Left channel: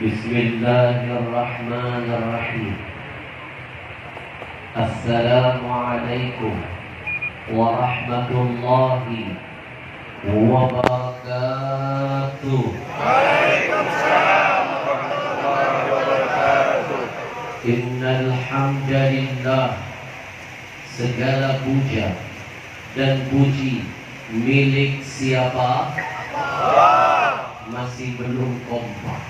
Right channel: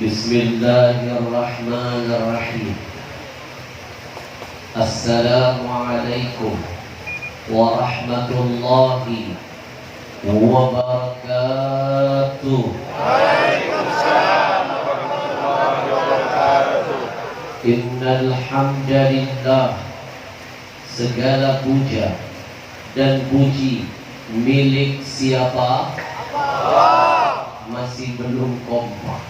Bismillahirrahmanirrahim. Assalamualaikum warahmatullahi wabarakatuh. Waalaikumsalam warahmatullahi wabarakatuh. Innal hamdalillah, segala puja dan puji milik siapa? Allah. Masih belum kompak.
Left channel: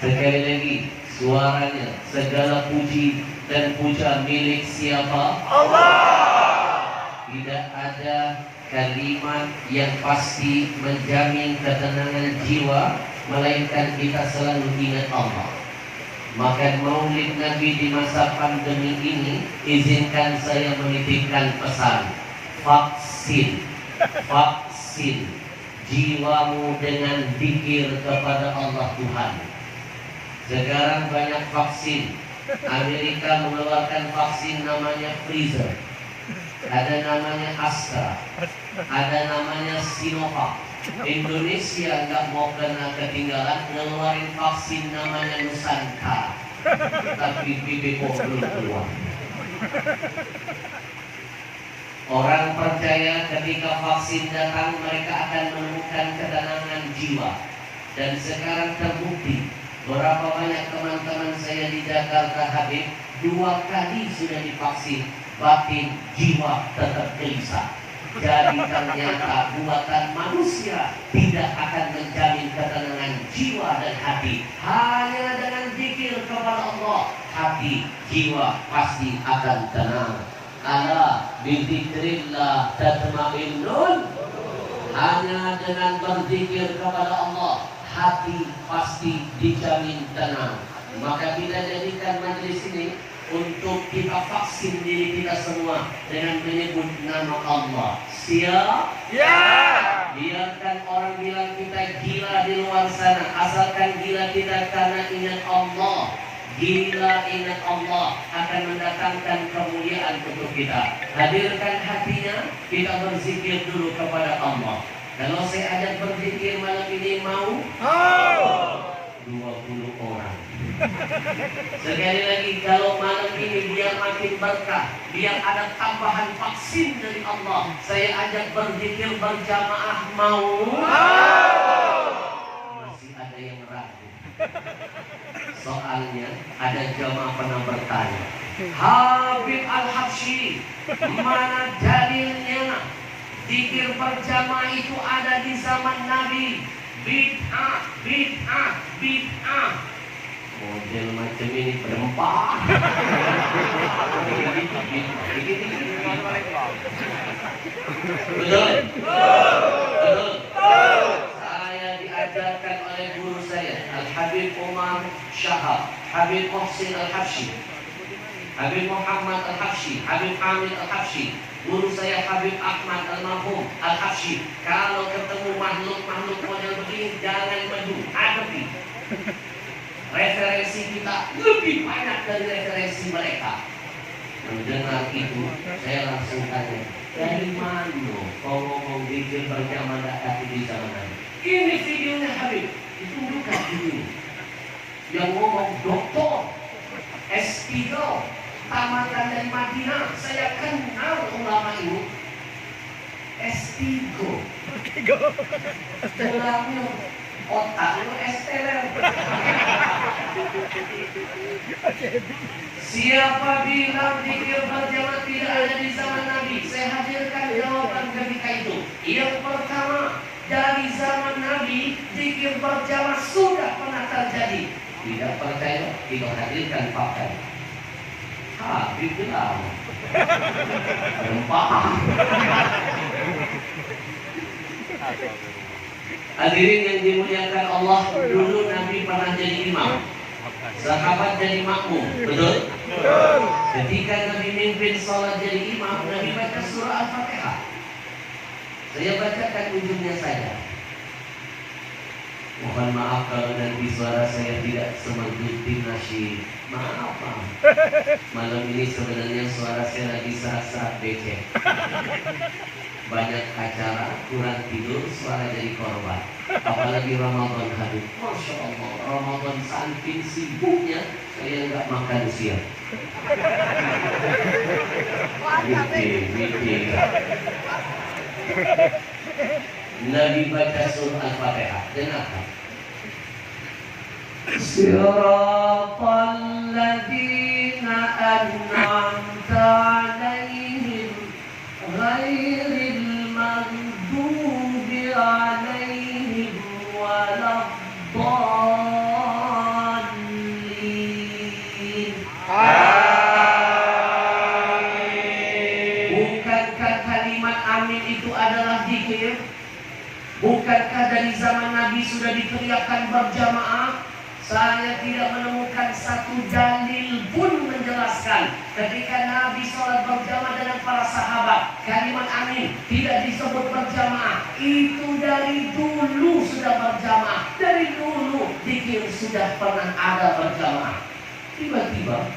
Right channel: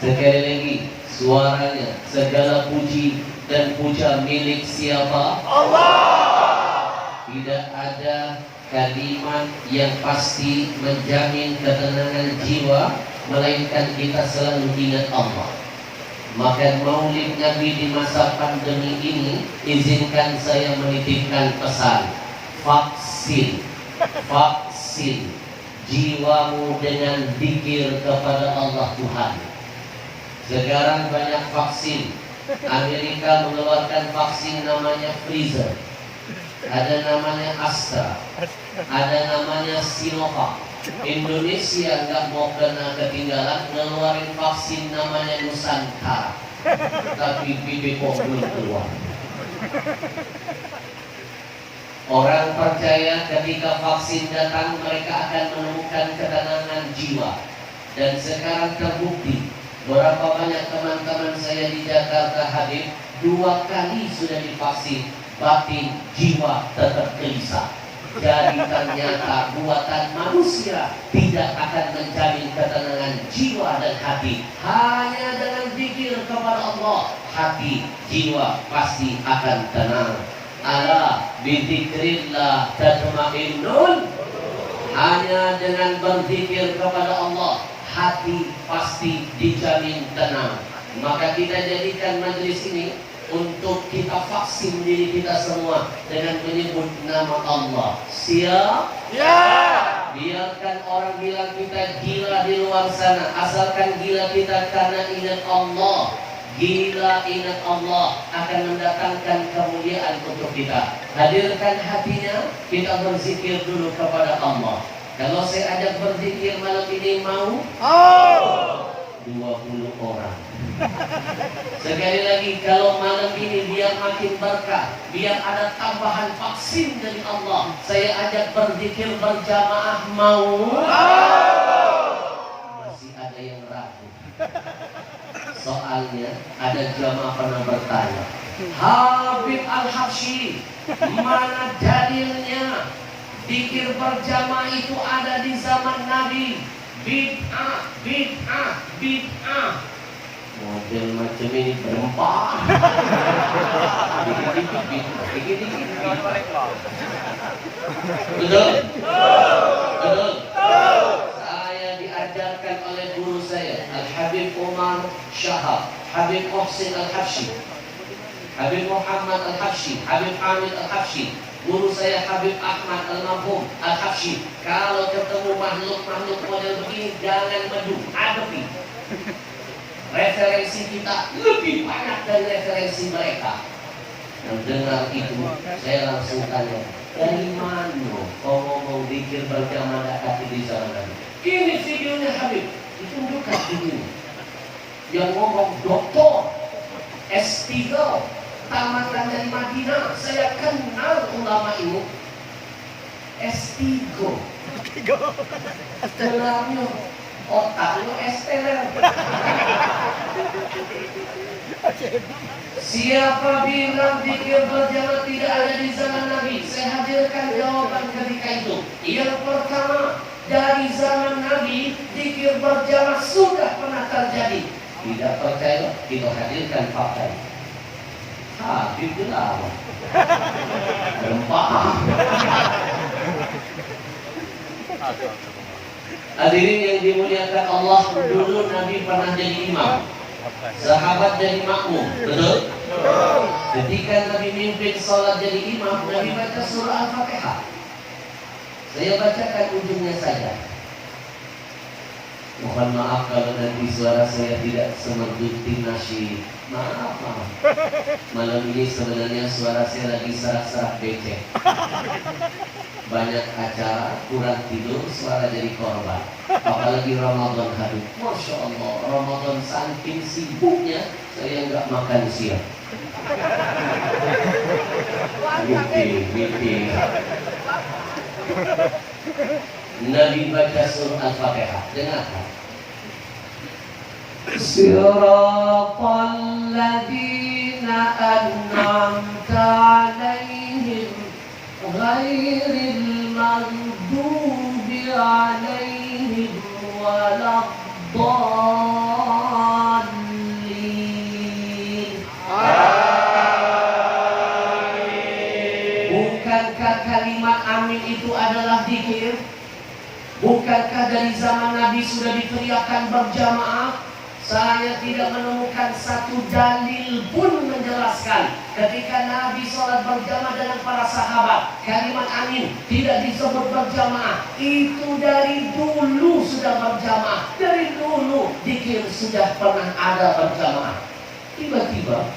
Sekali lagi suaranya, segala puji dan puja milik siapa? Allah. Tidak ada kalimat yang pasti menjamin ketenangan jiwa, melainkan kita selalu ingat Allah. Maka maulid Nabi di masa pandemi ini, izinkan saya menitipkan pesan: vaksin, vaksin jiwamu dengan zikir kepada Allah Tuhan. Sekarang banyak vaksin. Amerika mengeluarkan vaksin namanya Pfizer, ada namanya Astra, ada namanya Sinovac. Indonesia nggak mau kena ketinggalan, ngeluarin vaksin namanya Nusantara, tapi BPOM belum keluar. Orang percaya ketika vaksin datang mereka akan menemukan ketenangan jiwa. Dan sekarang terbukti, berapa banyak teman-teman saya di Jakarta hadir 2 kali sudah divaksin, batin jiwa tetap gelisah. Jadi ternyata buatan manusia tidak akan menjamin ketenangan jiwa dan hati. Hanya dengan zikir kepada Allah, hati jiwa pasti akan tenang. Ala bizikrillah tatma'innun. Hanya dengan berzikir kepada Allah, hati pasti dijamin tenang. Maka kita jadikan majelis ini untuk kita vaksin diri kita semua dengan menyebut nama Allah. Siap? Ya. Biarkan orang bilang kita gila di luar sana, asalkan gila kita karena ingat Allah. Gila ingat Allah akan mendatangkan kemuliaan untuk kita. Hadirkan hatinya, kita berzikir dulu kepada Allah. Kalau saya ajak berzikir malam ini mau? 20 orang. Sekali lagi, kalau malam ini biar makin berkah, biar ada tambahan vaksin dari Allah, saya ajak berzikir berjamaah mau? Masih ada yang ragu. Soalnya ada jamaah pernah bertanya, Habib Al-Habsyi, mana dalilnya zikir berjamaah itu ada di zaman Nabi? Bid'ah, bid'ah, bid'ah. Model macam ini berempah. Betul? Betul? Saya diajarkan oleh guru saya, Al-Habib Umar Syahab, Habib Muhsin Al-Habsyi, Habib Muhammad Al-Habsyi, Habib Hamid Al-Habsyi. Guru saya Habib Ahmad Al-Marhum Al-Habsyi. Kalau ketemu makhluk-makhluk model begini, jangan madu, hadapi. Referensi kita lebih banyak dari referensi mereka. Mendengar itu, saya langsung tanya, dari mana kau ngomong zikir berjamaah kaki di zaman Nabi? Ini videonya Habib, ditunjukkan di sini. Yang ngomong doktor S3, tamatan dari Madinah. Saya kenal ulama ini. S3. Dalamnya otaknya esteler. Siapa bilang zikir berjamaah tidak ada di zaman Nabi? Saya hadirkan jawaban ketika itu. Yang pertama, dari zaman Nabi zikir berjamaah sudah pernah terjadi. Tidak percaya, kita hadirkan fakta. Habib gelap, rempah. Hadirin yang dimuliakan Allah, dulu Nabi pernah jadi imam, sahabat jadi makmum, betul? Ketika Nabi mimpin sholat jadi imam, Nabi baca surah Al-Fatihah. Saya bacakan ujungnya saja. Mohon maaf kalau nanti suara saya tidak semerdu tim nasyid. Maaf. Malam ini sebenarnya suara saya lagi serak-serak becek. Banyak acara, kurang tidur, suara jadi korban. Apalagi Ramadan habis. Masya Allah, Ramadan saking sibuknya saya nggak makan siang. Mikir. Nabi baca surah Al-Fatihah. Dengarkan. Siratal ladzina an'amta 'alaihim ghairil maghdubi 'alaihim waladdallin. Bukankah kalimat amin itu adalah zikir? Bukankah dari zaman Nabi sudah diteriakkan berjamaah? Saya tidak menemukan satu dalil pun menjelaskan ketika Nabi sholat berjamaah dengan para sahabat, kalimat amin tidak disebut berjamaah. Itu dari dulu sudah berjamaah. Dari dulu zikir sudah pernah ada berjamaah. Tiba-tiba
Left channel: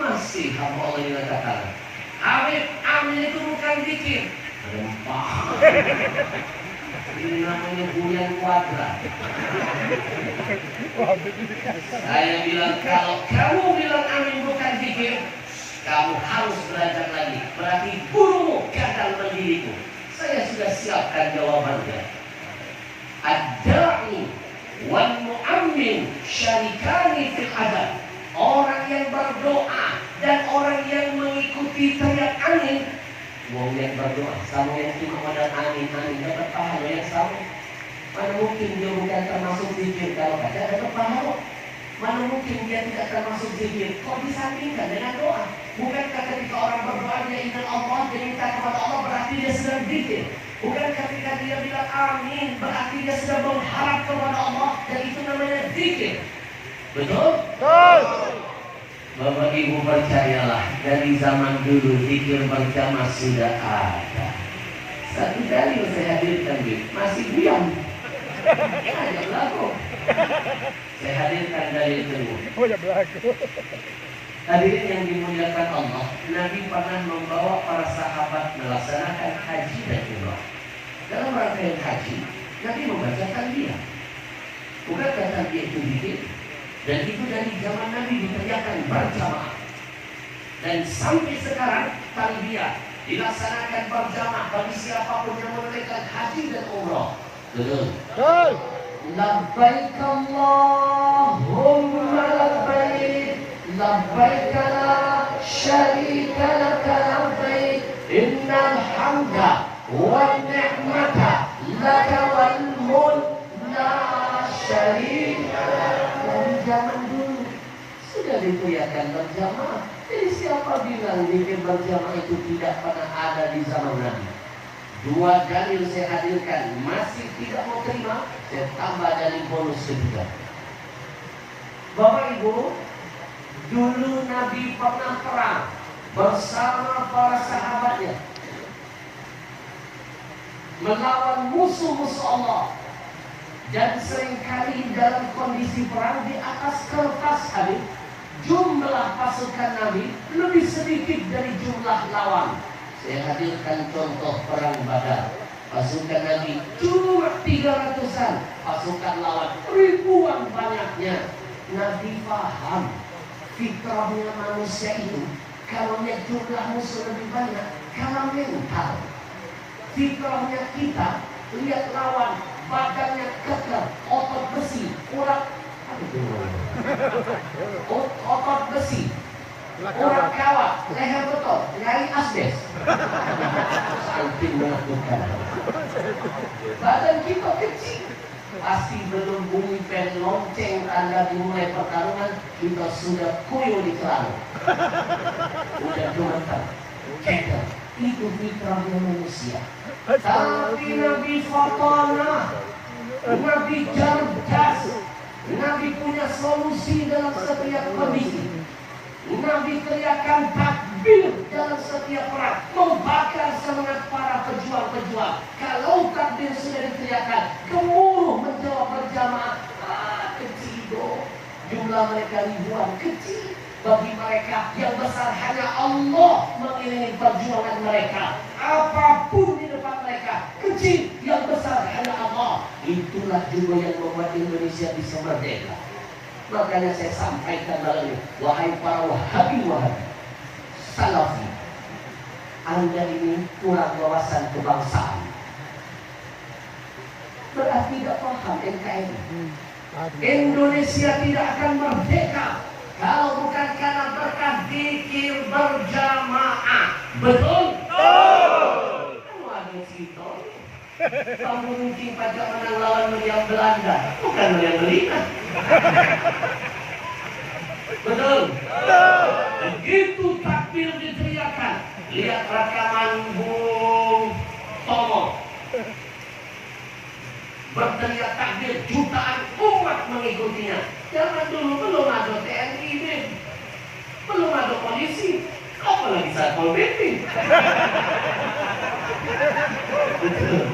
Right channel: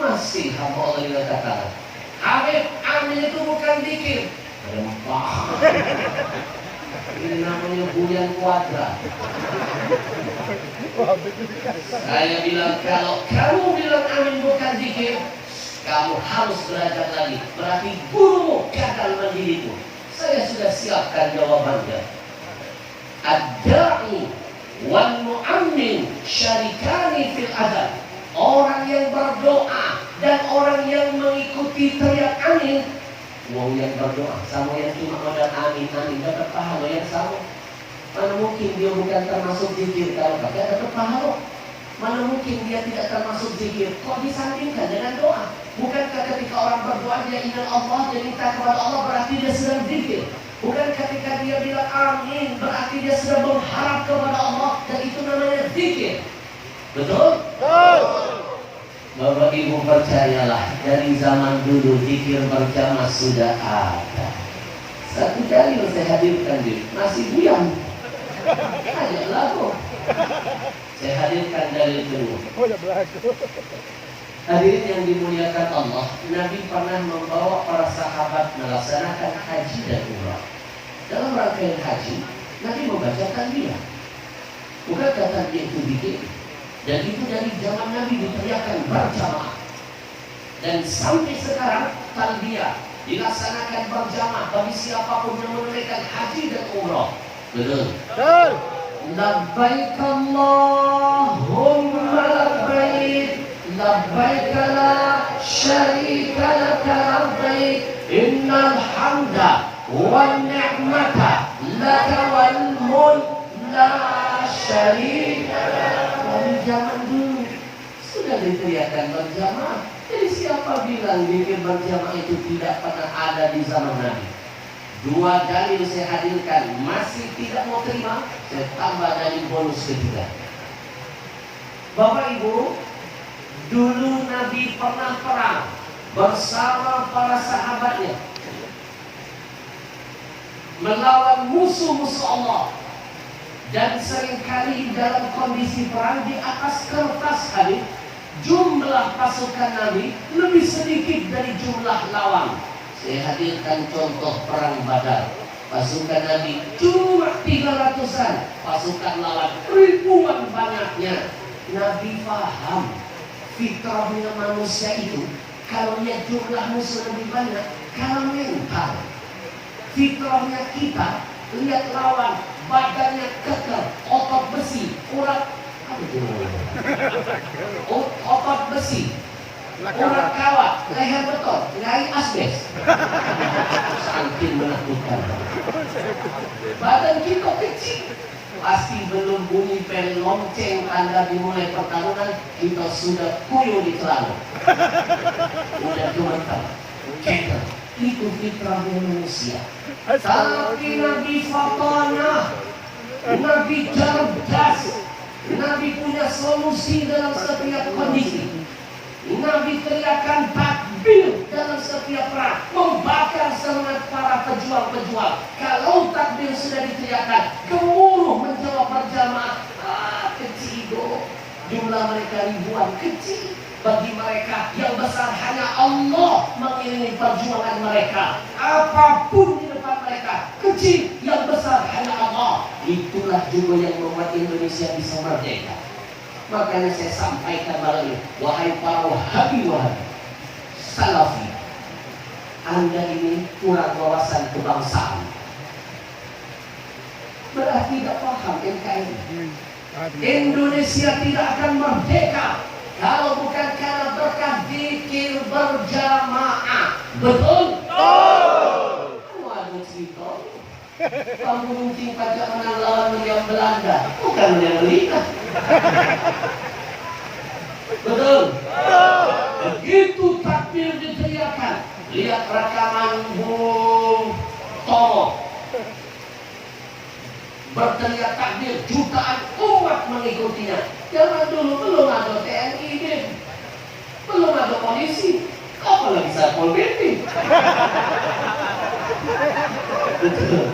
masih hamba Allah yang katakan, amin itu bukan zikir. Rempah. Ini namanya bulan kuadrat. Saya bilang, kalau kamu bilang amin bukan zikir, kamu harus belajar lagi. Berarti gurumu gagal mendidikmu. Saya sudah siapkan jawabannya. Ad-da'i wal mu'ammin syarikani fil adab. Orang yang berdoa dan orang yang mengikuti teriak amin, mau yang berdoa sama yang cuma modal amin dapat pahala yang sama. Mana mungkin dia bukan termasuk zikir kalau kata dapat pahala? Mana mungkin dia tidak termasuk zikir? Kok disandingkan dengan doa? Bukankah ketika orang berdoa dia ingat Allah, dia minta kepada Allah, berarti dia sedang zikir? Bukan ketika dia bilang amin berarti dia sedang mengharap kepada Allah, dan itu namanya zikir? Betul? Bapak Ibu percayalah, dari zaman dulu zikir berjamaah sudah ada. Satu dalil saya hadirkan di masih diam. Ada lagu. Saya hadirkan dalil kedua. Hadirin yang dimuliakan Allah, Nabi pernah membawa para sahabat melaksanakan haji dan umrah. Dalam rangkaian haji, Nabi membaca talbiyah. Bukankah talbiyah itu zikir? Dan itu dari zaman Nabi diteriakkan berjamaah. Dan sampai sekarang talbiyah dilaksanakan berjamaah bagi siapapun yang menunaikan haji dan umrah. Betul? Betul. Labbaik Allahumma labbaik, labbaik la syarika laka labbaik, innal hamda wan ni'mata laka wal mulk la syarika lak. Dari zaman dulu sudah diteriakkan berjamaah. Jadi siapa bilang zikir berjamaah itu tidak pernah ada di zaman Nabi? Dua dalil saya hadirkan, masih tidak mau terima, saya tambah dalil bonus ketiga. Bapak Ibu, dulu Nabi pernah perang bersama para sahabatnya melawan musuh-musuh Allah. Dan seringkali dalam kondisi perang di atas kertas hadis, jumlah pasukan Nabi lebih sedikit dari jumlah lawan. Saya hadirkan contoh perang Badar. Pasukan Nabi cuma 300-an, pasukan lawan ribuan banyaknya. Nabi paham fitrahnya manusia itu, kalau lihat jumlah musuh lebih banyak, kalah mental. Fitrahnya kita, lihat lawan badannya kekar, otot besi, urat otot besi, urat kawat, leher beton, nyai asbes. Saking menakutkan. Badan kita kecil, pasti belum bunyi pel lonceng Anda dimulai pertarungan, kita sudah kuyuh di celana. Udah gemetar, ceker. Itu fitrahnya manusia. Tapi Nabi Fatana, Nabi cerdas, Nabi punya solusi dalam setiap kondisi. Nabi teriakan takbir dalam setiap perang, membakar semangat para pejuang-pejuang. Kalau takbir sudah diteriakan, gemuruh menjawab jiwa berjamaah, kecil. Jumlah mereka ribuan, kecil. Bagi mereka yang besar hanya Allah mengiringi perjuangan mereka. Apapun di depan mereka, kecil, yang besar hanya Allah. Itulah juga yang membuat Indonesia bisa merdeka. Makanya saya sampaikan malam ini, wahai para wahabi, salafi, Anda ini kurang wawasan kebangsaan. Berarti tidak paham NKRI. Indonesia tidak akan merdeka kalau bukan karena berkah zikir berjamaah. Betul? Waduh Sito, kamu mungkin pajak menang lawan meriam Belanda, bukan meriam Belanda. Betul? Begitu takbir diteriakan, lihat rekaman Bung Tomo, berteriak takbir, jutaan umat mengikutinya. Zaman dulu belum ada TNI, belum ada polisi, apalagi Satpol PP. Betul.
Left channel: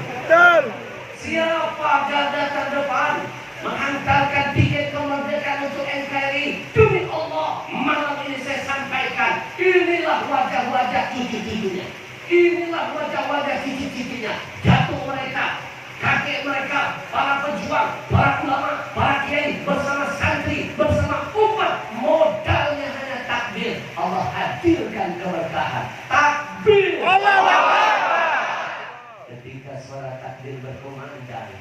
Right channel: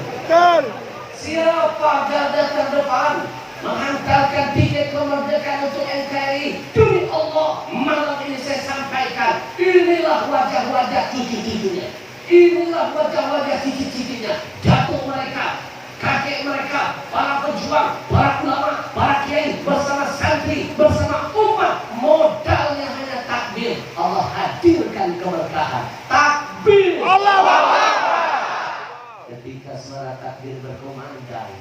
Siapa garda terdepan menghantarkan tiket kemerdekaan untuk NKRI? Demi Allah, malam ini saya sampaikan, inilah wajah-wajah cucu-cucunya, inilah wajah-wajah cicit-cicitnya. Jatuh mereka, kakek mereka, para pejuang, para ulama, para kiai, bersama santri, bersama umat. Modalnya hanya takbir. Allah hadirkan keberkahan. Takbir. Allahu Akbar. Ketika suara takbir berkumandang,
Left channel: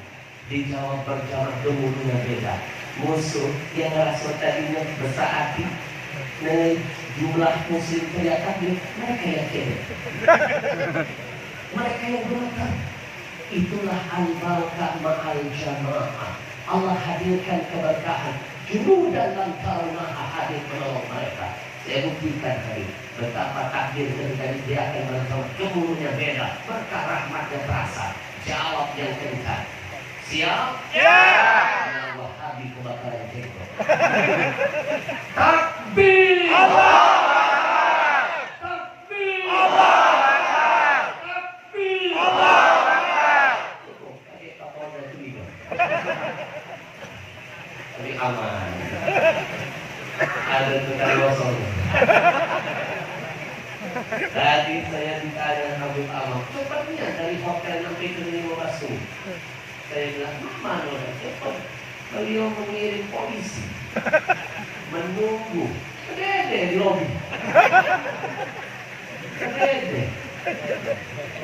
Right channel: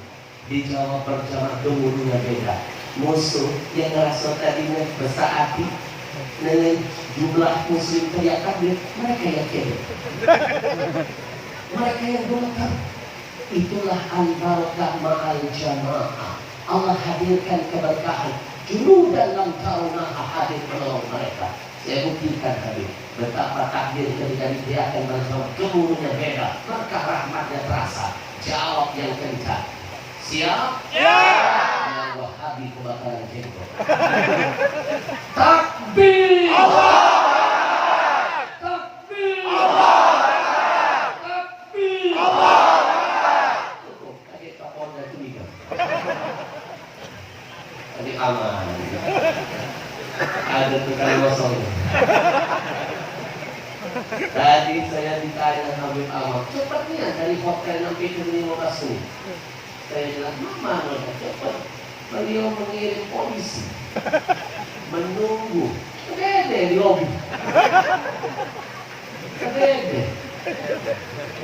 dijawab berjamaah, gemuruhnya beda. Musuh yang ngerasa tadinya besar hati dengan jumlah muslim teriak takbir, mereka yang kere, mereka yang gemetar. Itulah al-barakah ma'al jamaah. Allah hadirkan keberkahan. Junudan lam tarunaha, hadir menolong mereka. Saya buktikan tadi betapa takbir ketika diteriakkan bersama, gemuruhnya beda, berkah rahmatnya terasa. Jawab yang kencang. Siap? Ya. Yang Wahabi kebakaran jenggot. Takbir. Allah. Takbir. Allah. Takbir. Allah. Tadi aman. Ada tukang kosong. Tadi saya ditanya Habib Ahmad, cepatnya dari hotel sampai ke Lima Basu. Saya bilang, mana cepat. Beliau mengirim polisi, menunggu. Kedede di lobi. Kedede.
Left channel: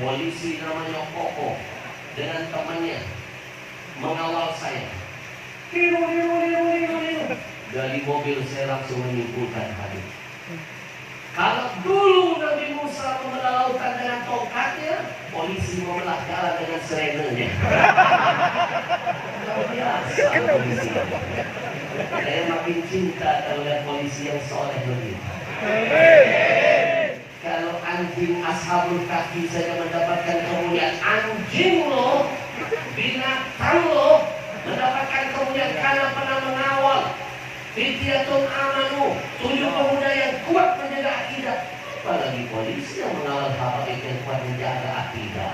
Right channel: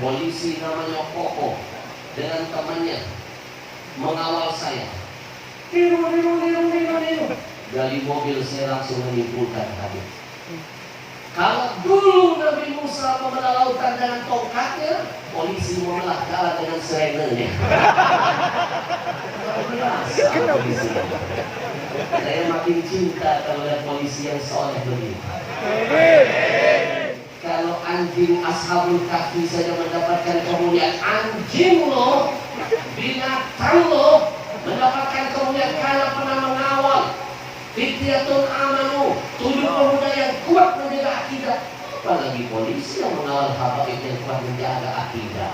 Polisi namanya Koko dengan temannya mengawal saya. Diru. Dari mobil saya langsung menyimpulkan Habib. Kalau dulu Nabi Musa membelah lautan dengan tongkatnya, polisi membelah jalan dengan serenenya. Luar biasa polisi. Saya makin cinta kalau lihat polisi yang soleh begitu. Kalau anjing Ashabul Kahfi saja mendapatkan kemuliaan, anjing loh, binatang loh, mendapatkan kemuliaan karena pernah mengawal. Fityatun amanu, 7 pemuda yang kuat menjaga akidah. Apalagi polisi yang mengawal habaib yang kuat menjaga akidah.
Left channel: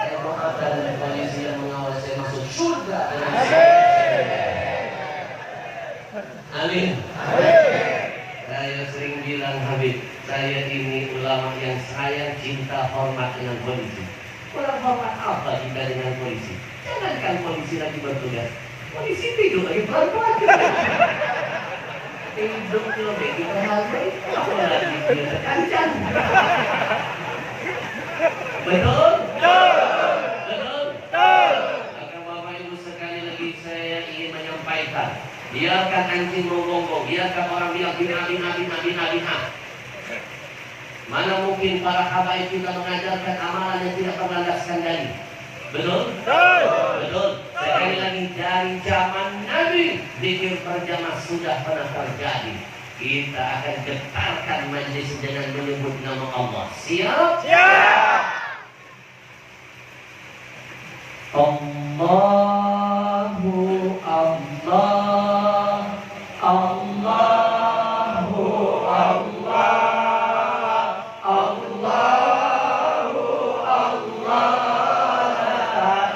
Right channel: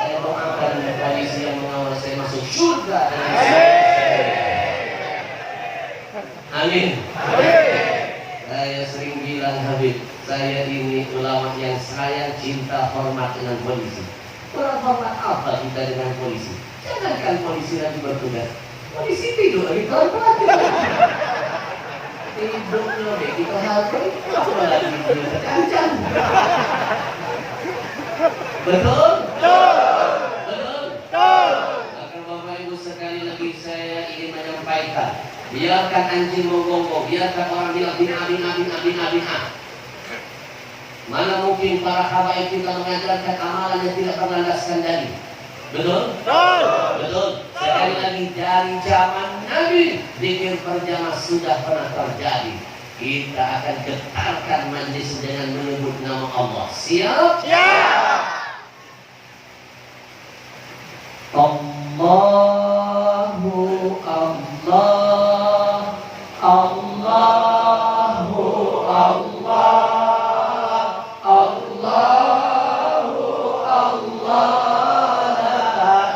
Saya doakan polisi yang mengawal saya masuk surga dengan amin. Saya sering bilang Habib, saya ini ulama yang sayang, cinta, hormat dengan polisi. Kurang hormat apa kita dengan polisi? Jangankan polisi lagi bertugas, polisi tidur lagi pelan-pelan. Hidupnya deh kita hargai, apalagi dia tercancang. Betul? Betul? Akan Bapak Ibu sekali lagi saya ingin menyampaikan, biarkan anjing menggonggong, biarkan orang bilang bin. Mana mungkin para habaib kita mengajarkan amalan yang tidak berlandaskan dalil. Betul? Betul. Sekali lagi, dari zaman Nabi, zikir berjamaah sudah pernah terjadi. Kita akan getarkan majlis dengan menyebut nama Allah. Siap? Siap. Allahu Allah, Allahu Allah, Allahu Allah, la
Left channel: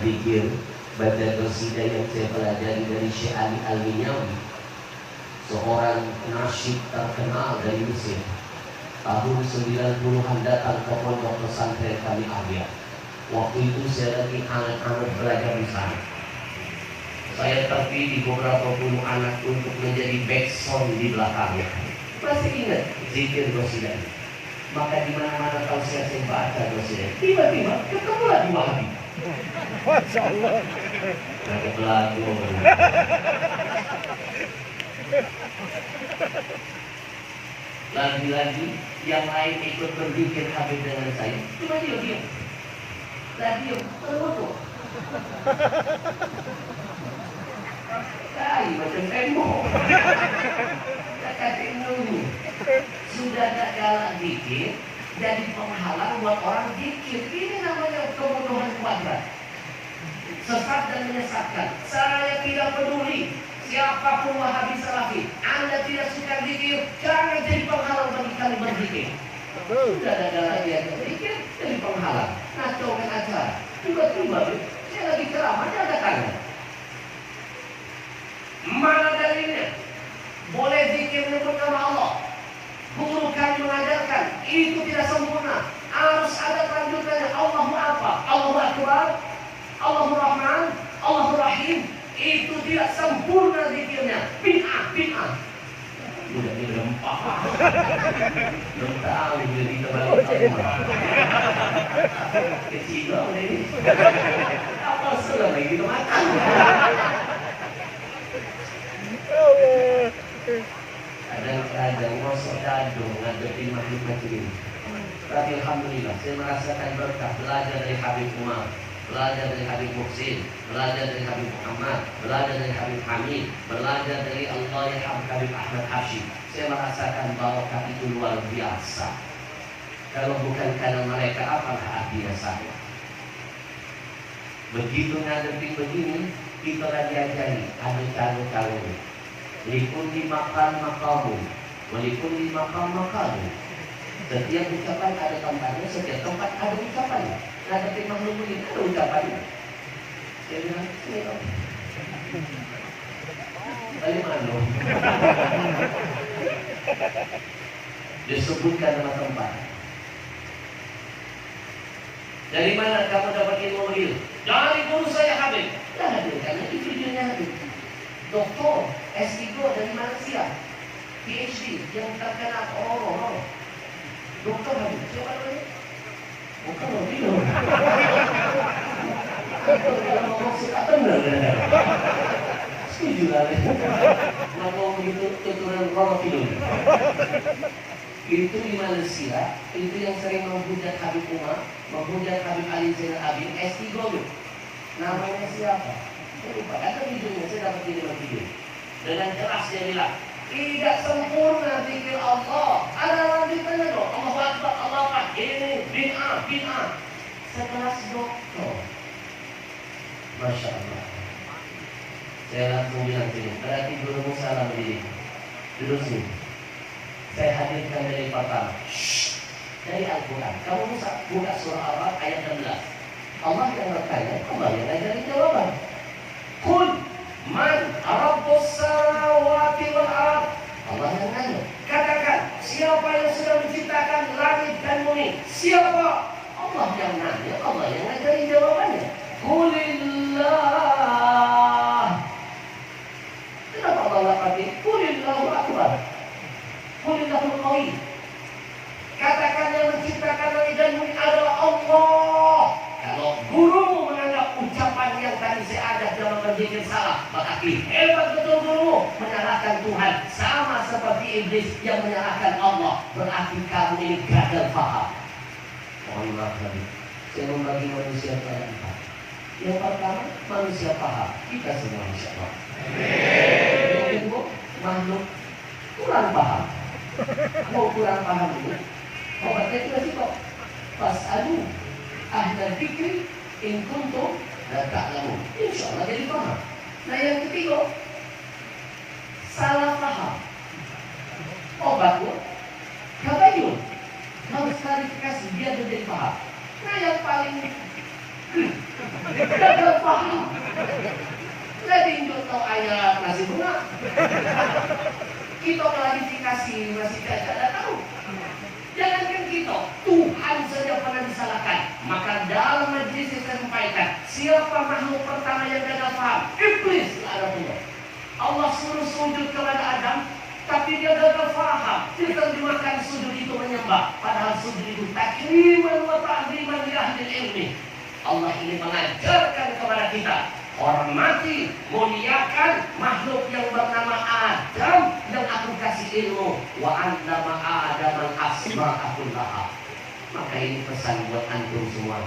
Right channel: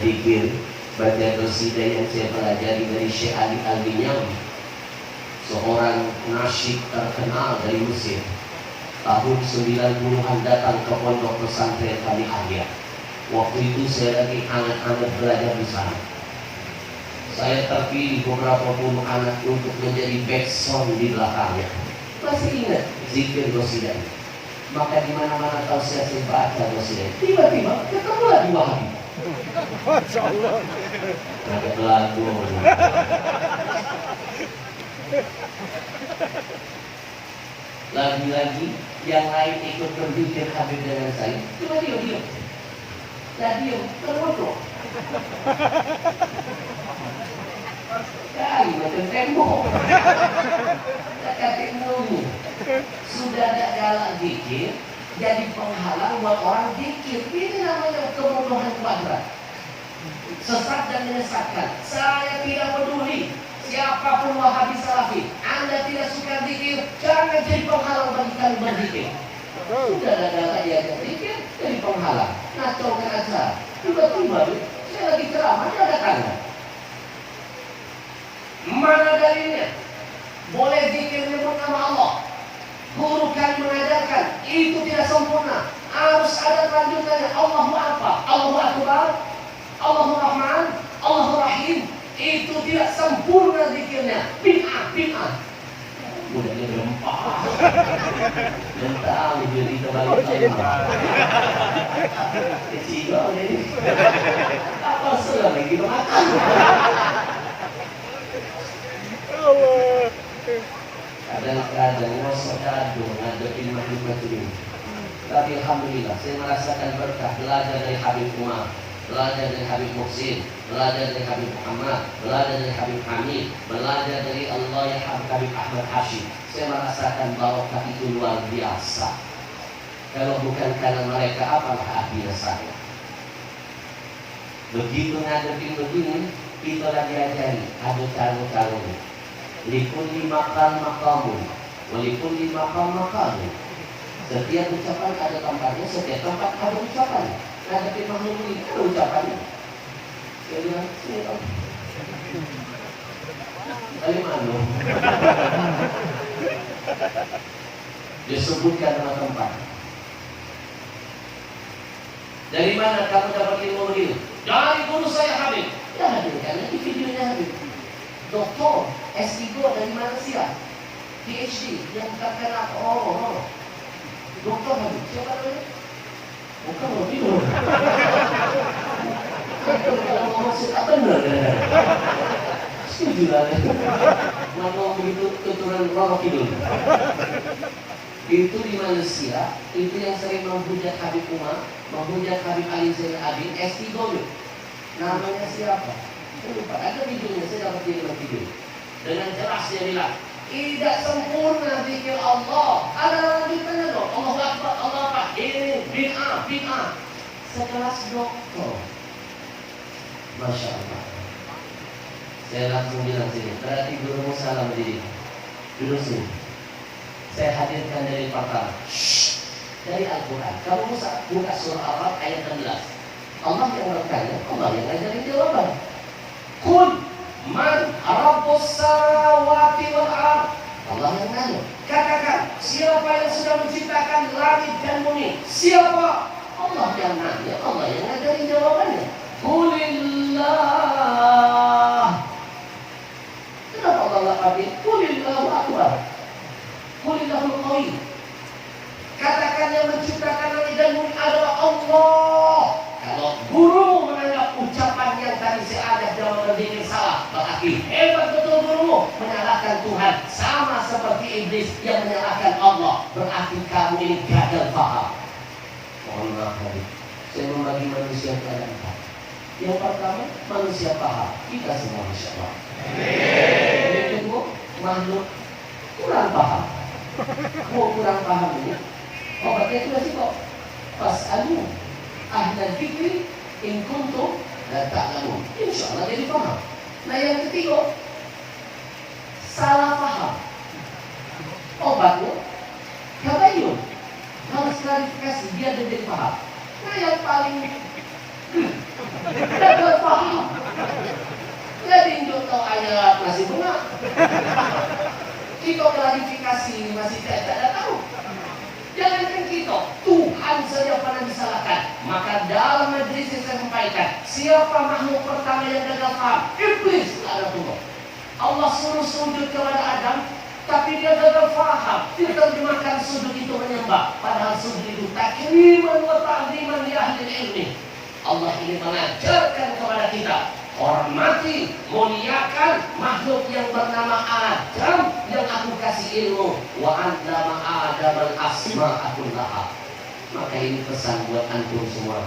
zikir, baca qasidah yang saya pelajari dari Syekh Ali Al-Minyawi, seorang nasyid terkenal dari Mesir. Tahun 90-an datang ke pondok pesantren kami Ahya. Waktu itu saya lagi anak-anak belajar di sana. Saya terpilih beberapa puluh anak untuk menjadi backsound di belakangnya. Masih ingat zikir qasidah. Maka di mana-mana tahu saya baca qasidah. Tiba-tiba ketemu lagi Wahabi. Masya Allah. Ada pelaku. Lagi-lagi yang lain ikut berpikir Habib dengan saya. Cuma diam. Lah diam, menunduk. Kali macam tembok. Tak kasih nunggu. Sudah tak galak dikit, jadi penghalang buat orang dikit. Ini namanya kebodohan kuadrat. Sesat dan menyesatkan. Saya tidak peduli siapapun Wahabi Salafi. Anda tidak suka zikir, jangan jadi penghalang bagi kami berzikir. Sudah ada galak diajak zikir, jadi penghalang. Ngacaukan acara. Tiba-tiba saya lagi ceramah, dia ada tanya. Mana dalilnya? Boleh zikir menyebut nama Allah. Guru kami mengajarkan itu tidak sempurna. Harus ada lanjutannya. Allahu apa? Allahu Akbar, Allahu Rahman, Allahu Rahim. Itu tidak sempurna zikirnya. Bid'ah. Udah dia rempah. Belum tahu dia kita balik. Kecil udah ini. Apa selama kita makan? Kadang-kadang ngosok dadung ngadepin makhluk macam ini. Tapi alhamdulillah saya merasakan berkah belajar dari Habib Umar, belajar dari Habib Muhsin, belajar dari Habib Muhammad, belajar dari Habib Hamid, belajar dari Allah ya Habib Ahmad Hashim. Saya merasakan barokah itu luar biasa. Kalau bukan karena mereka, apalah artinya saya? Begitu ngadepin begini, kita lagi diajari ada cara-caranya. Likulli maqam maqamun, walikulli maqam maqamun. Setiap ucapan ada tempatnya, setiap tempat ada ucapannya. Ngadepin makhluk ini ada ucapannya. Saya bilang, sini dong. Balik mana? Dia sebutkan nama tempat. Dari mana kamu dapat ilmu ini? Dari guru saya Habib. Dah hadirkan lagi videonya Habib. Doktor S3 dari Malaysia, PhD yang terkenal orang-orang. Doktor Habib, siapa namanya? Bukan Habib. Kalau ngomong suka benar kan? Setuju lah. Mana begitu tuturan orang tidur. Itu di Malaysia, itu yang sering menghujat Habib Umar, menghujat Habib Ali Zainal Abidin, S3 itu. Namanya siapa? Saya lupa, ada videonya, saya dapat kiriman video. Dengan jelas dia bilang, tidak sempurna zikir Allah. Ada lanjutannya dong. Allahu Akbar, Allah Akbar. Ini bid'ah. Sekelas doktor. Masya Allah. Saya langsung bilang sini, berarti gurumu salah mendidik. Duduk sini. Saya hadirkan dari pertama. Dari Al-Quran. Kamu buka surah Al-Araf ayat 16. Allah yang bertanya, Allah yang ngajarin jawaban. Qul man rabbus samawati wal ard. Allah yang nanya. Katakan, siapa yang sudah menciptakan langit dan bumi? Siapa? Allah yang nanya, Allah yang ngajarin jawabannya. Qulillah. Kenapa Allah pakai Qulillahu akbar? Qulillahul qawi. Katakan yang menciptakan langit dan bumi adalah Allah. Kalau guru menganggap ucapan yang tadi saya ajak dalam berzikir salah, berarti hebat betul guru menyalahkan Tuhan, sama seperti iblis yang menyalahkan Allah. Berarti kamu ini gagal paham. Mohon maaf lagi, saya membagi manusia kepada empat. Yang pertama, manusia paham. Kita semua insya Allah. Yang kedua, makhluk kurang paham. Mau kurang paham ini, obatnya itu sih kok. Fas'alu ahla dzikri in kuntum la ta'lamun. Insyaallah jadi paham. Nah yang ketiga, salah paham. Obatnya tabayyun. Harus klarifikasi biar dia jadi paham. Nah yang paling gagal Kita klarifikasi masih tidak tahu. Jangankan kita, Tuhan saja pernah disalahkan. Maka dalam majlis yang saya sampaikan, siapa makhluk pertama yang gagal paham? Iblis, laknatullah. Allah suruh sujud kepada Adam, tapi dia gagal paham. Dia terjemahkan sujud itu menyembah, padahal sujud itu takriman wa ta'ziman li ahli ilmi. Allah ini mengajarkan kepada kita, hormati, muliakan makhluk yang bernama Adam yang aku kasih ilmu. Wa 'allama Adam al-asma'a kullaha. Maka ini pesan buat antum semua.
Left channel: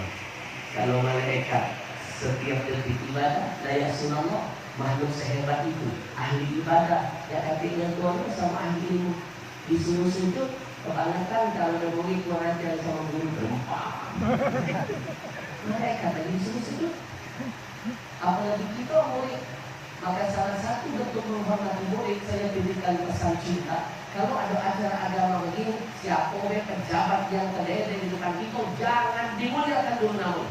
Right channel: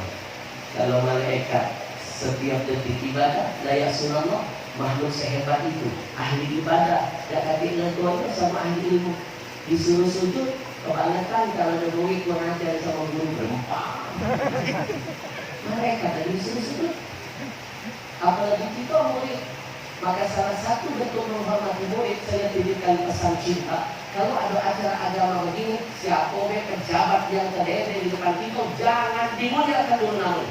Kalau malaikat setiap detik ibadah, la ya'sunallah, makhluk sehebat itu, ahli ibadah, gak kata tuan sama ahli ilmu, disuruh sujud, kebangetan kalau ada murid kurang ajar sama guru berempah. Mereka tadi disuruh sujud. Apalagi kita murid. Maka salah satu bentuk menghormati murid, saya tunjukkan pesan cinta. Kalau ada acara agama begini, siapa pejabat yang terdapat di depan kita, jangan dimuliakan dulu namun.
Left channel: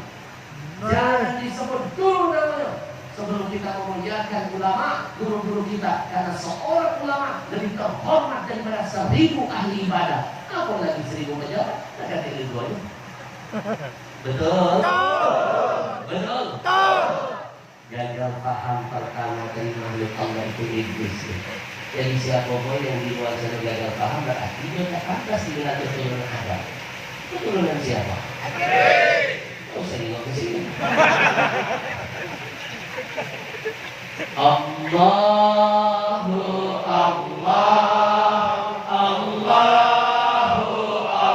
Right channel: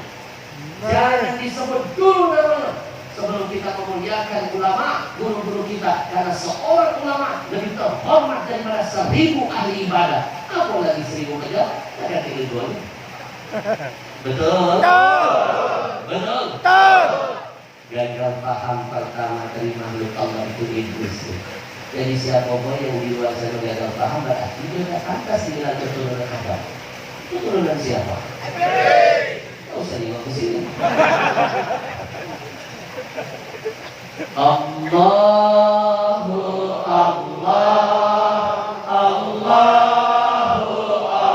Jangan disebut dulu namanya. Sebelum kita memuliakan ulama, guru-guru kita. Karena seorang ulama lebih terhormat daripada 1000 ahli ibadah. Apalagi 1000 pejabat. Tak kata keduanya. Betul? Betul? Gagal paham pertama dari makhluk Allah itu iblis. Jadi siapa pun yang di luar sana gagal paham, berarti dia tak pantas dibilang keturunan Adam. Keturunan siapa? Oh, saya nggak kesini. Allahu Allah, Allahu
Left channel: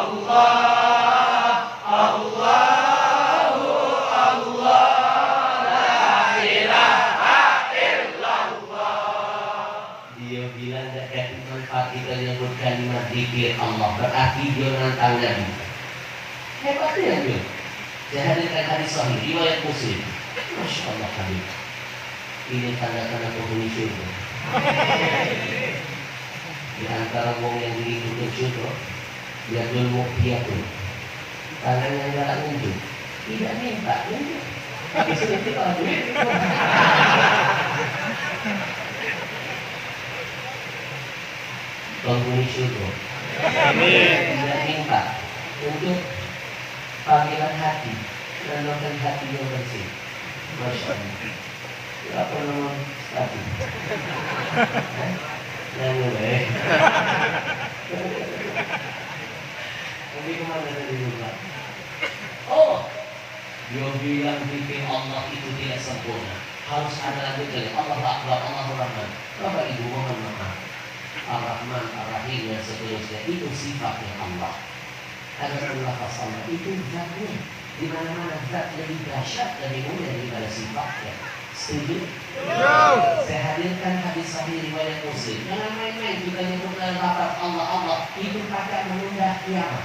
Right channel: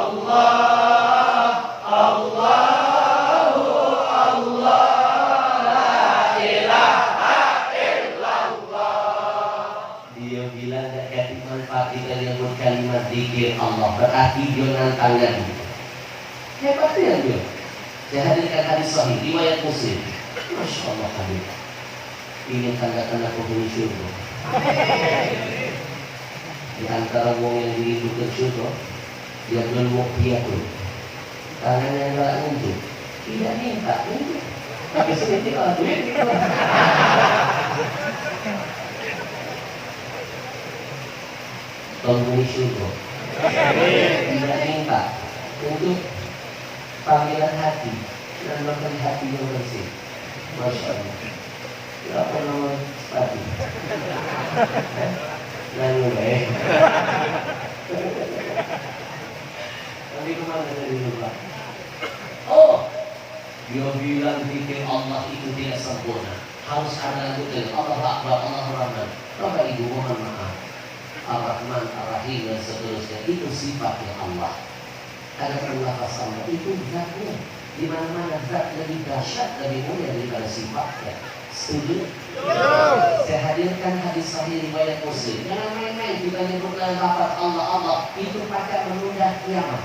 Allah, Allahu Allah, la ilaha illallah. Dia bilang gak kasih manfaat kita nyebut kalimat zikir Allah, berarti dia nantang Nabi. Hebatnya dia. Saya hadirkan hadis sahih riwayat Muslim. Masya Allah Habib. Ini tanda-tanda penghuni syurga. Di antara wong yang diridhokan syurga, dia dulu dia tuh. Tangan yang galak nunjuk, tidak minta nunjuk. Habis itu aku. Penghuni syurga. Tidak minta untuk panggilan hati dan melakukan hati yang bersih. Masya Allah. Apa nama tadi? Nanggung Kami kemana dari rumah? Oh, dia bilang zikir Allah itu tidak sempurna. Harus ada lanjutan. Allah Akbar, Allah Rahman. Bapak Ibu mohon maaf. Ar-Rahman, Ar-Rahim dan seterusnya itu sifatnya Allah. Ada lafaz Allah itu zatnya. Di mana-mana zat lebih dahsyat, lebih mulia daripada sifatnya. Setuju? Saya hadirkan hadis sahih riwayat Muslim. Jangan main-main kita nyebutkan lafaz Allah itu pakai menunda kiamat.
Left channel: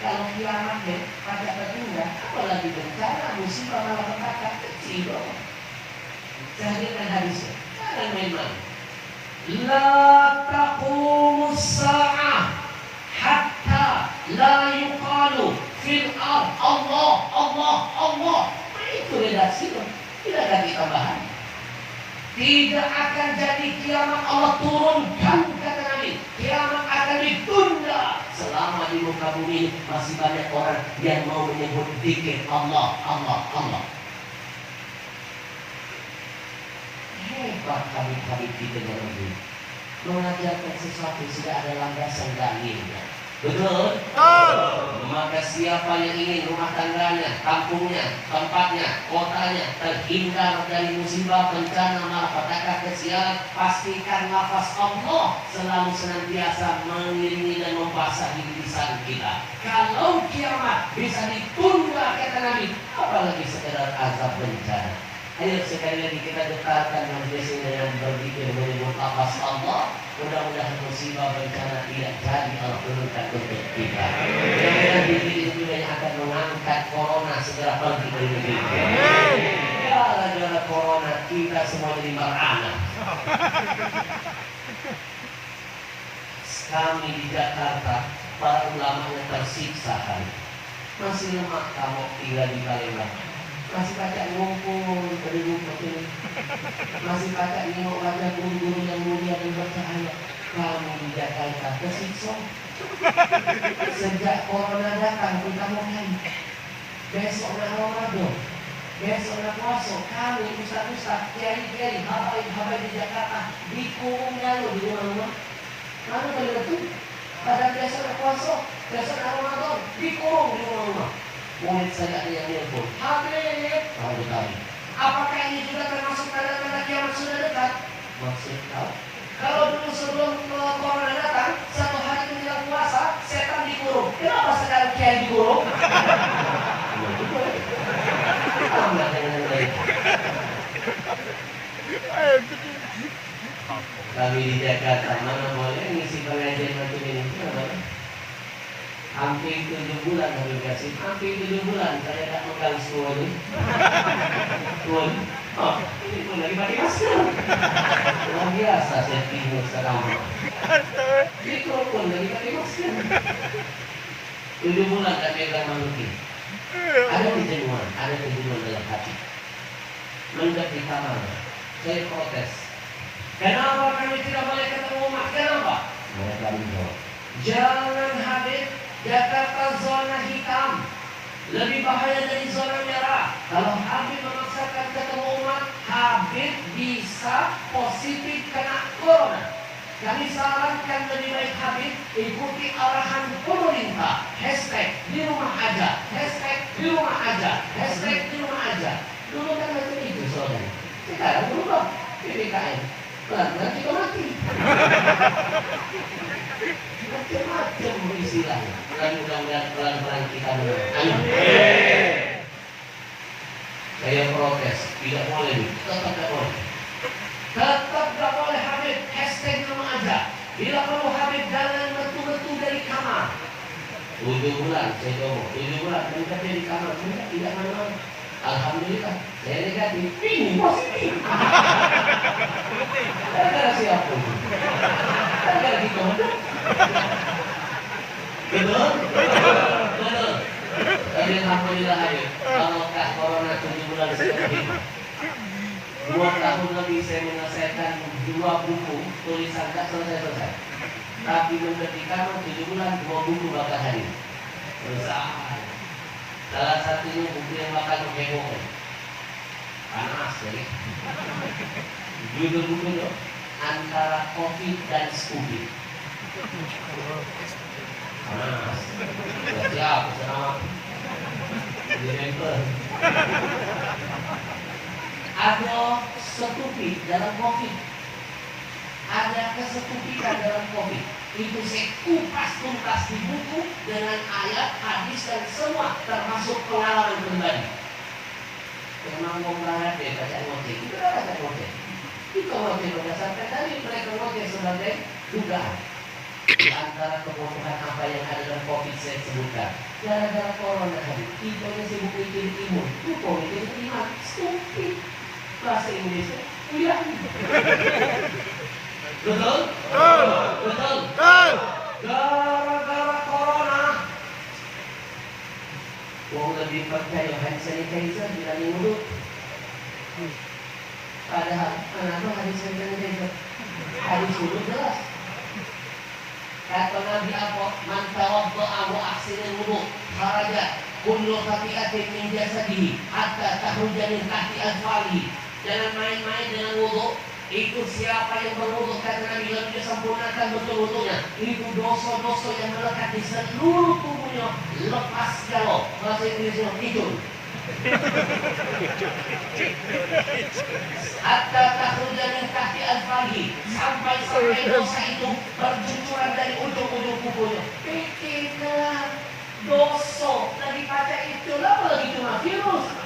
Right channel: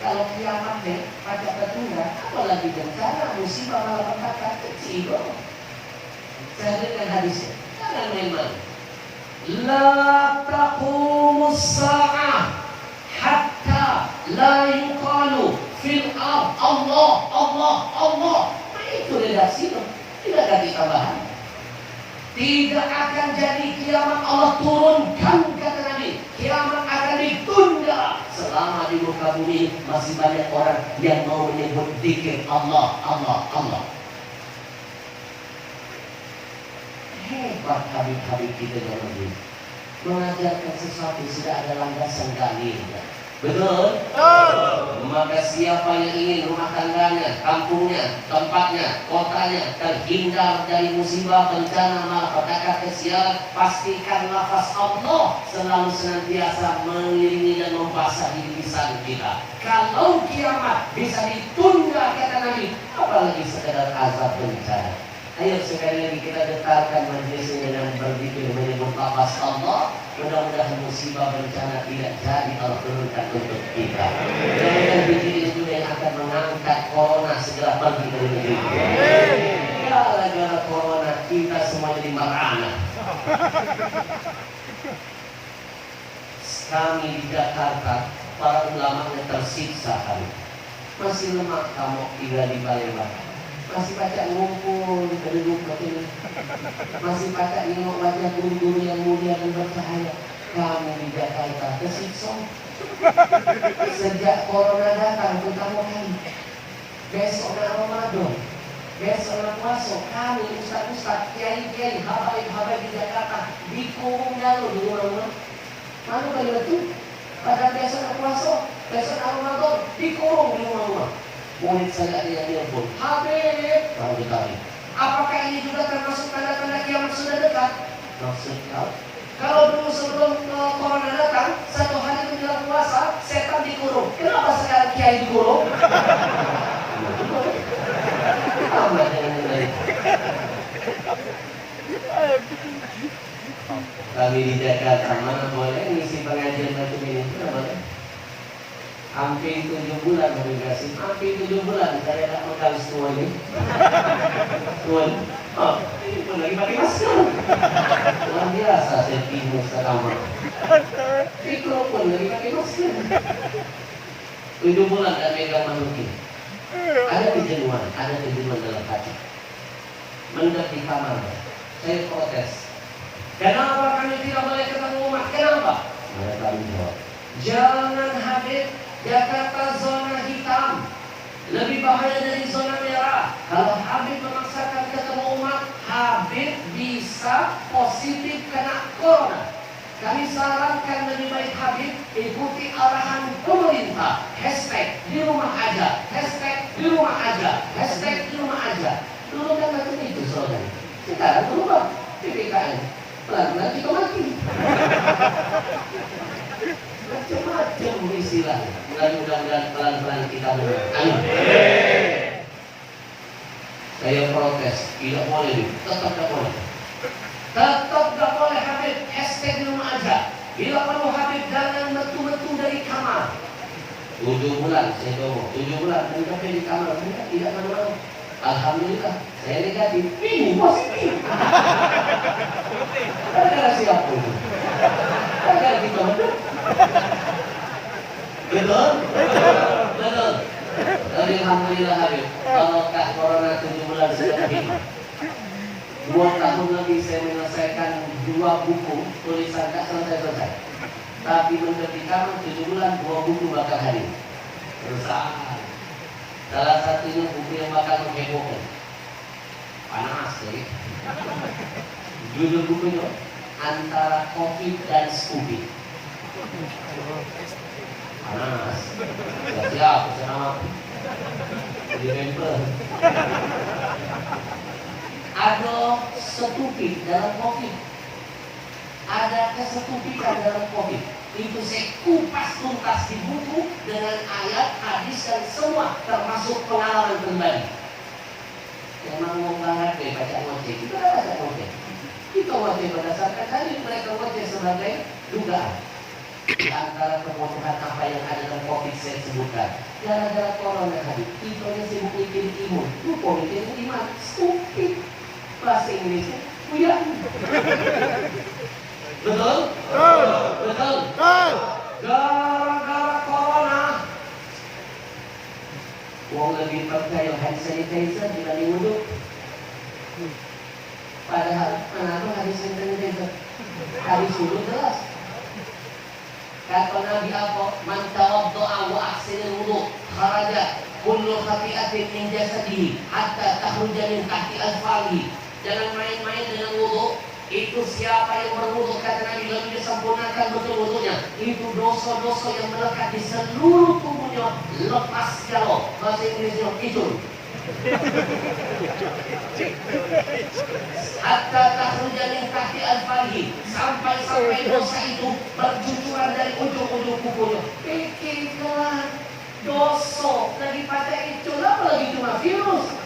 Kalau kiamatnya pakai tertunda, apalagi bencana, musibah, malapetaka kecil. Saya hadirkan hadisnya. Jangan main-main. La taqumus sa'ah hatta la yuqalu fil ard Allah, Allah, Allah. Itu redaksinya. Tidak ada tambahan. Tidak akan jadi kiamat Allah turunkan kata Nabi. Kiamat akan ditunda selama di muka bumi masih banyak orang yang mau menyebut zikir Allah, Allah, Allah. Hebat habib-habib kita dalam ini. Mengajarkan sesuatu sudah ada landasan dalilnya. Betul? Maka siapa yang ingin rumah tangganya, kampungnya, tempatnya, kotanya terhindar dari musibah, bencana, malapetaka, kesialan, pastikan lafaz Allah selalu senantiasa mengiringi dan membasahi lisan kita. Kalau kiamat bisa ditunda kata Nabi, apalagi sekedar azab bencana. Ayo sekali lagi kita getarkan majelis ini dengan berzikir menyebut lafaz Allah. Mudah-mudahan musibah bencana tidak jadi Allah turunkan untuk kita. Dan diri itu yang akan mengangkat corona segera pergi dari negeri kita. Gara-gara corona kita semua jadi marana. Kami di Jakarta, para ulamanya tersiksa kan. Masih lemah kamu tinggal di Palembang. Masih baca ngumpul penduduk ini, masih baca nengok wajah guru-guru yang mulia dan bercahaya. Kami di Jakarta kesiksa. Sejak corona datang pertama kali. Besok nak Ramadan, besok nak puasa, kami ustaz-ustaz, kiai-kiai, habaib-habaib di Jakarta dikurung dulu di rumah-rumah. Mana benda tu? Pada besok nak puasa, besok nak Ramadan, dikurung di rumah-rumah. Murid saya ada yang nelpon, Habib, tahu ditarik. Apakah ini juga termasuk tanda-tanda kiamat sudah dekat? Maksud kau? Kalau dulu sebelum corona datang, satu hari menjelang puasa, setan dikurung. Kenapa sekarang kiai dikurung? Kami di Jakarta mana boleh ngisi pengajian macam ini? Hampir 7 bulan kami kasih, hampir 7 bulan saya tak makan semuanya. Tuan, ini pun lagi pakai masker. Luar biasa saya timbul sekarang. Mikrofon lagi pakai masker. 7 bulan tak megang manusia. Ada kejenuhan, ada kejenuhan dalam hati. Mendapat di kamar, saya protes. Kenapa kami tidak boleh ketemu umat? Kenapa? Mereka menjawab, jangan Habib, Jakarta zona hitam, lebih bahaya dari zona merah. Kalau Habib memaksakan ketemu umat, Habib bisa positif kena corona. Kami sarankan lebih baik Habib ikuti arahan pemerintah. Hashtag di rumah aja, hashtag di rumah aja, hashtag di rumah aja. Dulu kan macam itu saudara. Sekarang berubah PPKM. Pelan-pelan kita mati. Macam-macam istilahnya. Mudah-mudahan pelan-pelan kita menang. Amin. Saya protes, tidak boleh, tetap tidak boleh. Tetap tidak boleh Habib, hashtag di rumah aja. Bila perlu Habib jangan betul-betul dari kamar. 7 bulan saya coba, 7 bulan mencapai di kamar, tidak mana-mana. Alhamdulillah, saya negatif, ini positif. Gara-gara siapa itu? Gara-gara kita betul. Betul? Betul. Jadi alhamdulillah Habib, kalau tak corona 7 bulan sekali. 2 tahun lagi saya menyelesaikan 2 buku tulisan tak selesai-selesai. Tapi menjadikan 7 bulan 2 buku bakal hari. Berusaha. Salah satunya buku yang bakal menghebohkan. Panas jadi. Judul buku itu antara COVID dan stupid. Panas. Siap, senang. Dirempel. Ada stupid dalam COVID. Ada kestupidan dalam COVID. Itu saya kupas tuntas di buku dengan ayat, hadis dan semua termasuk pengalaman pribadi. Memang mau banget deh baca ngoceh, kita baca ngoceh. Kita ngoceh berdasarkan tadi mereka ngoceh sebagai dugaan. Antara kebutuhan apa yang ada dalam COVID saya sebutkan. Gara-gara corona tadi, kita yang sibuk bikin imun, lupa bikin iman, stupid. Bahasa Inggrisnya, udah. Betul? Betul? Gara-gara corona wong lebih percaya hand sanitizer dibanding wudhu. Padahal kenapa hand sanitizer? Habis wudhu jelas. Kata Nabi apa? Man tawadda'a wa ahsana wudhu kharaja kullu khati'atin min jasadihi hatta takhruja min tahti alfalihi. Jangan main-main dengan wudhu. Itu siapa yang berwudu kata Nabi lalu dia sempurnakan betul-betulnya. Itu dosa-dosa yang melekat di seluruh tubuhnya lepas kalau bahasa Inggrisnya itu. Hatta takhruja min tahti alfarihi, sampai dosa itu bercucuran dari ujung-ujung kukunya. Pikirkan dosa daripada itu apa lagi cuma virus.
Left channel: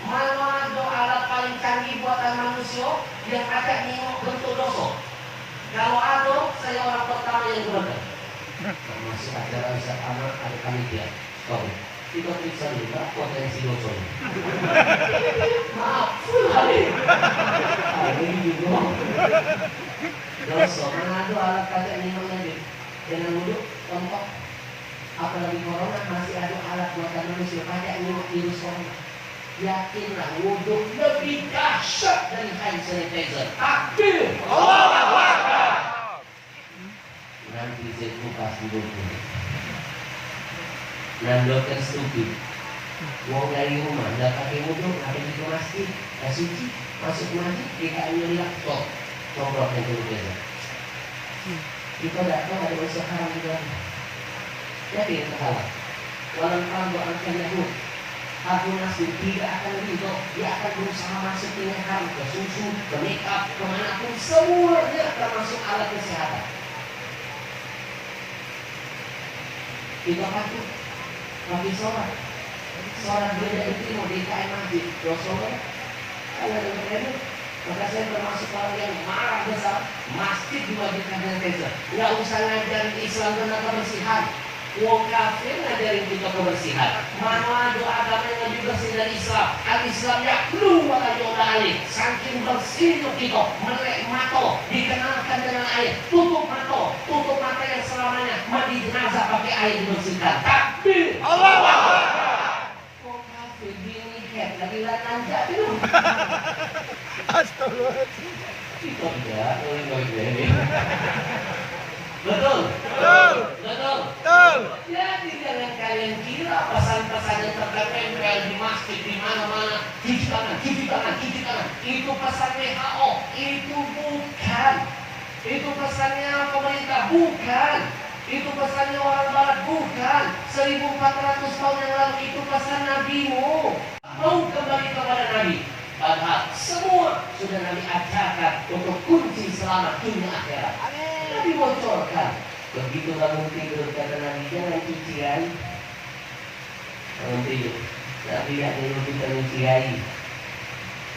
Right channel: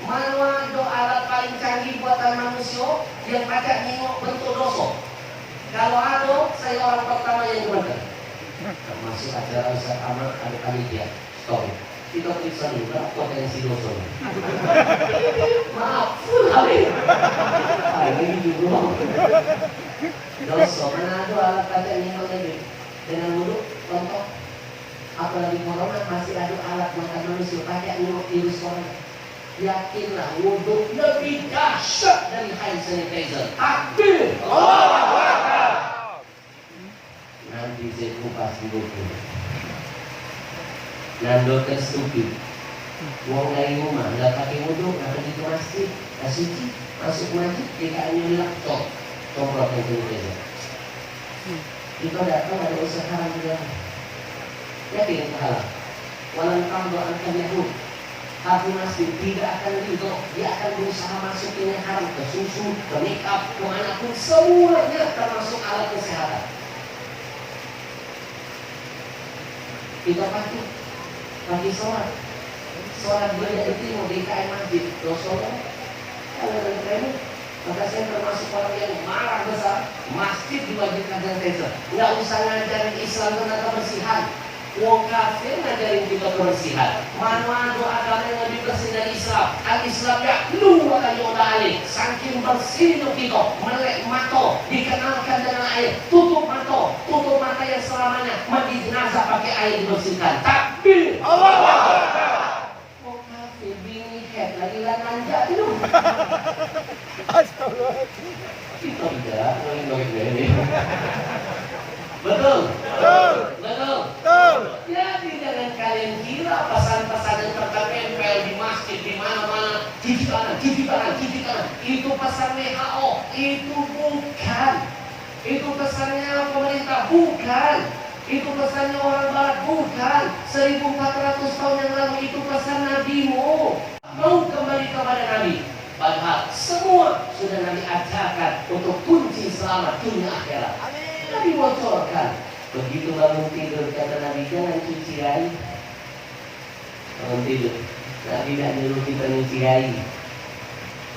Mana doa alat paling canggih buatan manusia yang ada nengok bentuk dosa. Kalau ada, saya orang pertama yang gunakan. Termasuk acara Ustaz Anak, ada panitia. Stop. Kita periksa dulu potensi dosa. Maaf, full habis. Ini juga. Dosa, mana ada alat pakai nengok lagi. Jangan dulu, contoh. Apalagi corona masih ada alat buatan manusia pakai nengok virus corona. Yakinlah wudhu lebih dahsyat dari hand sanitizer. Takbir. Allahu Akbar. pas buku. Nando terstupid. Wong dari rumah, nggak pakai wudhu, ada di masjid, nggak suci, masuk masjid, kita ambil laptop, coba penjelasan. Kita datang ada usaha juga. Yakin salah. Walau kamu akan Yahud, aku masih tidak akan ridho. Dia akan berusaha masuk ke leher, ke susu, ke makeup, kemanapun semuanya termasuk alat kesehatan. Kita pagi sholat beda itu mau DKM masjid, sholat, ada yang maka saya termasuk orang yang marah besar. Masjid diwajibkan dengan taser. Nggak usah ngajarin Islam tentang kebersihan. Wong kafir ngajarin kita kebersihan. Mana doa agama yang lebih bersih dari Islam? Al-Islam ya lu wala alik. Saking bersihnya kita, melek mata, dikenalkan dengan air. Tutup mata yang selamanya mandi jenazah pakai air dibersihkan. Takbir. Allah. Wong kafir bini head lagi lanang jadi lu. Astagfirullahaladzim. Kita tidak noy-noy. Betul. Jadi jangan kalian kira pesan-pesan yang tertempel di masjid di mana-mana, cuci tangan. Itu pesan WHO, itu bukan. Itu pesannya pemerintah, bukan. Itu pesannya orang barat, bukan. 1400 tahun yang lalu itu pesan nabimu. Mau kembali kepada Nabi. Padahal semua sudah Nabi ajarkan untuk kunci selamat dunia akhirat. Nabi bocorkan. Begitu bangun tidur kata Nabi, jangan cuci air. Bangun tidur, Nabi tidak nyuruh kita nyuci air.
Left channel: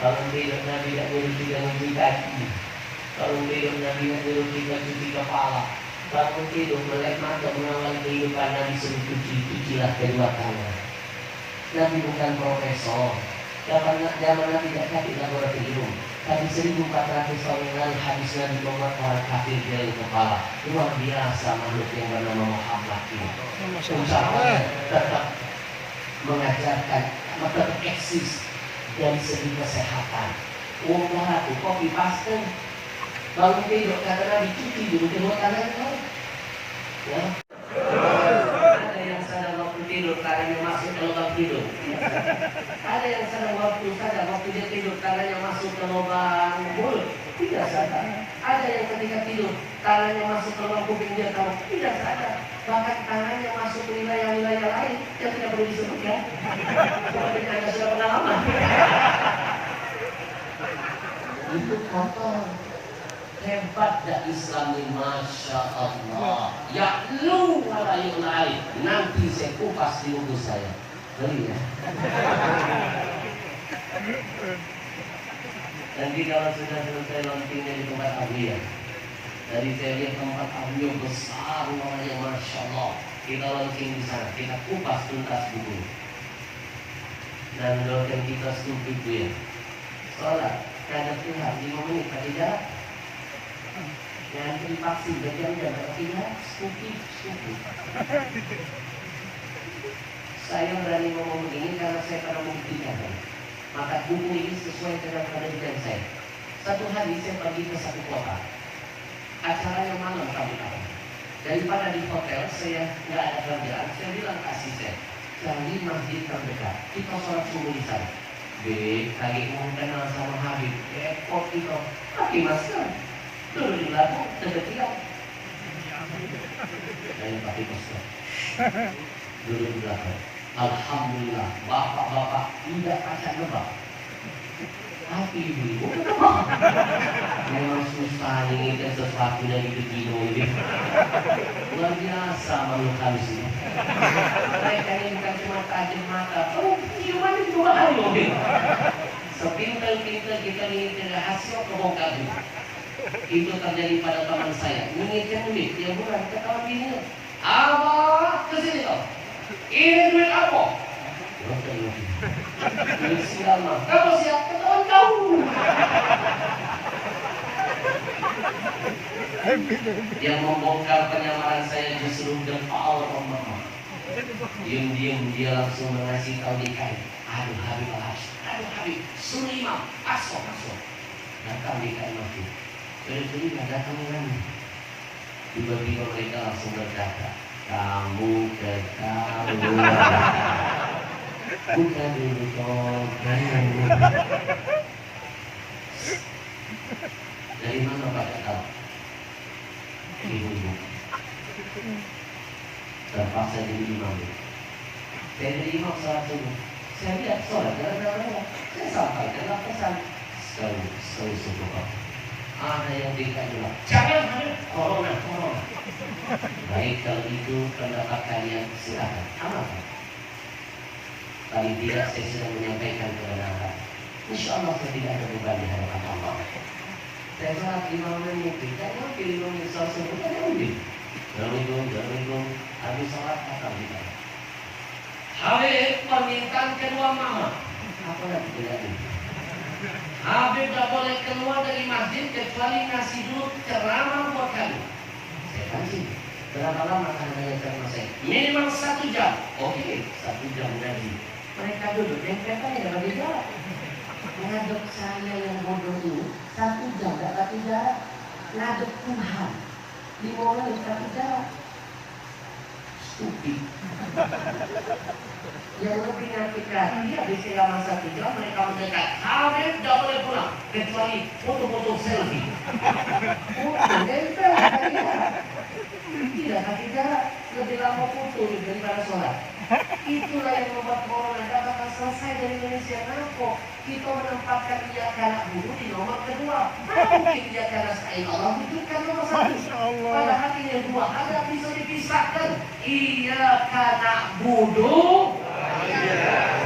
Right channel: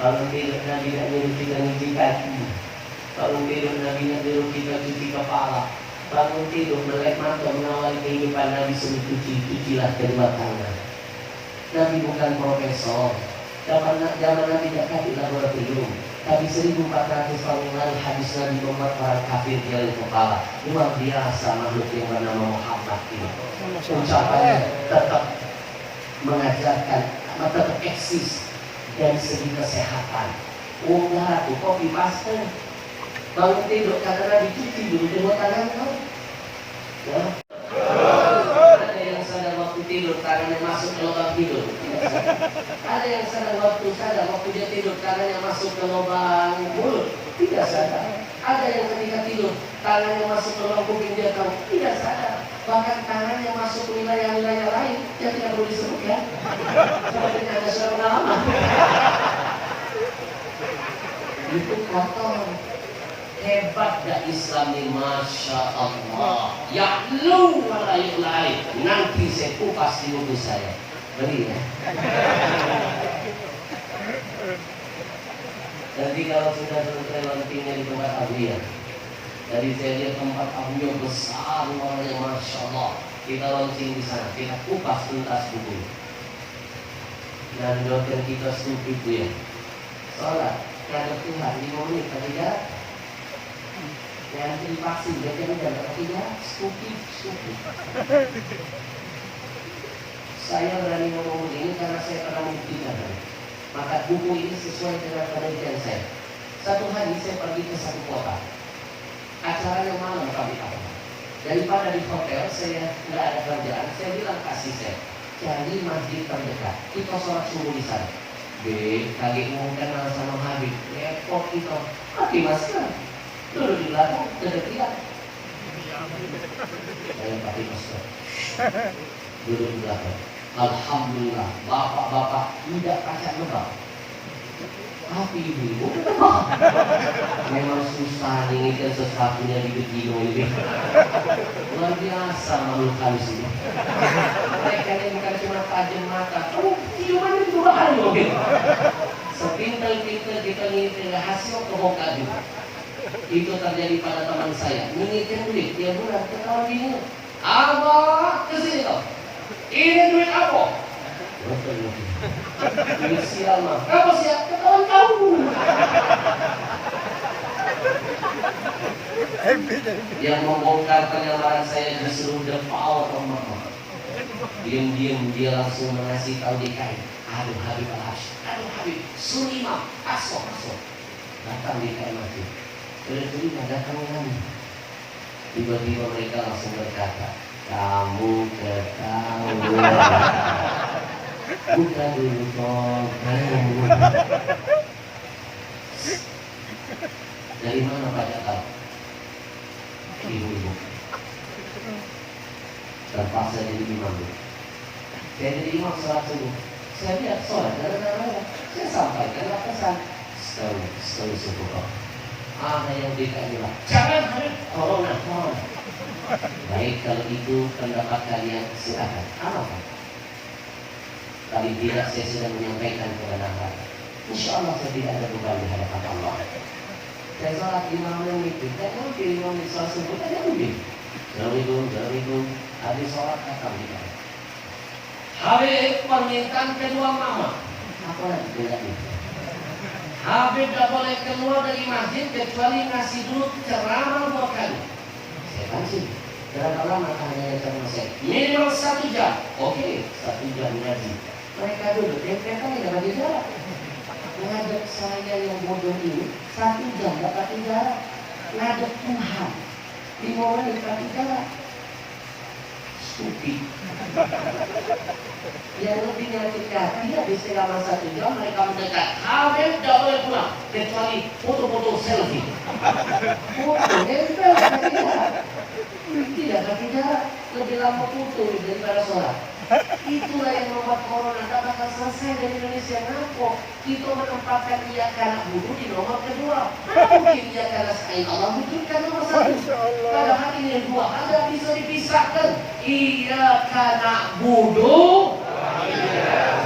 Bangun tidur, Nabi tidak nyuruh kita nyuci kaki. Bangun tidur, Nabi tidak nyuruh kita cuci kepala. Bangun tidur, melek mata mengawali kehidupan Nabi suruh cucilah kedua tangan. Nabi bukan profesor. Zaman Nabi tidak di laboratorium. Tapi 1400 tahun yang lalu hadis Nabi membuat orang kafir dari kepala. Luar biasa makhluk yang bernama Muhammad ini. Ucapannya tetap mengajarkan, tetap eksis dari segi kesehatan. Barat itu kopi paste. Bangun tidur kata Nabi cuci dulu kedua tangan kau. Ya. Ada yang sadar waktu tidur tangannya masuk ke lubang tidur. Ada yang sadar waktu dia tidur tangannya masuk ke lubang mulut, tidak sadar. Ada yang ketika tidur tangannya masuk ke lubang kuping dia tahu, tidak sadar. Bahkan tangannya masuk ke wilayah-wilayah lain yang tidak perlu disebutkan. Sepertinya Anda sudah pengalaman. Itu kotor. Hebat dah Islam ini, Masya Allah. Ya lu walayulai. Nanti saya kupas di mulut saya. Beli ya. Nanti kalau sudah selesai launchingnya di tempat Abiyah, dari saya lihat tempat Abiyah besar luarnya, Masya Allah. Kita launching di sana, kita kupas tuntas buku. Dan doakan kita stupid ya. Sholat, kadang Tuhan 5 menit pada jarak. Yang divaksin berjam-jam, tidak stupid. Saya berani ngomong ini karena saya pernah membuktikan. Maka buku ini sesuai dengan penelitian saya. Satu hari saya pergi ke satu kota. Acaranya malam kami apa. Daripada di hotel saya nggak ada kerjaan, saya bilang ke asisten, cari masjid terdekat. Kita sholat subuh di sana. Kaki mau kenal sama Habib. Repot itu. Pakai masker. Dulu di belakang kedekatan. Saya pakai masker. Dulu di belakang. Alhamdulillah, bapak-bapak tidak pacar lebak. Tapi ibu lebak. Memang susah menginginkan sesuatu dari begini ini. Luar biasa makhluk halus ini. Mereka ini bukan cuma tajam mata. Oh, ciuman itu bahaya loh. Sepintel-pintel kita menginginkan hasil kebongkar juga. Itu terjadi pada teman saya. Menginginkan duit, dia bulan ketahuan bini. Abah, kesini loh. Ini duit apa? Duit sial mah. Kamu siap? Ketahuan kamu. Yang membongkar penyamaran saya justru the power of mama. Diam-diam dia langsung mengasih tahu di kain. Aduh Habib Al-Habib. Aduh Habib. Sunimam. Asok. Datang di kain mati. Jadi datang lagi. Tiba-tiba mereka langsung berkata, kamu ketahuan. Buka dulu dong, kamu. Dari mana Pak tahu? Ibu-ibu. Terpaksa jadi imam. Saya jadi imam sholat subuh. Saya lihat sholat gara-gara saya sampaikanlah pesan. Stau subuh. Ada yang dikatakan, jangan ada corona. Baik, kalau itu pendapat kalian silakan. Apa? Paling tidak saya sudah menyampaikan kebenaran. Insya Allah saya tidak ada beban di hadapan Allah. Saya sholat 5 menit, dan mungkin 5 menit sholat subuh, dan mungkin. Assalamualaikum. Habis sholat datang di mana? Habib permintaan kedua mama. Apa lagi tidak ini? Habib tidak boleh keluar dari masjid kecuali ngasih dulu ceramah buat kami. Saya pancing. Berapa lama hanya ceramah saya? Minimal 1 jam. Oke, 1 jam ngaji. Mereka duduk, mereka ya bagi jarak. Ngadep saya yang bodoh ini 1 jam dapat jarak. Ngadep Tuhan 5 menit dapat jarak. Stupid. Yang lebih nyakitkan, dia habis selama 1 jam mereka mendekat. Habib tidak boleh pulang kecuali foto-foto selfie. Foto nempel kaki jarak. Tidak kaki jarak, lebih lama foto daripada sholat. Itulah yang membuat corona tidak bakal selesai dari Indonesia. Kenapa? Kita menempatkan ia karena budu di nomor kedua. Mungkin ia karena sa'in Allah butuhkan nomor 1. Padahal ini yang 2 ada bisa dipisahkan. Ia karena budu.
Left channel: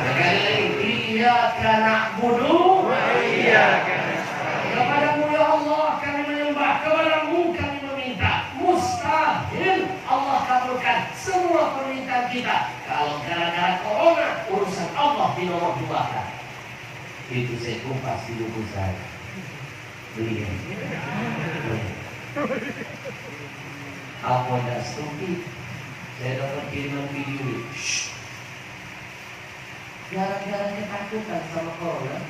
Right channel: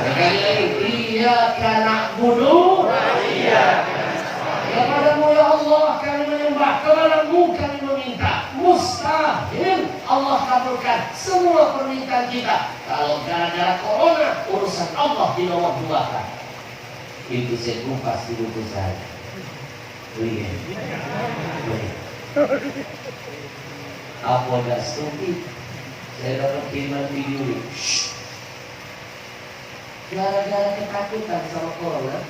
Sekali lagi, ia karena budu. Kepadamu ya Allah kami menyembah, kepadamu kami meminta. Mustahil Allah kabulkan semua permintaan kita. Kalau gara-gara corona urusan Allah di nomor 2 kan. Itu saya kupas di buku saya. Lihat. Apa ada stupid? Saya dapat kiriman video ini. Gara-gara ketakutan sama corona,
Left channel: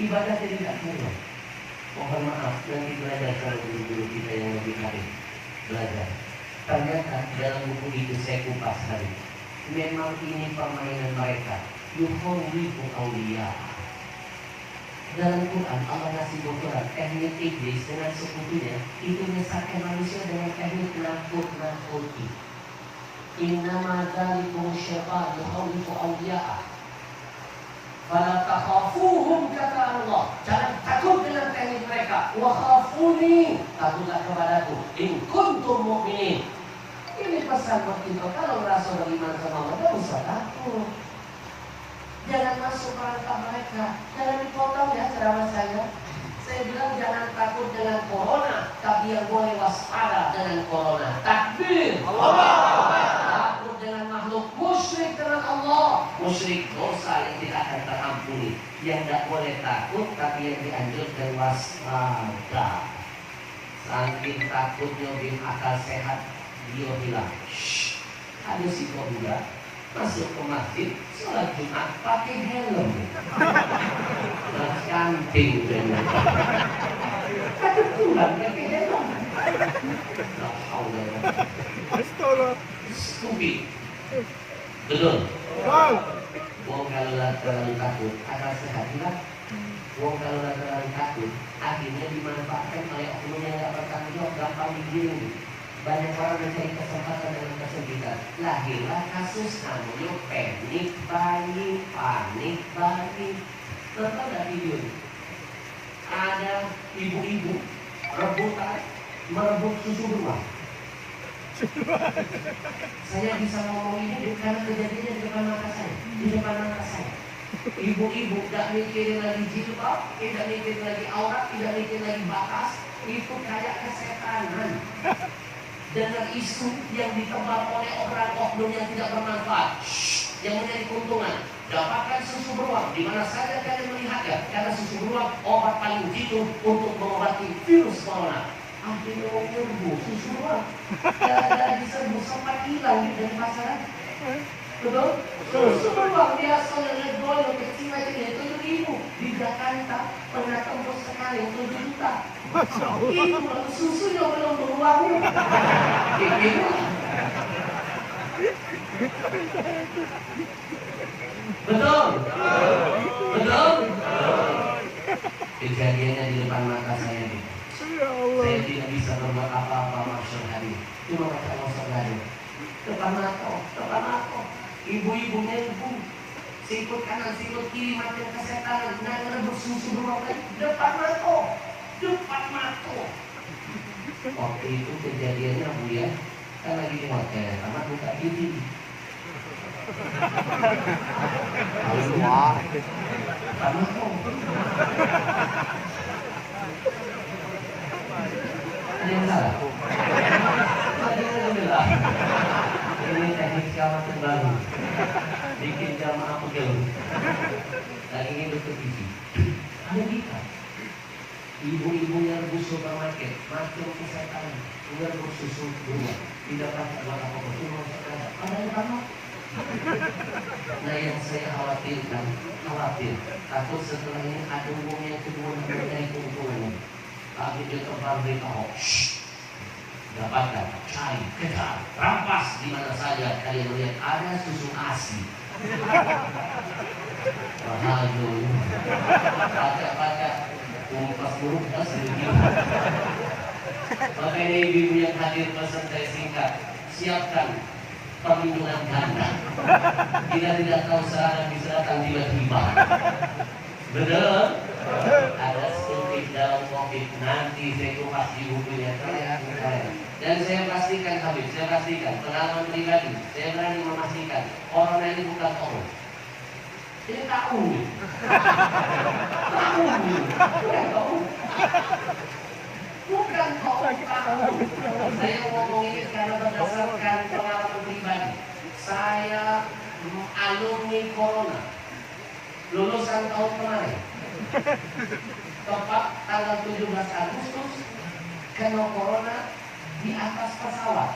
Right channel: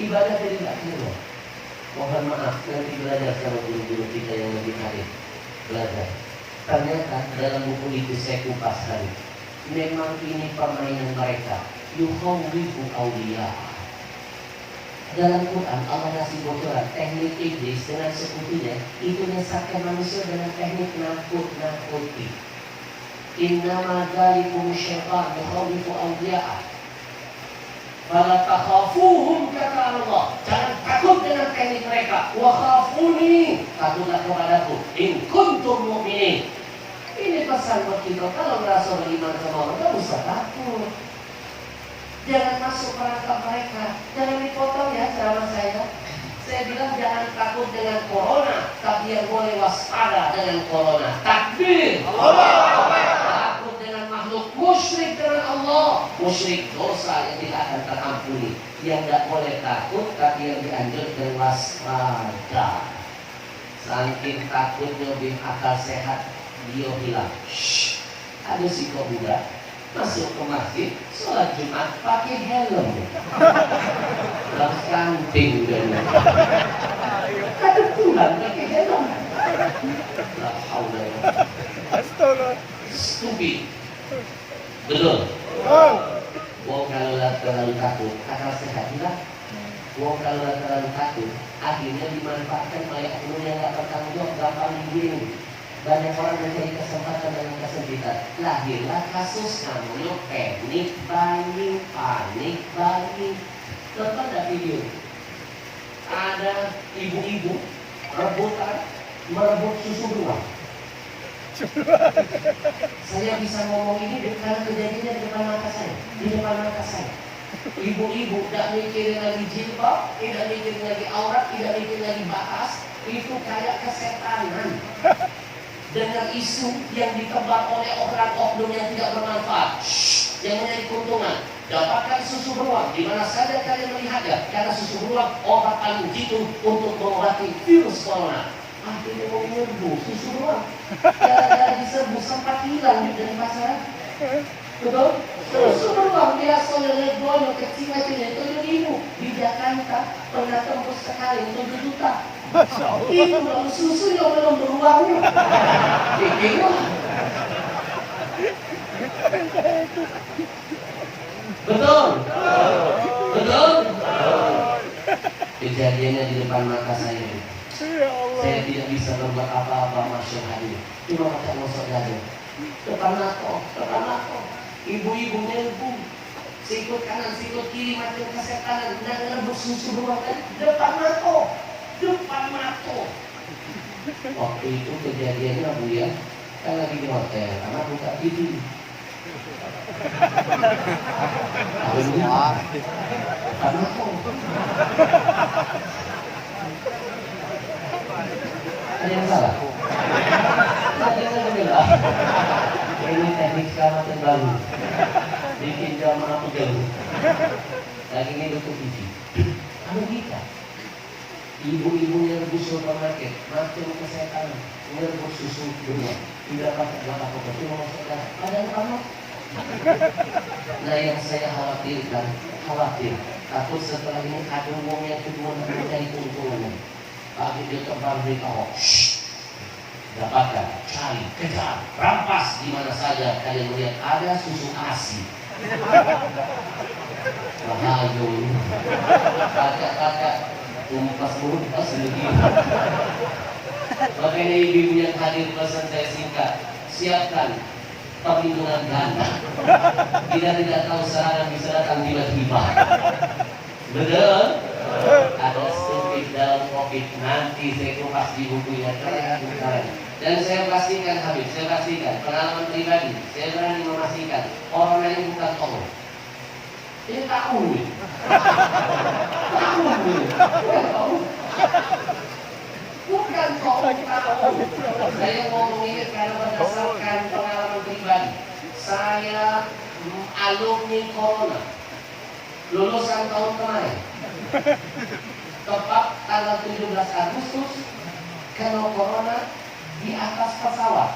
ibadah tidak keluar. Mohon maaf, nanti belajar sama guru-guru kita yang lebih hadir. Belajar. Ternyata dalam buku itu saya kupas hari. Memang ini permainan mereka. Yukhawwifu awliya. Dalam Quran Allah ngasih bocoran teknik iblis dengan sekutunya itu menyesatkan manusia dengan teknik nakut-nakuti. Innama dzalikum syaitan yukhawwifu awliya. Fala takhafuhum kata Allah. Jangan takut dengan teknik mereka. Wa khafuni, takutlah kepadaku. In kuntum mu'minin. Ini pesan buat kita. Kalau merasa beriman sama Allah, tidak usah takut. Jangan masuk perangkap mereka. Jangan dipotong ya ceramah saya. Saya bilang jangan takut dengan corona, tapi yang boleh waspada dengan corona. Takbir. Takut dengan makhluk, musyrik dengan Allah. Musyrik dosa yang tidak akan terampuni. Yang tidak boleh takut, tapi yang dianjurkan waspada. Saking takutnya bin akal sehat, dia bilang, ada si kobuda masuk ke masjid, sholat Jumat pakai helm. Terus canting dan kata Tuhan pakai helm. La haula. Astaga. Stupid. Betul. Wong kalau terlalu takut, akal sehat juga. Wong kalau terlalu takut, akhirnya dimanfaatkan oleh oknum yang tidak bertanggung jawab, gampang digiring. Banyak orang mencari kesempatan dengan kesempitan. Lahirlah kasus namanya panic buying. Nonton ada video. Ada ibu-ibu rebutan merebut susu beruang. Saya bisa ngomong ini karena kejadiannya di depan mata saya. Ibu-ibu tidak mikirin lagi jilbab, tidak mikirin lagi aurat, tidak mikirin lagi batas. Itu kayak kesetanan. Dengan isu yang ditebak oleh orang oknum yang tidak bermanfaat, yang mencari keuntungan. Dapatkan susu beruang di mana saja kalian melihatnya, karena susu beruang obat paling jitu untuk mengobati virus corona. Akhirnya mau nyerbu susu beruang, gara-gara diserbu sempat hilang dari pasaran. Betul? Susu beruang biasanya legonya kecil macamnya itu 7.000 di Jakarta. Jakarta pernah tembus sekali 7 juta. Masya Allah. Itu baru susunya belum beruangnya. Pikirlah. Betul? Betul? Kejadiannya di depan mata saya. Ya Allah. Saya tidak bisa berbuat apa-apa, masyaallah hadir. Cuma macam ngosok dadu. Depan mata. Ibu-ibunya ibu. Sikut kanan, sikut kiri macam kesetanan. Nah, ngerebut susu beruang tadi. Depan mata. Waktu itu kejadiannya Bu ya, kan lagi di hotel, amat buka TV. Wah. Depan mata. Ada yang salah? Tadi kan bilang ini teknik kawasan baru, bikin jamaah pegel. Lagi ngidup ke TV. Anu kita, ibu-ibunya rebus supermarket, macam kesehatan, ngerebus susu beruang, tidak pakai apa-apa, cuma masuk darah. Ada yang apa? Nah, yang saya khawatir, takut setelah ini ada uang yang kedua menjadi keuntungannya. Pak video terbang berita hoax. Dapatkan, cari, kejar, rampas di mana saja kalian melihat ada susu ASI. Bahaya, baca, umpas berumpas begini. Makanya ibu yang hadir pesan saya singkat, siapkan perlindungan ganda. Kita tidak tahu serangan bisa datang tiba-tiba. Betul? Ada stupid dalam COVID, nanti saya kupas di buku yang kalian. Dan saya pastikan Habib, pengalaman pribadi, saya berani memastikan corona ini bukan tokoh. Ini tahu. Bukan tahu. Saya ngomong ini karena berdasarkan pengalaman pribadi. Saya alumni corona, lulusan tahun kemarin. Tepat tanggal 17 Agustus kena corona di atas pesawat.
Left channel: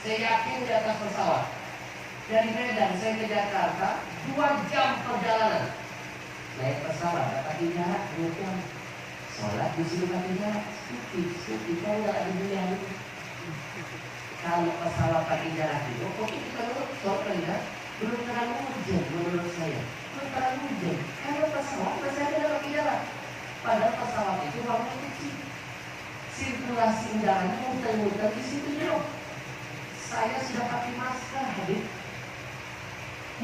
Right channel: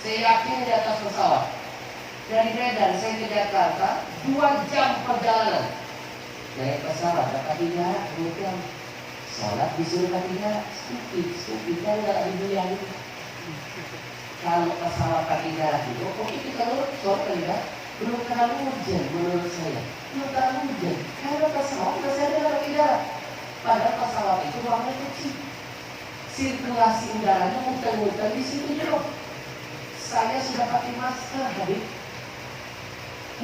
Saya yakin di atas pesawat. Dari Medan saya ke Jakarta 2 jam perjalanan. Naik pesawat dapat jarak 2 jam. Sholat disuruh pakai jarak. Stupid kan nggak ada dunia. Kalau pesawat pakai jarak itu, oke kita sholat pakai jarak. Belum terlalu hujan menurut saya. Belum terlalu hujan. Kalau pesawat masih ada pakai jarak. Padahal pesawat itu ruangnya kecil. Sirkulasi udaranya muter-muter di situ jauh. Saya sudah pakai masker, Habib.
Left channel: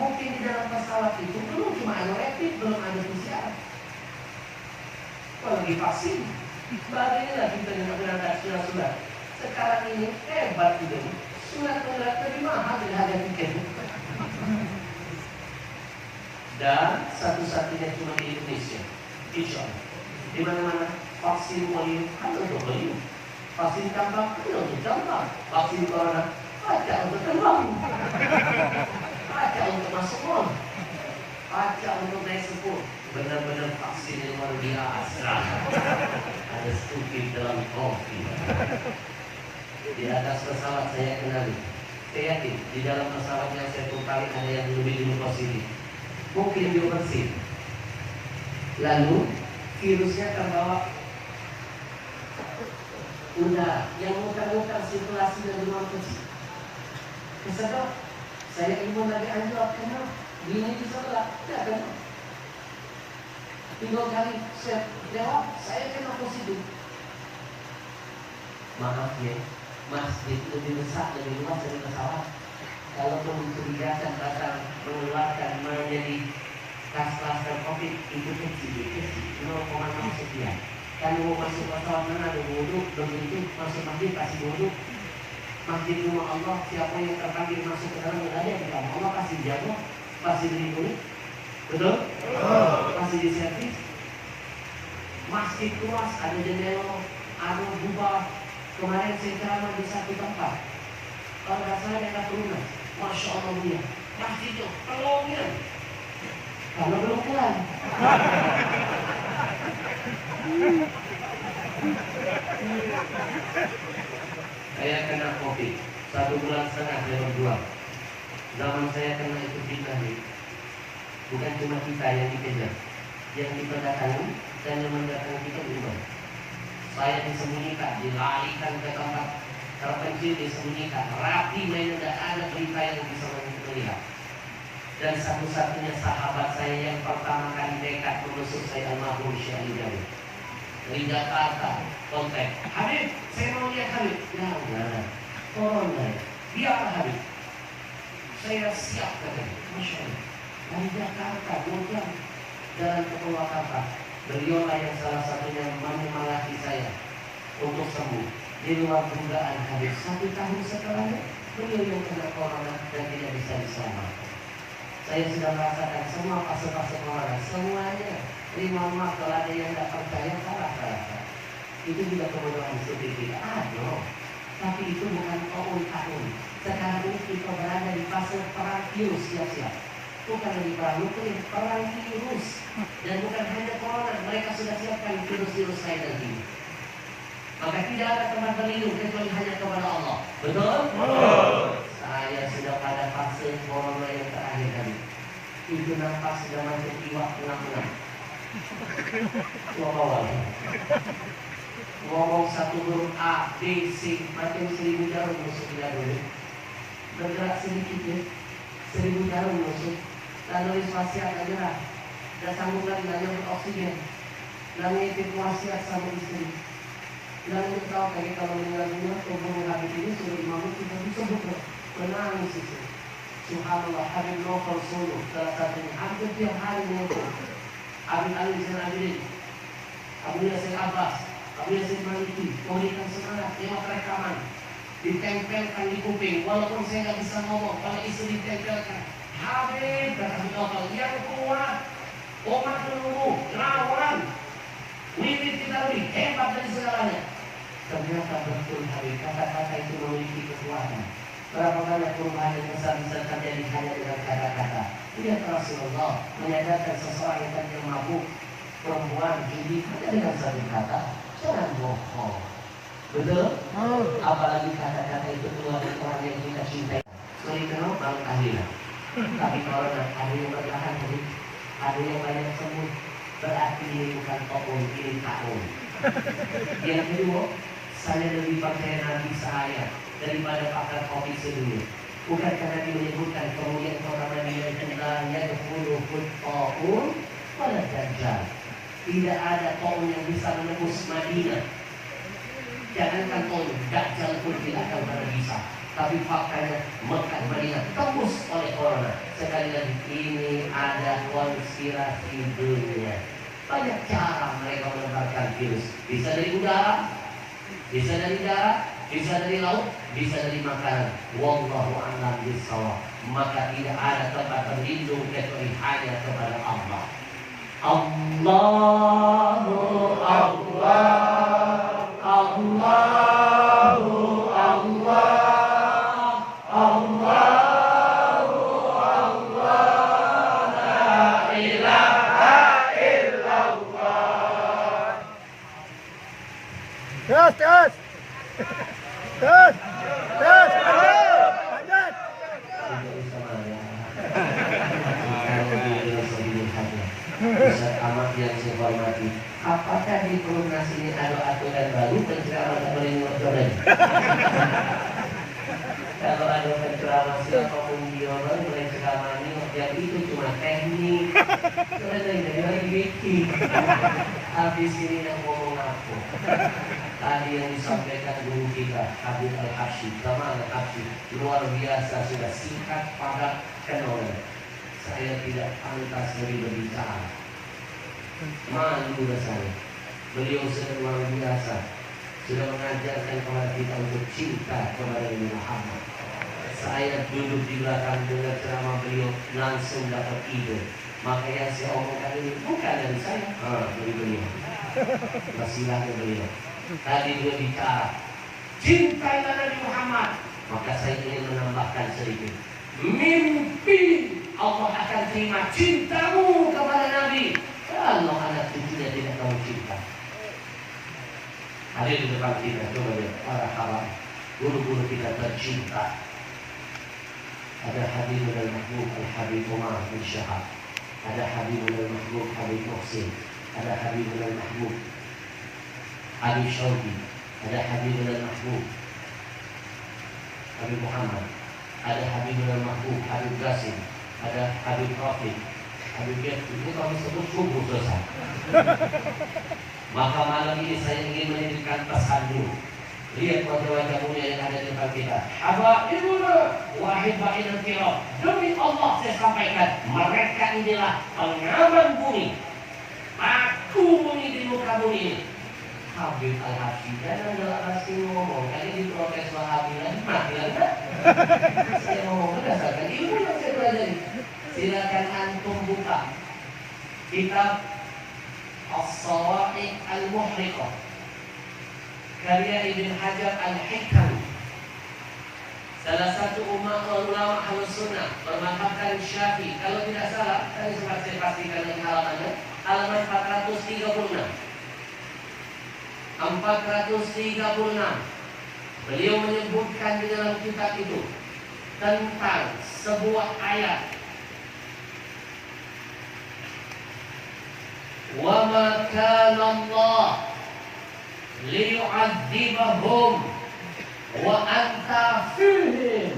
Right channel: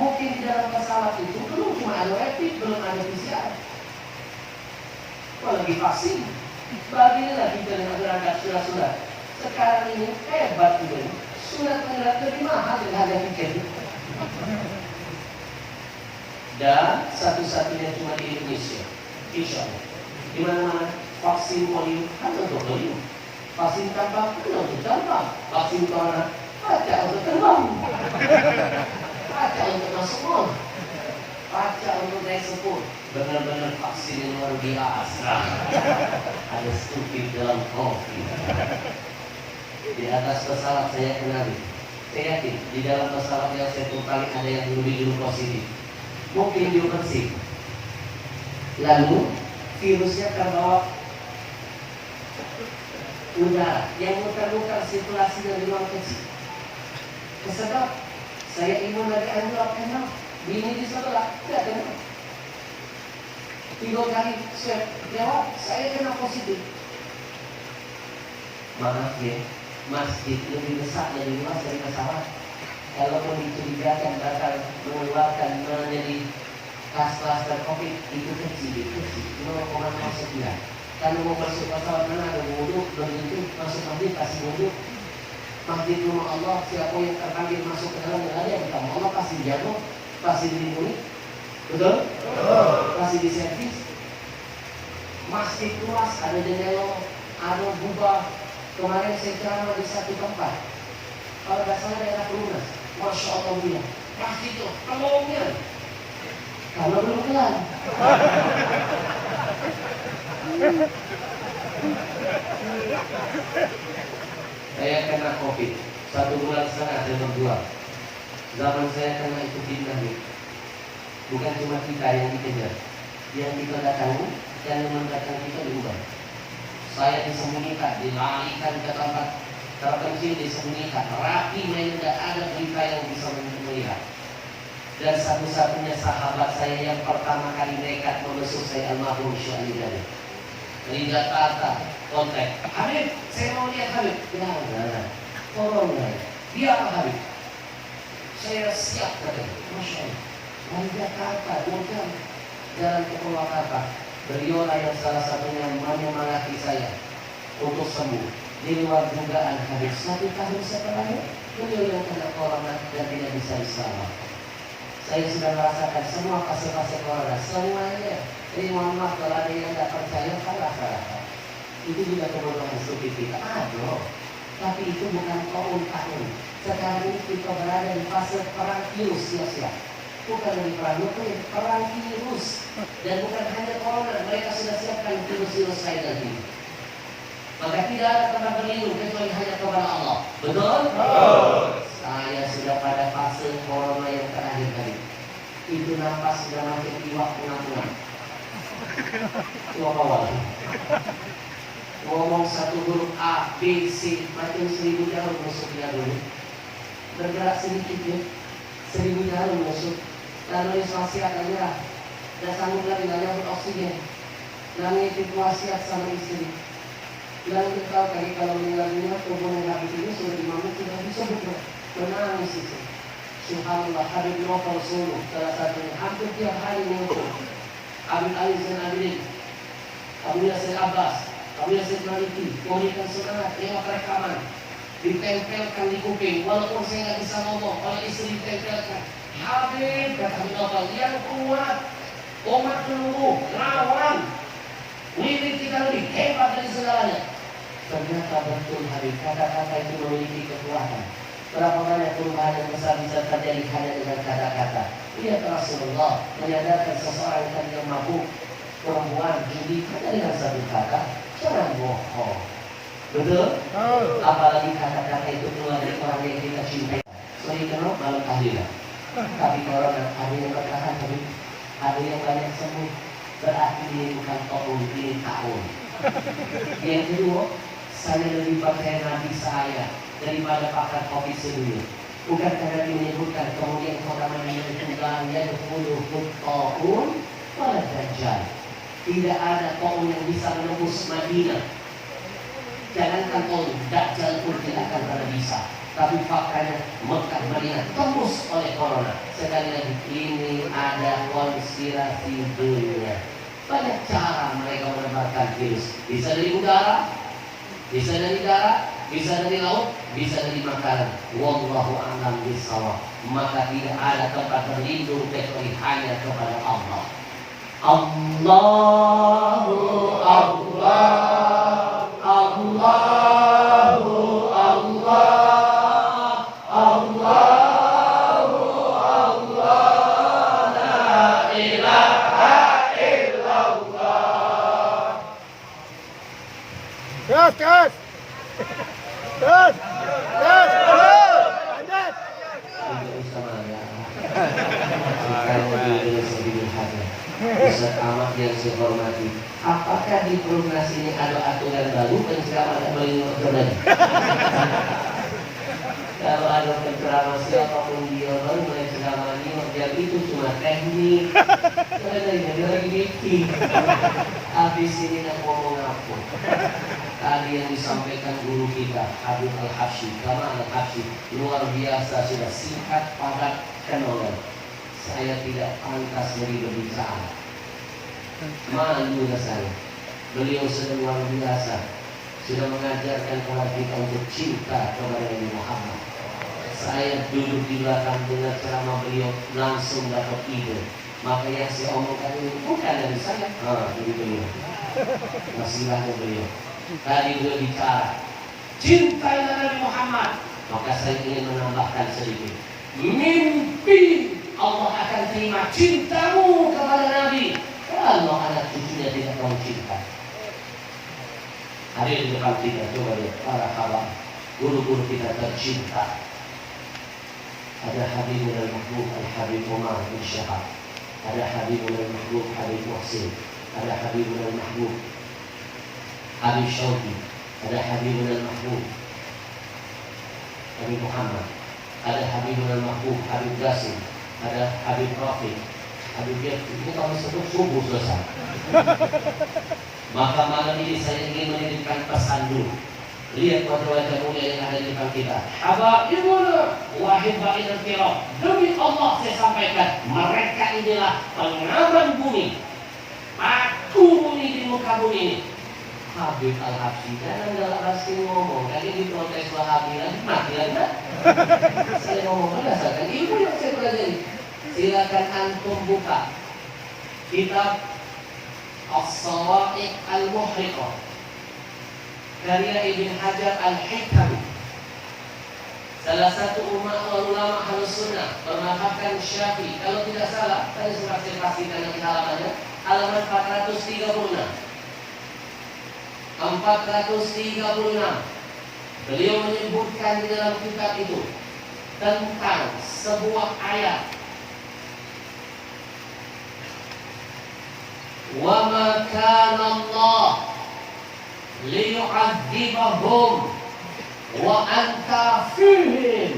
Mungkin di dalam pesawat itu belum cuma ada rapid, belum ada PCR. Kalau lagi vaksin, bagilah kita yang berangkat surat-surat. Sekarang ini hebat juga nih. Surat menyurat lebih mahal dengan harga tiket. Dan satu-satunya cuma di Indonesia. Insya Allah. Di mana-mana vaksin polio hanya untuk polio, vaksin campak hanya untuk campak, vaksin corona baca untuk terbang, baca untuk masuk mall, baca untuk naik sepur. Benar-benar vaksin yang luar biasa. Ada stupid dalam kopi. Di atas pesawat saya kenali. Saya yakin di dalam pesawat yang saya tumpangi ada yang lebih dulu positif. Mungkin dia bersih. Lalu virusnya terbawa udara yang muter-muter sirkulasi dari ruang kecil. Kesedap, saya imun dari anjlok kenal, bini di sebelah tidak kenal. 3 kali swab jawab, saya kena positif. Maaf ya, masjid lebih besar, lebih luas dari pesawat. Kalau dicurigakan bakal mengeluarkan menjadi klaster COVID itu kecil, 0,0 sekian. Kalau mau masuk pesawat mana ada wudhu, belum tentu masuk masjid pasti wudhu. Masjid rumah Allah, siapa yang terpanggil masuk ke dalam yang ada yang kita Allah pasti jago, pasti dilindungi. Betul? Pasti diservis. Masjid luas, ada jendela, ada gubah. Kemarin saya ceramah di satu tempat. Kalau nggak salah daerah Perumnas, Masya Allah dia. Masjid itu pelongnya. Kalau belum kelar. Saya kena COVID 1,5 bulan saya berjuang. Zaman saya kena itu fitnah. Bukan cuma kita yang dikejar. yang kita datangi dan yang mendatangi kita berubah. Saya disembunyikan, dilarikan ke tempat terpencil, disembunyikan, rapi, mainan, tidak ada berita yang bisa melihat. Dan satu-satunya sahabat saya yang pertama kali nekat membesuk saya, almarhum Syekh Ali Jari dari Jakarta, kontak, Habib, saya mau lihat Habib. Jangan, tolong saya, biarlah Habib. Saya siap katanya, Masya Allah. Dari Jakarta, 2 jam jalan ke Purwakarta. Beliau lah yang salah satunya menyemangati saya untuk sembuh. Di luar dugaan Habib, 1 tahun setelahnya beliau yang kena corona dan tidak bisa diselamatkan. Saya sudah merasakan semua fase-fase corona, semuanya. Jadi mohon maaf kalau ada yang tidak percaya, kalah. Itu juga kebodohan stupid kita. Aduh, tapi itu bukan tahun. Sekarang ini kita berada di fase perang virus, siap-siap. Bukan lagi perang nuklir, perang virus. Dan bukan hanya corona, mereka sudah siapkan virus-virus lain lagi. Maka tidak ada tempat berlindung kecuali hanya kepada Allah. Betul? Saya sudah pada fase corona yang terakhir tadi. Itu nafas sudah macam iwak pengampungan. Ngomong satu huruf A, B, C, macam 1000 jarum masuk di dulu. Bergerak sedikit ya, 1000 jarum masuk. Lalu wasiat aja, dan sanggup lagi nanya oksigen. Namanya itu wasiat sama istri. Lalu kita tahu tadi kalau meninggal dunia tubuhnya habis ini sudah 5 menit sudah disebut loh. Menangis itu. Subhanallah, Habib Novel Solo salah satunya hampir tiap hari muncul. Habib Ali Zain Abidin, Abu Yasir Abbas, Abu Yasir Maliki memberikan semangat lewat rekaman, ditempelkan di kuping. Walaupun saya nggak bisa ngomong, kalau istri ditempelkan, Habib kata Habib Novel yang kuat, umat menunggu, lawan, wirid kita lebih hebat dari segalanya. Ternyata betul Habib, kata-kata itu memiliki kekuatan. Berapa banyak perubahan yang besar bisa terjadi hanya dengan kata-kata. Lihat Rasulullah menyadarkan seseorang yang tadinya mabuk, perempuan, judi, hanya dengan satu kata, jangan bohong. Betul? Apalagi kata-kata itu keluar dari orang yang kita cintai. Sorry kenal, malu tahlilan. Tapi corona ada yang bertahan, ada yang banyak sembuh. Berarti ini bukan tahun, ini tahun. Yang kedua, saya lebih percaya Nabi saya daripada pakar COVID sebelumnya. Bukan karena dia menyebutkan kemudian kota Madinah itu dalamnya 20 tahun pada Dajjal. Tidak ada tahun yang bisa menembus Madinah. Jangankan tahun, Dajjal pun tidak akan pernah bisa. Tapi faktanya Mekah Madinah tembus oleh corona. Sekali lagi ini ada konspirasi dunia. Banyak cara mereka menebarkan virus. Bisa dari udara, bisa dari darat, bisa dari laut, bisa dari makanan. Wallahu a'lam bishawab. Maka tidak ada tempat berlindung kecuali hanya kepada Allah. Allahu Allah, Allahu Allah, Allahu Allah, la ilaha illallah. Terus. Lanjut. Ustaz Ahmad yang saya hormati, apakah di Perumnas ini ada aturan baru penceramah tak boleh ngomong lagi? Kalau ada penceramah siapapun dia baru mulai ceramah ini, yang itu cuma teknik. Karena dari lagi bikin. Habis ini nak ngomong apa? Tadi yang disampaikan guru kita Habib Al-Habsyi, Kamal Al-Habsyi, luar biasa, sudah singkat, padat, kenolan. Saya tidak pantas lebih berbicara. Malu rasanya. Beliau sudah luar biasa, sudah mengajarkan kepada kita untuk cinta kepada Nabi Muhammad. Saya duduk di belakang dengar ceramah beliau, langsung dapat ide. Maka yang saya omongkan ini bukan dari saya, dari beliau. Wasilahnya beliau. Tadi beliau bicara, cintailah Nabi Muhammad. Maka saya ingin menambahkan sedikit. Mimpi Allah akan terima cintamu kepada Nabi kalau anak cucunya tidak tahu cinta. Hadir di depan kita, coba lihat para kawan, guru-guru kita tercinta. Ada Habib Al-Mahbub Al-Habib Umar bin Syahab. ada Habibul Mahbub Habib Muhsin, ada Habibul Mahbub Habib Syauqi, ada Habibul Mahbub Habib Muhammad, ada Habibul Mahbub Habib Qasim, ada Habib Rafiq, Habib Yati. Ini kami sebut subuh selesai. Maka malam ini saya ingin menitipkan pesan dulu. Lihat wajah-wajah mulia yang ada di depan kita. Habaibuna wa hibainal kiram. Demi Allah saya sampaikan, mereka inilah pengaman bumi, paku bumi di muka bumi ini. Habib Al-Habsyi, jangan Al-Habsyi ngomong. Kali diprotes Wahabi lagi, mati lagi. Saya ngomong berdasarkan ilmu yang saya pelajari. Silakan antum buka kitab As-Sawa'iq Al-Muhriqah karya Ibn Hajar Al-Haytami, salah satu ulama Ahlus Sunnah bermadhabkan Syafi'i. Kalau tidak salah, tadi sempat saya pastikan lagi halamannya, halaman 436. Beliau menyebutkan di dalam kitab itu tentang sebuah ayat, wa ma kana Allah liyu'adzibahum wa anta fihim,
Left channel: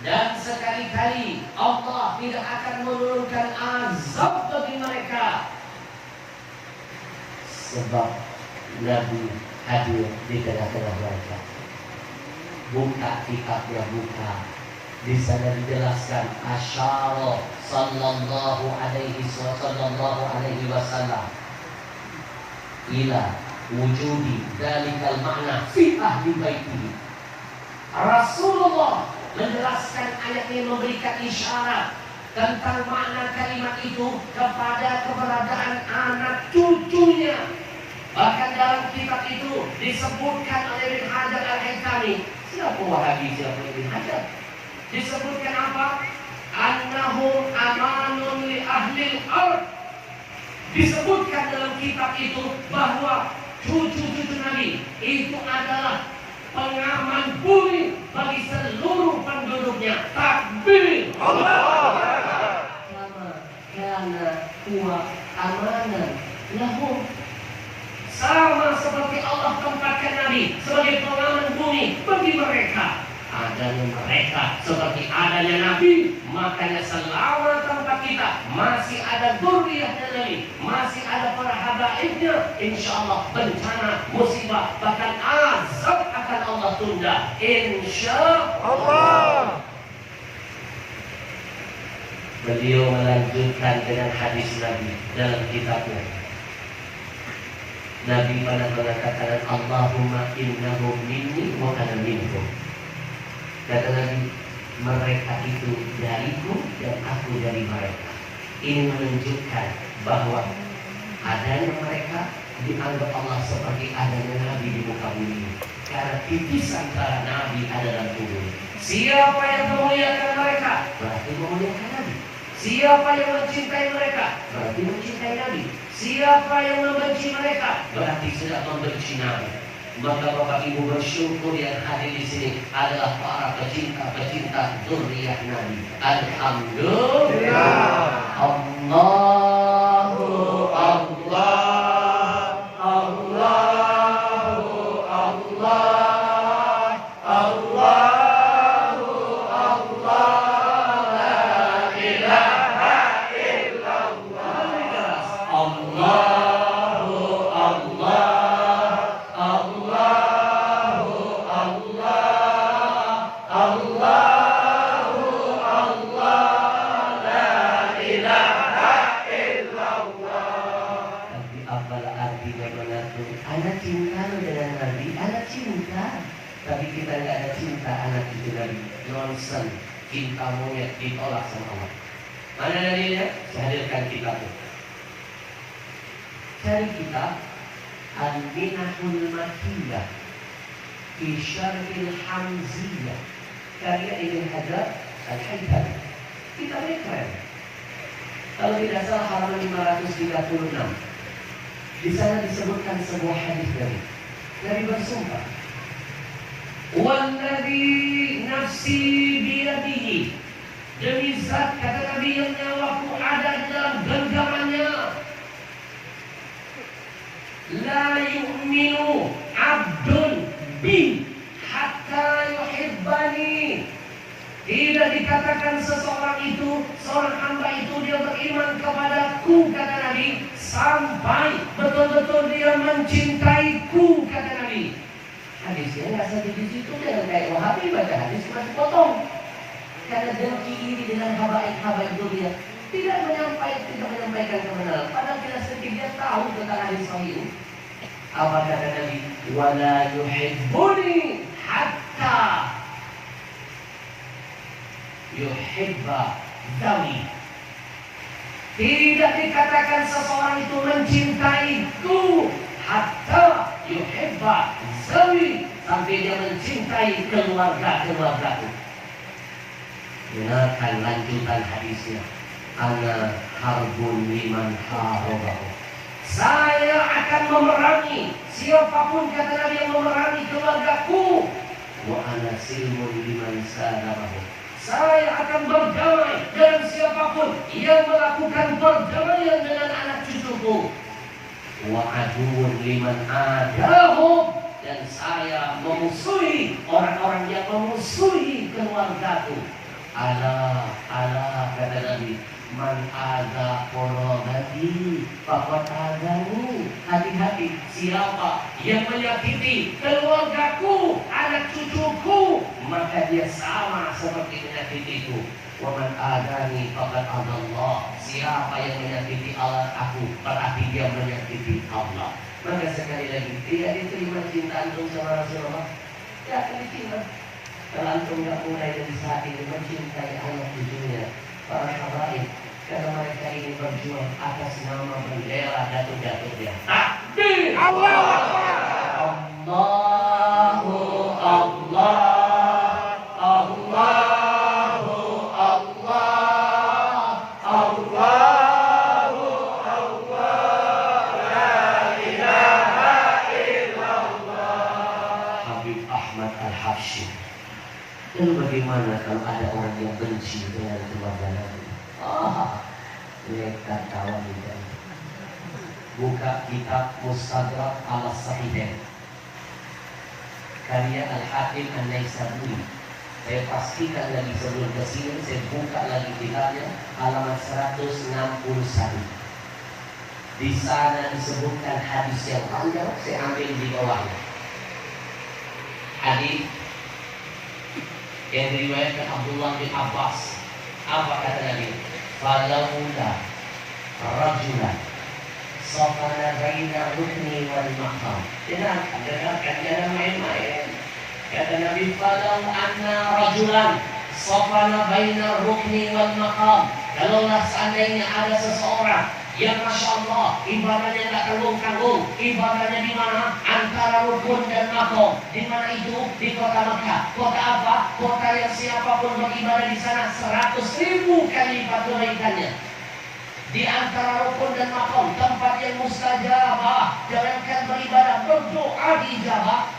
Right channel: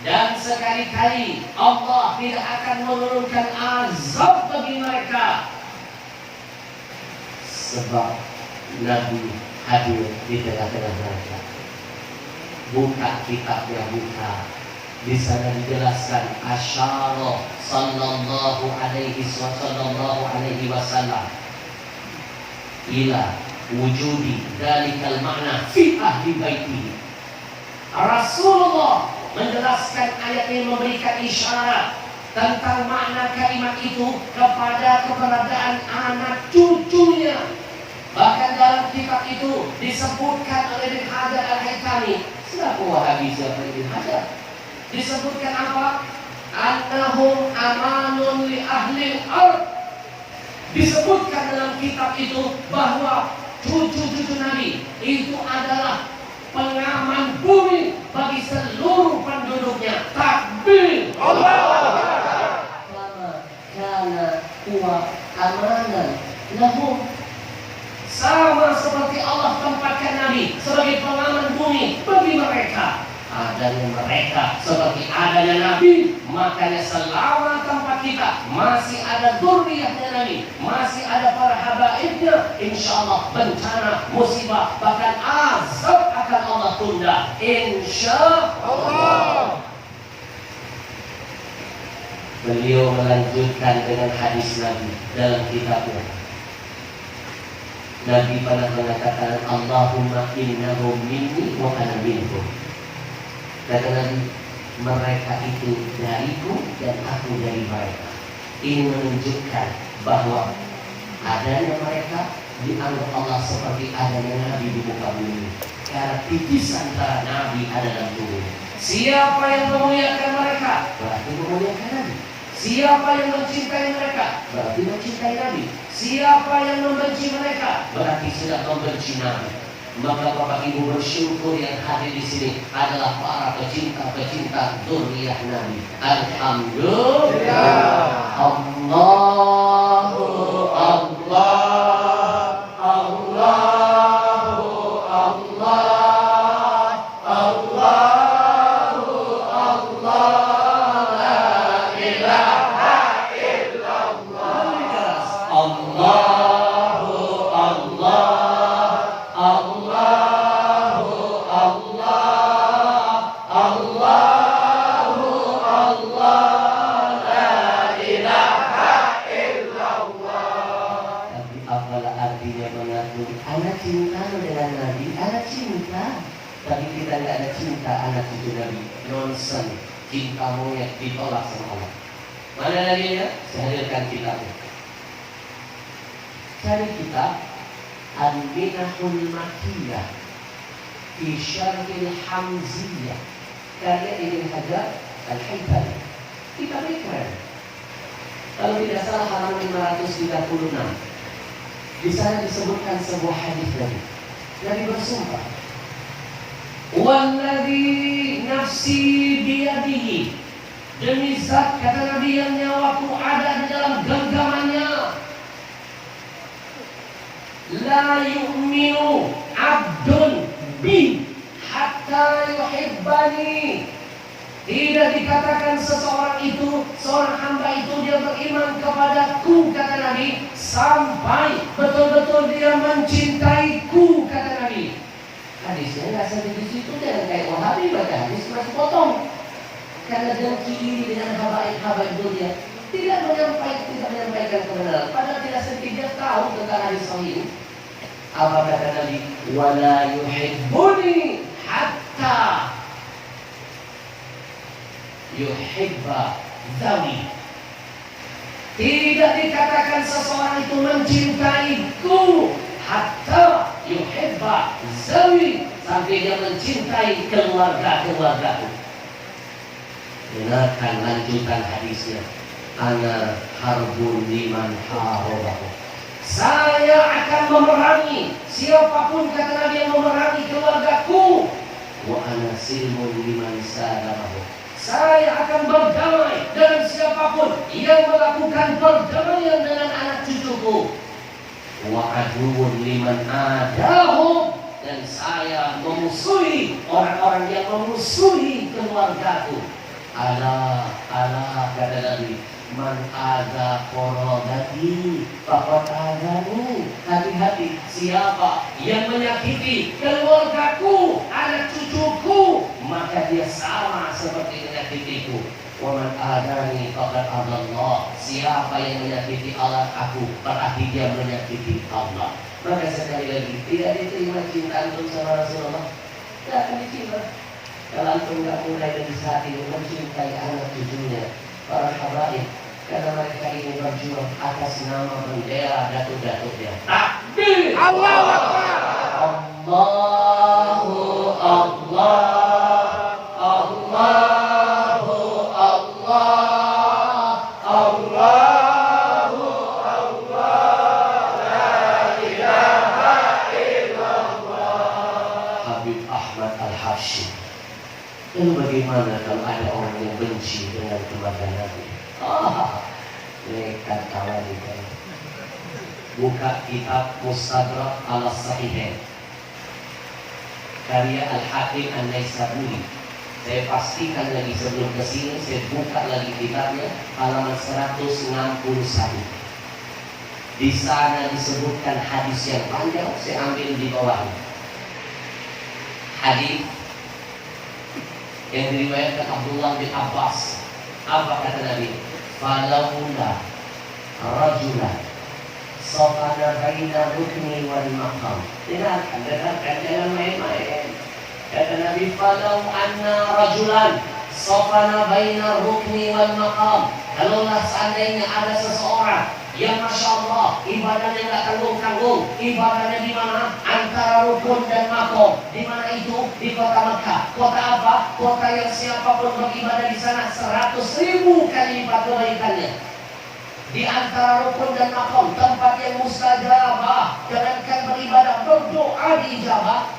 dan sekali-kali Allah tidak akan menurunkan azab bagi mereka sebab Nabi hadir di tengah-tengah mereka. Buka kitabnya, buka. Di sana dijelaskan asyara sallallahu alaihi wasallam ila wujudi dalikal makna fi ahli baiti. Rasulullah menjelaskan ayat ini, memberikan isyarat tentang makna kalimat itu kepada keberadaan anak cucunya. Bahkan dalam kitab itu disebutkan oleh Ibn Hajar Al-Haytami. Siapa Wahabi, siapa Ibn Hajar? Disebutkan apa? Annahum amanun li ahli al-ard. Disebutkan dalam kitab itu bahwa cucu-cucu Nabi itu adalah pengaman bumi bagi seluruh penduduknya. Takbir. Allah. Lama kana huwa amanan lahum. Sama seperti Allah tempatkan Nabi sebagai pengaman bumi bagi mereka. Adanya mereka seperti adanya Nabi, makanya selama tempat kita masih ada dzurriyyahnya Nabi, masih ada para habaibnya, insyaallah bencana, musibah, bahkan azab akan Allah tunda, insyaallah. Beliau melanjutkan dengan hadis Nabi dalam kitabnya. Nabi pernah mengatakan, Allahumma innahum minni wa ana minhum. Kata Nabi, mereka itu dariku dan aku dari mereka. Ini menunjukkan bahwa adanya mereka dianggap Allah seperti adanya Nabi di muka bumi. Karena tipis antara Nabi ada dalam tubuhnya. Siapa yang memuliakan mereka, berarti memuliakan Nabi. Siapa yang mencintai mereka, berarti mencintai Nabi. Siapa yang membenci mereka, berarti sudah membenci Nabi. Maka Bapak Ibu bersyukur yang hadir di sini adalah para pecinta-pecinta dzurriyyah Nabi. Alhamdulillah. Allahu Allah. Allahu Allah. Allahu Allah. La ilaha illallah. Allah. Anak cinta dengan Nabi, anak cinta. Tapi kita tidak ada cinta anak cucu Nabi. Nonsen, cinta monyet ditolak sama Allah. Mana dalilnya? Saya hadirkan kitabnya. Cari kitab Al-Minahul Makkiyah fi Syarhil Hamziyah karya Ibn Hajar Al-Haytami. Kitabnya keren. Kalau tidak salah halaman 536. Di sana disebutkan sebuah hadis Nabi bersumpah, "Walladzi nafsi biyadihi." Demi zat kata Nabi yang nyawaku ada di dalam genggamannya, la yu'minu abdun bi hatta yuhibbani. Tidak dikatakan seseorang itu, seorang hamba itu dia beriman kepadaku kata Nabi, sampai betul-betul dia mencintaiku kata Nabi. Hadisnya nggak sampai di situ, jangan kayak Wahabi baca hadis masih potong. Karena dengki iri dengan habaib dunia, tidak menyampaikan kebenaran. Padahal tidak sedikit tahu tentang hadis sahih. Apa kata Nabi? Wala yuhibbuni hatta yuhibba zawi. Tidak dikatakan seseorang itu mencintaiku hatta yuhibba zawi, sampai dia mencintai keluarga-keluargaku. Dengarkan lanjutan hadisnya. Ana harbun liman harabahu. Saya akan memerangi siapapun kata Nabi yang memerangi keluargaku. Wa ana silmun liman sadarahu. Saya akan berdamai dengan siapapun yang melakukan perdamaian dengan anak cucuku. Wa aduun liman adahu. Dan saya memusuhi orang-orang yang memusuhi keluargaku. Ala kata Nabi, man ada korobati faqad adani. Hati-hati siapa yang menyakiti keluargaku, anak cucuku, maka dia sama seperti menyakitiku. Wa man adani faqad adallah. Siapa yang menyakiti Allah aku, berarti dia menyakiti Allah. Maka sekali lagi, tidak diterima cinta antum sama Rasulullah, tidak akan diterima. Kalau antum tidak mulai dari saat ini mencintai anak cucunya, para habaib, karena mereka ini berjuang atas nama bendera datuk-datuknya. Takbir! Allahu Akbar! Allahu Allah, Allahu Allah, Allahu Allah, la ilaha illallah. Habib Ahmad Al-Hashim. Lalu bagaimana kalau ada orang yang benci dengan keluarga Nabi? Nekat kawan itu. Buka kitab Mustadrak al-Sahihain karya Al-Hakim An-Naisaburi. Saya pastikan lagi sebelum kesini, saya buka lagi kitabnya, halaman 161. Di sana disebutkan hadis yang panjang, saya ambil di bawahnya. Hadis yang diriwayatkan Abdullah bin Abbas. Apa kata Nabi? Falaula rajulan safana baina rukni wal maqam. Dengarkan, jangan main-main. Kata Nabi, falau anna rajulan safana baina rukni wal maqam. Kalaulah seandainya ada seseorang yang Masya Allah ibadahnya nggak tanggung-tanggung, ibadahnya di mana? Antara rukun dan makom. Di mana itu? Di kota Mekah. Kota apa? Kota yang siapapun beribadah di sana 100.000 kali lipat kebaikannya. Di antara rukun dan makom, tempat yang mustajabah. Jangankan beribadah, berdoa diijabah.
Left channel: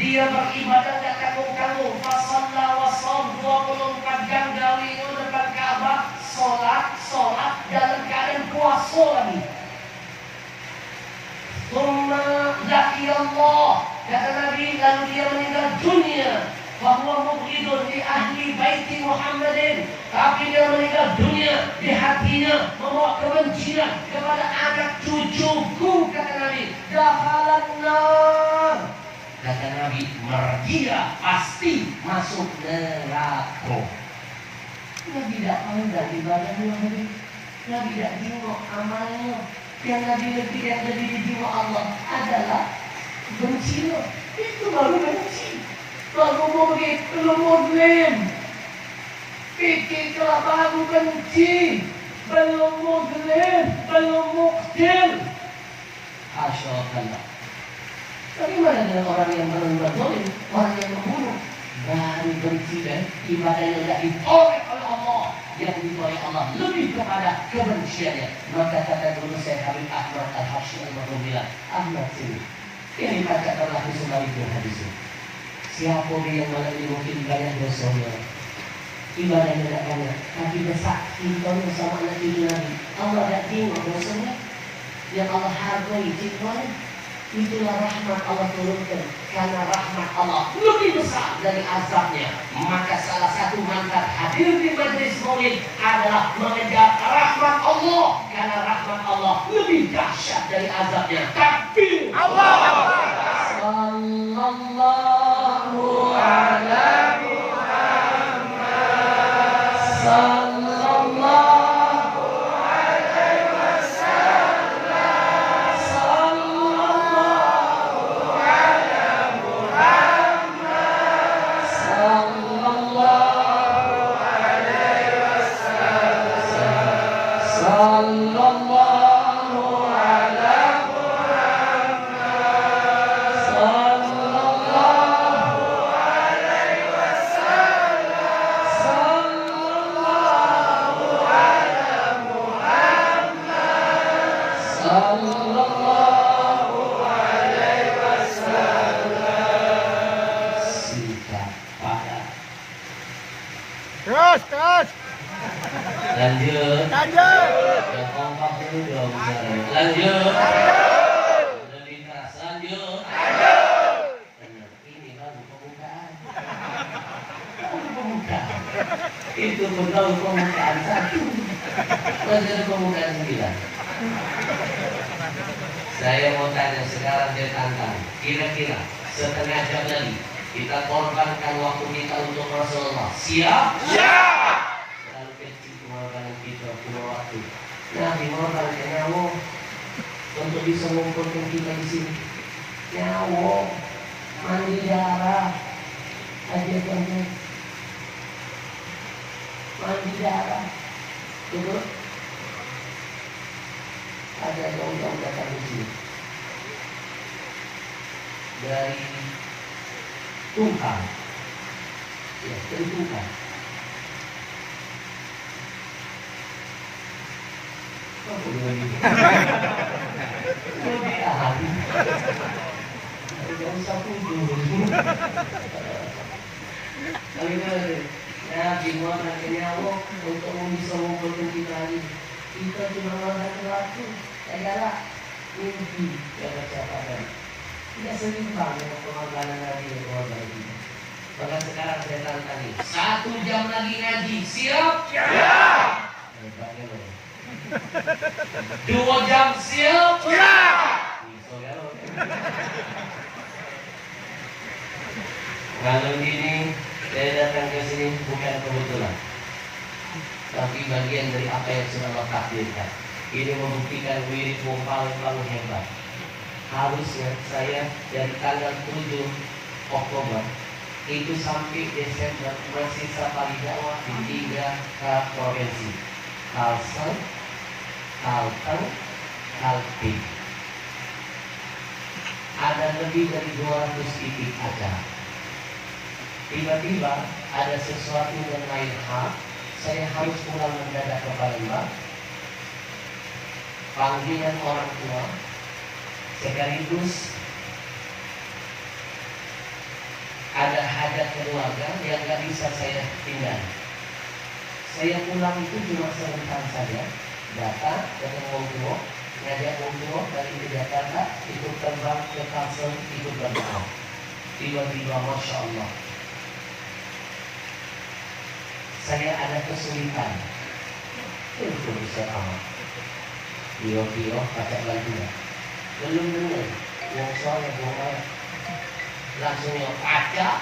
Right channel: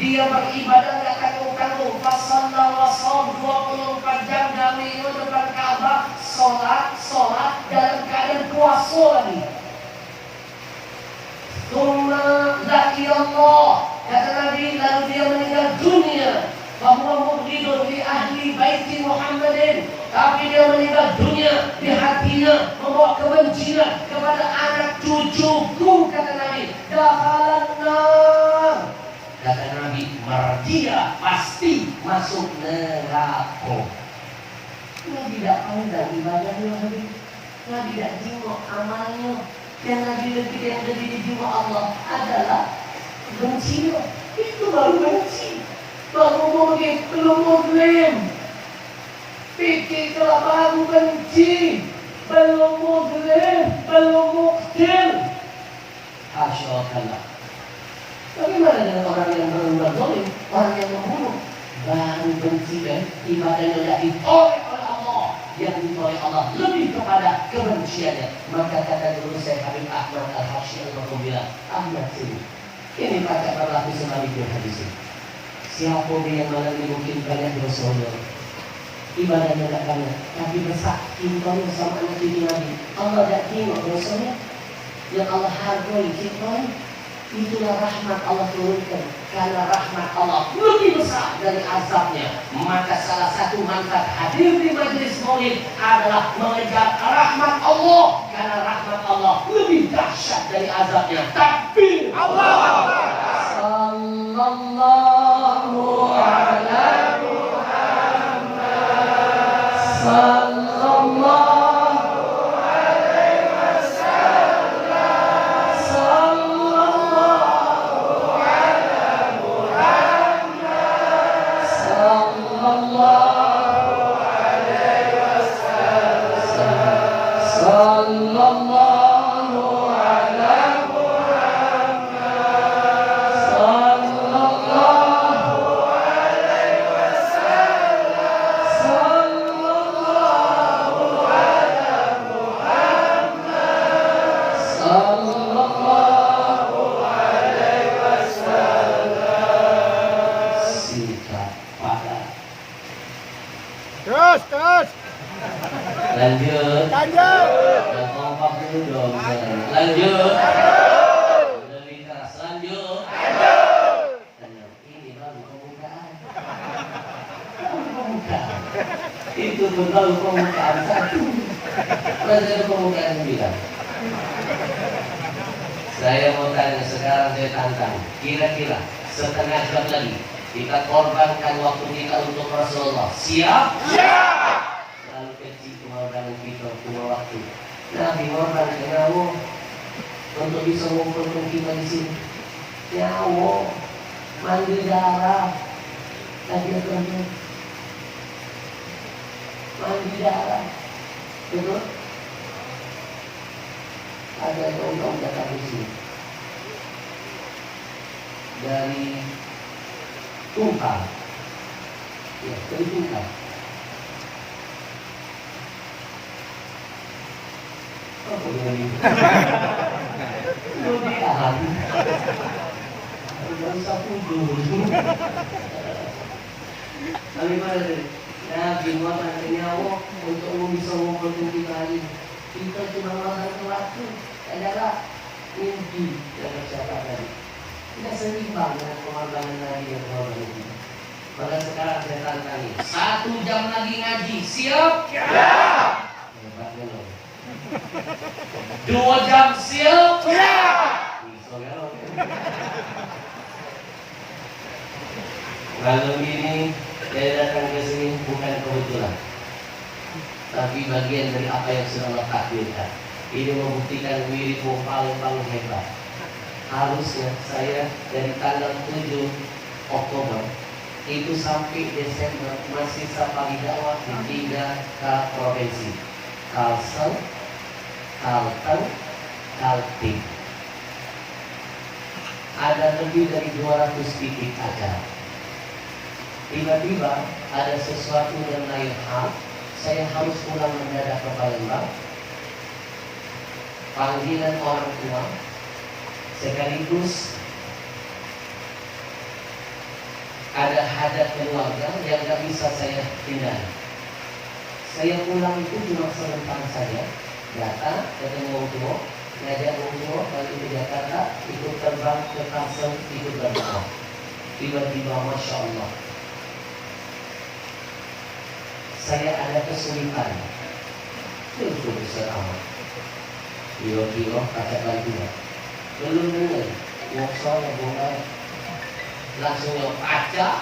Dia beribadah nggak tanggung-tanggung. Fasalla wasol 24 jam gawe depan Ka'bah, sholat dalam keadaan puasa lagi. Tsumma laqiyallah, kata Nabi, lalu dia meninggal dunia. Bahwa mubghidun li ahli baiti Muhammadin, tapi dia meninggal dunia, di hatinya membawa kebencian kepada anak cucuku, kata Nabi. Dakhalan nar, kata Nabi, dia pasti masuk neraka. Nabi tidak pandang ibadahnya, Nabi tidak jenguk amalnya. Yang Nabi lebih yang lebih dijenguk Allah adalah benci. Itu baru benci. Baru belum muslim. Fikir kalau baru benci, belum muslim, belum mukmin. Asyaallah. Bagaimana dengan orang yang berbuat zalim, orang yang membunuh, baru benci dan ibadahnya tidak ditolak oleh Allah, yang ditolak Allah lebih kepada kebenciannya. Maka kata guru saya Habib Ahmad Al-Hashim bilang, Ahmad sini, ini baca terlatih sebaliknya hadis ini. Siapa yang malam ini mungkin banyak dosa, ibadahnya tidak banyak, tapi besar cintamu sama anak cucu Nabi. Allah tidak tengok dosanya, yang Allah hargai cintamu. Itulah rahmat Allah turunkan. Karena rahmat Allah lebih besar dari azabnya, maka salah satu manfaat hadir di majelis maulid adalah mengejar rahmat Allah. Karena rahmat Allah lebih dahsyat dari azabnya. Takbir Allah Akbar. Sallallahu alaihi Sallallahu alaihi wasallam. Sallallahu ala Muhammad. Sallallahu alaihi wasallam. Sallallahu ala Muhammad. Sallallahu alaihi Sallallahu alaihi wasallam. Singkat padat. Terus, terus. Lanjut. Lanjut. Yang kompak dulu dong. Lanjut. Lebih keras. Lanjut. Ini baru pembukaan. Pembukaan. Itu pun baru pembukaan satu. Lanjut pembukaan 9. Saya mau tanya sekarang, saya tantang. Kira-kira setengah jam lagi kita korbankan waktu kita untuk Rasulullah. Siap? Siap! Lalu kecil kemorbanan kita punya waktu. Nah, dihormatkan nyawa untuk bisa mengumpulkan kita di sini. Nyawa, mandi darah, aja teman. Mandi darah, betul? Ada undang datang di sini dari Tungkal, ya dari Tungkal. Oh, boleh gitu. Lebih ahli. Tidak usah pujuk. Bagaimana? Nah, gimana nyawa untuk bisa mengumpulkan kita hari? Kita cuma menghargai waktu, adalah mimpi yang tercapai tadi. Tidak seimbang dengan pengorbanan Nabi dan pengorbanan kita. Maka sekarang saya tantangi 1 jam lagi ngaji, siap? Siap! Hebatnya loh. 2 jam siap? Siap! Bisa ya loh. Kalau ini saya datang ke sini bukan kebetulan, tapi bagian dari apa yang sudah Allah takdirkan. Ini membuktikan wiridmu paling hebat. Harusnya saya dari tanggal 7 Oktober itu sampai Desember masih safari dakwah di 3 provinsi: Kalsel, Kalteng, Kaltim. Ada lebih dari 200 titik acara. Tiba-tiba ada sesuatu dan lain hal, saya harus pulang mendadak ke Palembang. Panggilan orang tua, sekaligus ada hajat keluarga yang gak bisa saya pindah. Saya pulang itu cuma sebentar saja, datang ketemu orang tua, ngajak orang tua dari Jakarta, ikut terbang ke Kalsel, ikut berdoa. Tiba-tiba Masya Allah, saya ada kesulitan. Itu besar amat. Kilo-kilo kaca bantuan. Belum dengar. Ngosol yang mulai. Langsung yang kaca.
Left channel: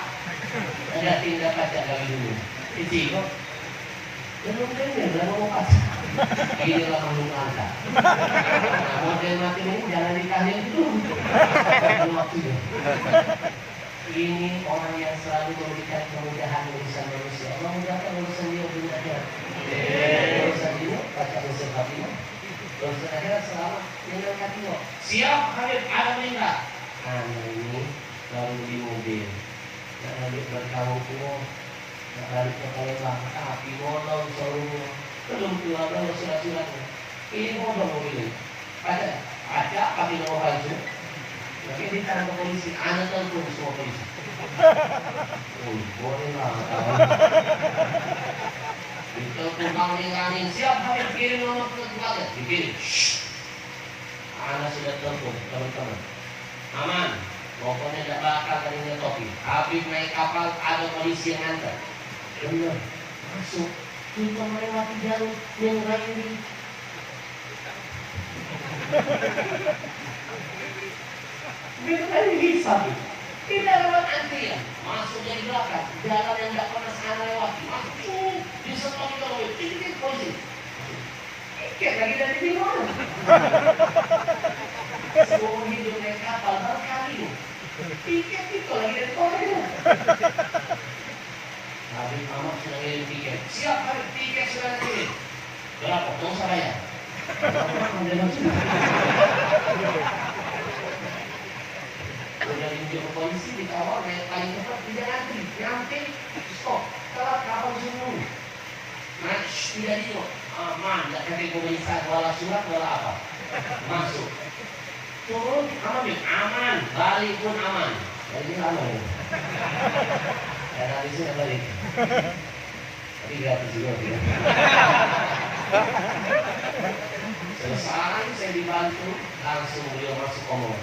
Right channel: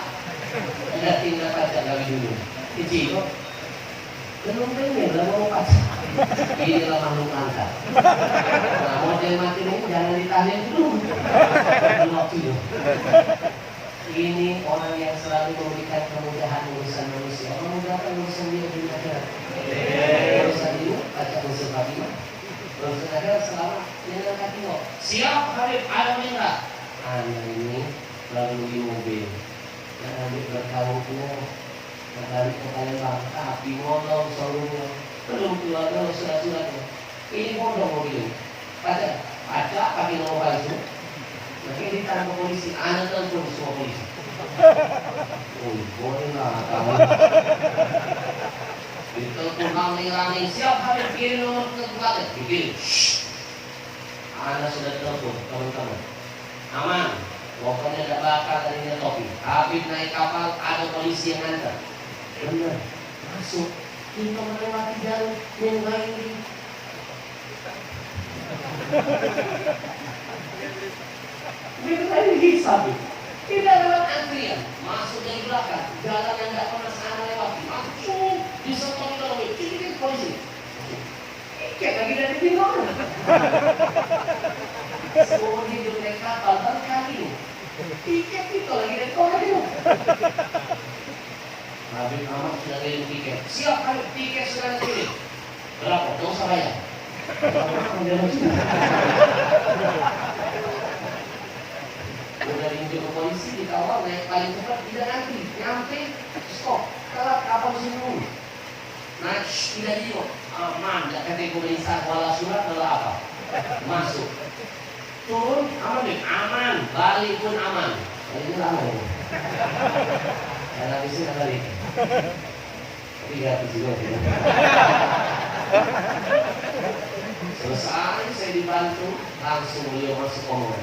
Ada tindak kaca lagi dulu. Kecil. Belum dengar. Lalu mau kaca. Inilah makhluk angkat. Nah, model mati ini jangan ditahan dulu. Belum waktu itu. Ini orang yang selalu memberikan kemudahan urusan manusia. Memudahkan urusan dia di akhirat. Urusan dia, baca urusan Fatimah. Urusan akhirat selama dengan kata siap Habib Alhamdulillah. Anda ini lalu di mobil. Yang ambil berkawal kuno. Yang balik ke Palembang. Tapi molong seluruhnya. Belum keluar dari surat-suratnya. Ini molong mobil. Baca pakai nomor itu. Makanya ditanya ke polisi, Anda telepon semua polisi. boleh lah. Ditelepon Rani, siap Habib kirim nomor ke belakang. Dikirim. Anda sudah telepon teman-teman. Aman. Pokoknya tidak bakal tadinya topi. Habib naik kapal, ada polisi yang nganter. Benar. Masuk. Kita melewati jalur yang lain ini. Benar hisab. Tidak lewat antrian. Masuk dari belakang. Jalan yang tidak pernah sana lewati. Masuk. Di setor dulu. Titik polisi. Ikat lagi dari bingung. Semua hidup naik kapal berkali. Tiket itu lagi dari korea. Habib Ahmad sudah ngirim tiket. Siap Habib, tiket sudah ngirim. Berapa? Dong saya. Udah diunjuk ke polisi, dikawal yang paling cepat tidak antri, nyampe stop. Kalau kapal semua. Nah, tidak juga. Aman, tidak kategorisasi wala surat wala apa. Masuk. Turun aman nih, aman. Balik pun aman. Ini lama ya. Karena di sini balik. Tapi gratis juga tidak. Selesai saya dibantu, langsung beliau masuk omongan.